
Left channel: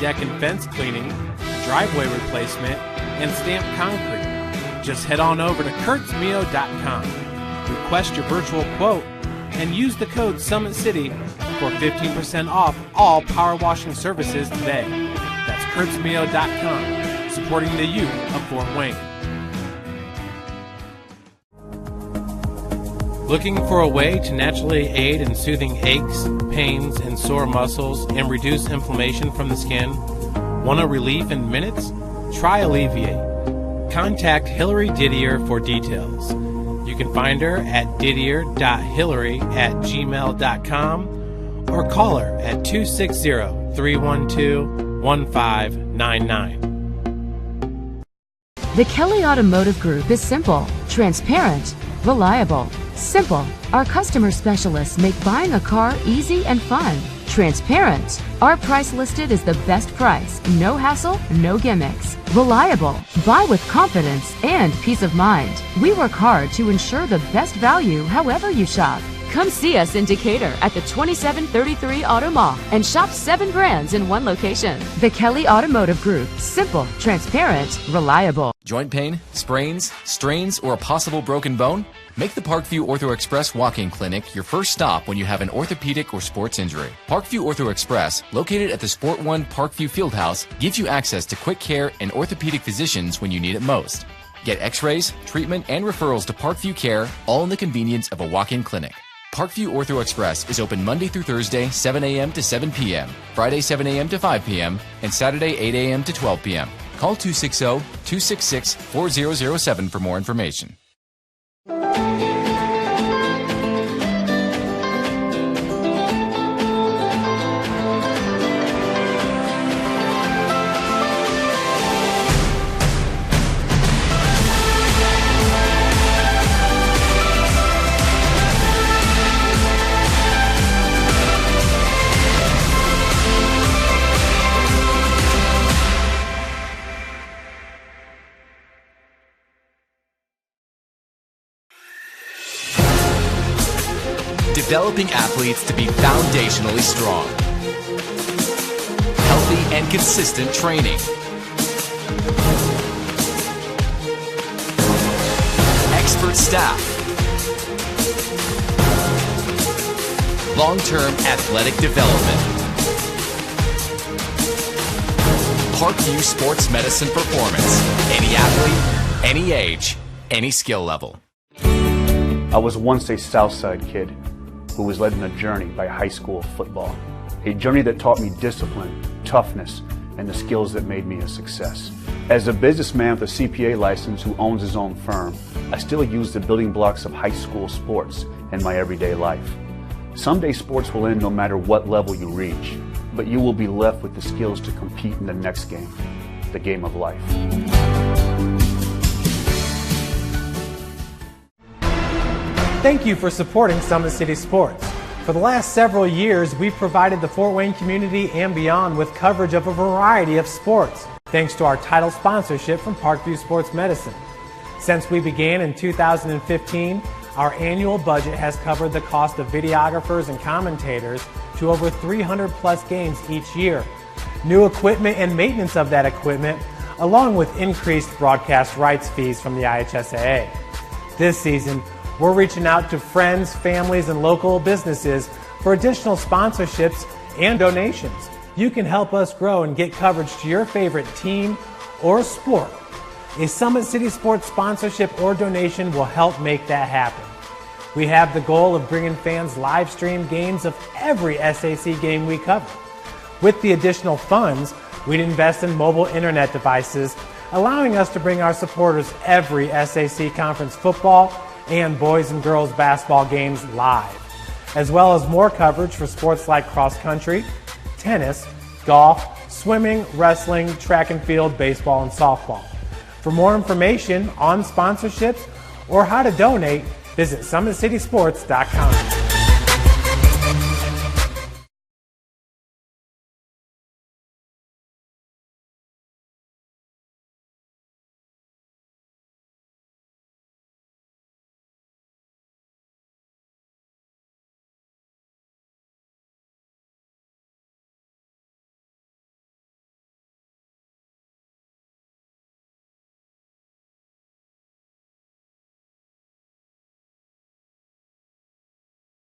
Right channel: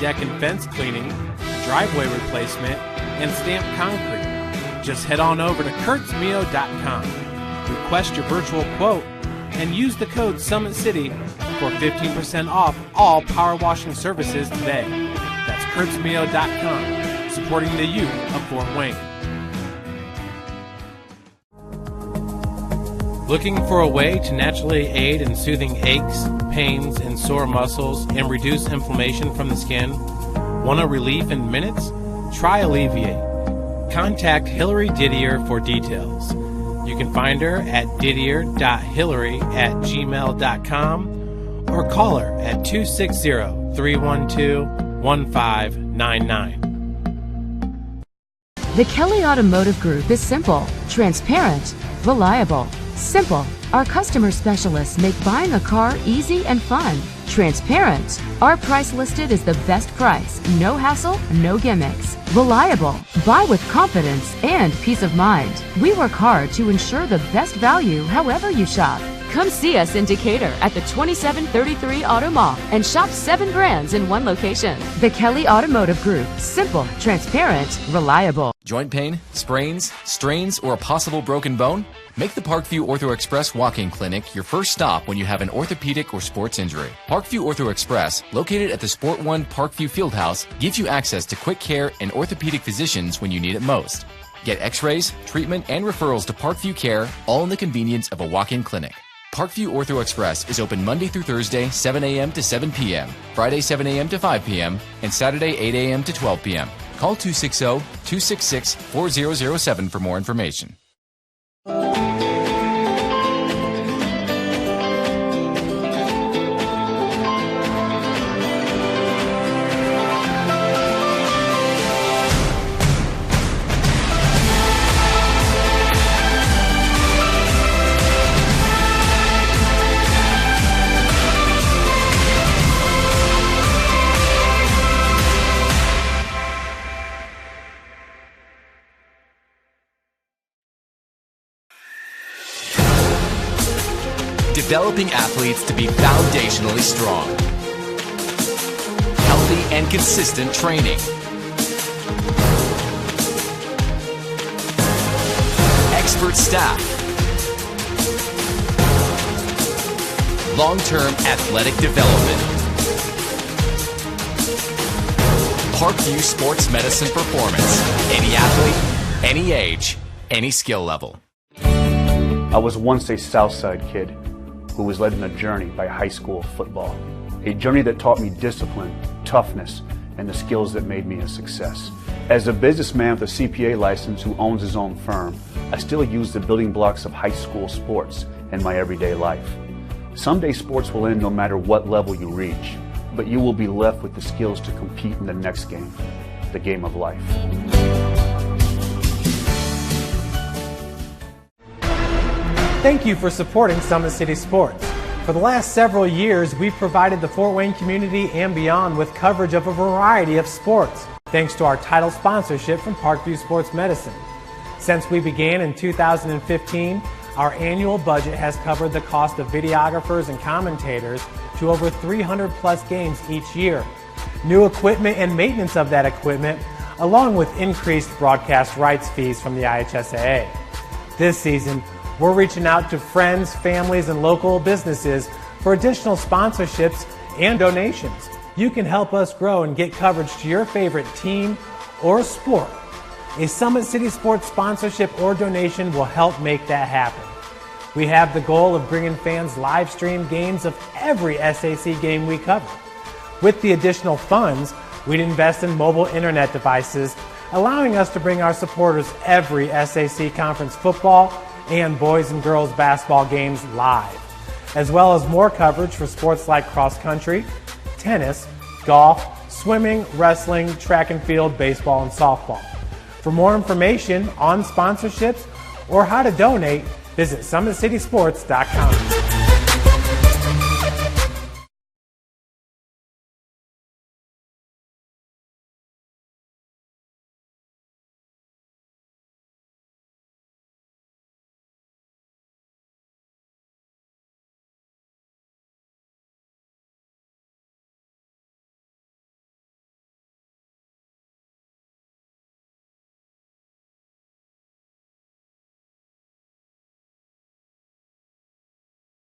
deck and fence cleaning, driveway replacement, and stamped concrete. Just head on over to kurtzmio.com. Request your virtual quote and use the code SummitCity for 15% off all power washing services today. That's kurtzmio.com, supporting the youth of Fort Wayne. Looking for a way to naturally aid in soothing aches, pains, and sore muscles and reduce inflammation from the skin? Want a relief in minutes? Try Alleviate. Contact Hillary Didier for details. You can find her at didier.hillary@gmail.com or call her at 260-312-1599. The Kelly Automotive Group is simple, transparent, reliable. Simple. Our customer specialists make buying a car easy and fun. Transparent. Our price listed is the best price. No hassle, no gimmicks. Reliable. Buy with confidence and peace of mind. We work hard to ensure the best value however you shop. Come see us in Decatur at the 2733 Auto Mall and shop 7 brands in one location. The Kelly Automotive Group. Simple, transparent, reliable. Joint pain, sprains, strains, or a possible broken bone? Make the Parkview Ortho Express walk-in clinic your first stop when you have an orthopedic or sports injury. Parkview Ortho Express, located at the Sport One Parkview Fieldhouse, gives you access to quick care and orthopedic physicians when you need it most. Get x-rays, treatment, and referrals to Parkview Care, all in the convenience of a walk-in clinic. Parkview Ortho Express is open Monday through Thursday, 7 a.m. to 7 p.m., Friday, 7 a.m. to 5 p.m., and Saturday, 8 a.m. to 12 p.m. Call 260-266-4007 for more information. Developing athletes to be foundationally strong. Healthy and consistent training. Expert staff. Long-term athletic development. Parkview Sports Medicine Performance. Any athlete, any age, any skill level. I was once a Southside kid who was led on a journey by high school football. A journey that taught me discipline, toughness, and the skills that made me a success. As a businessman with a CPA license who owns his own firm, I still use the building blocks of high school sports in my everyday life. Someday sports will end no matter what level you reach, but you will be left with the skills to compete in the next game, the game of life. Thank you for supporting Summit City Sports. For the last several years, we've provided the Fort Wayne community and beyond with coverage of a variety of sports, thanks to our title sponsorship from Parkview Sports Medicine. Since we began in 2015, our annual budget has covered the cost of videographers and commentators to over 300 plus games each year. New equipment and maintenance of that equipment, along with increased broadcast rights fees from the IHSAA. This season, we're reaching out to friends, families, and local businesses for additional sponsorships and donations. You can help us grow and get coverage to your favorite team or sport. A Summit City Sports sponsorship or donation will help make that happen. We have the goal of bringing fans live stream games of every SAC game we cover. With the additional funds, we'd invest in mobile internet devices, allowing us to bring our supporters every SAC conference football and boys and girls basketball games live, as well as more coverage for sports like cross country, tennis, golf, swimming, wrestling, track and field, baseball, and softball. For more information on sponsorships or how to donate, visit SummitCitySports.com.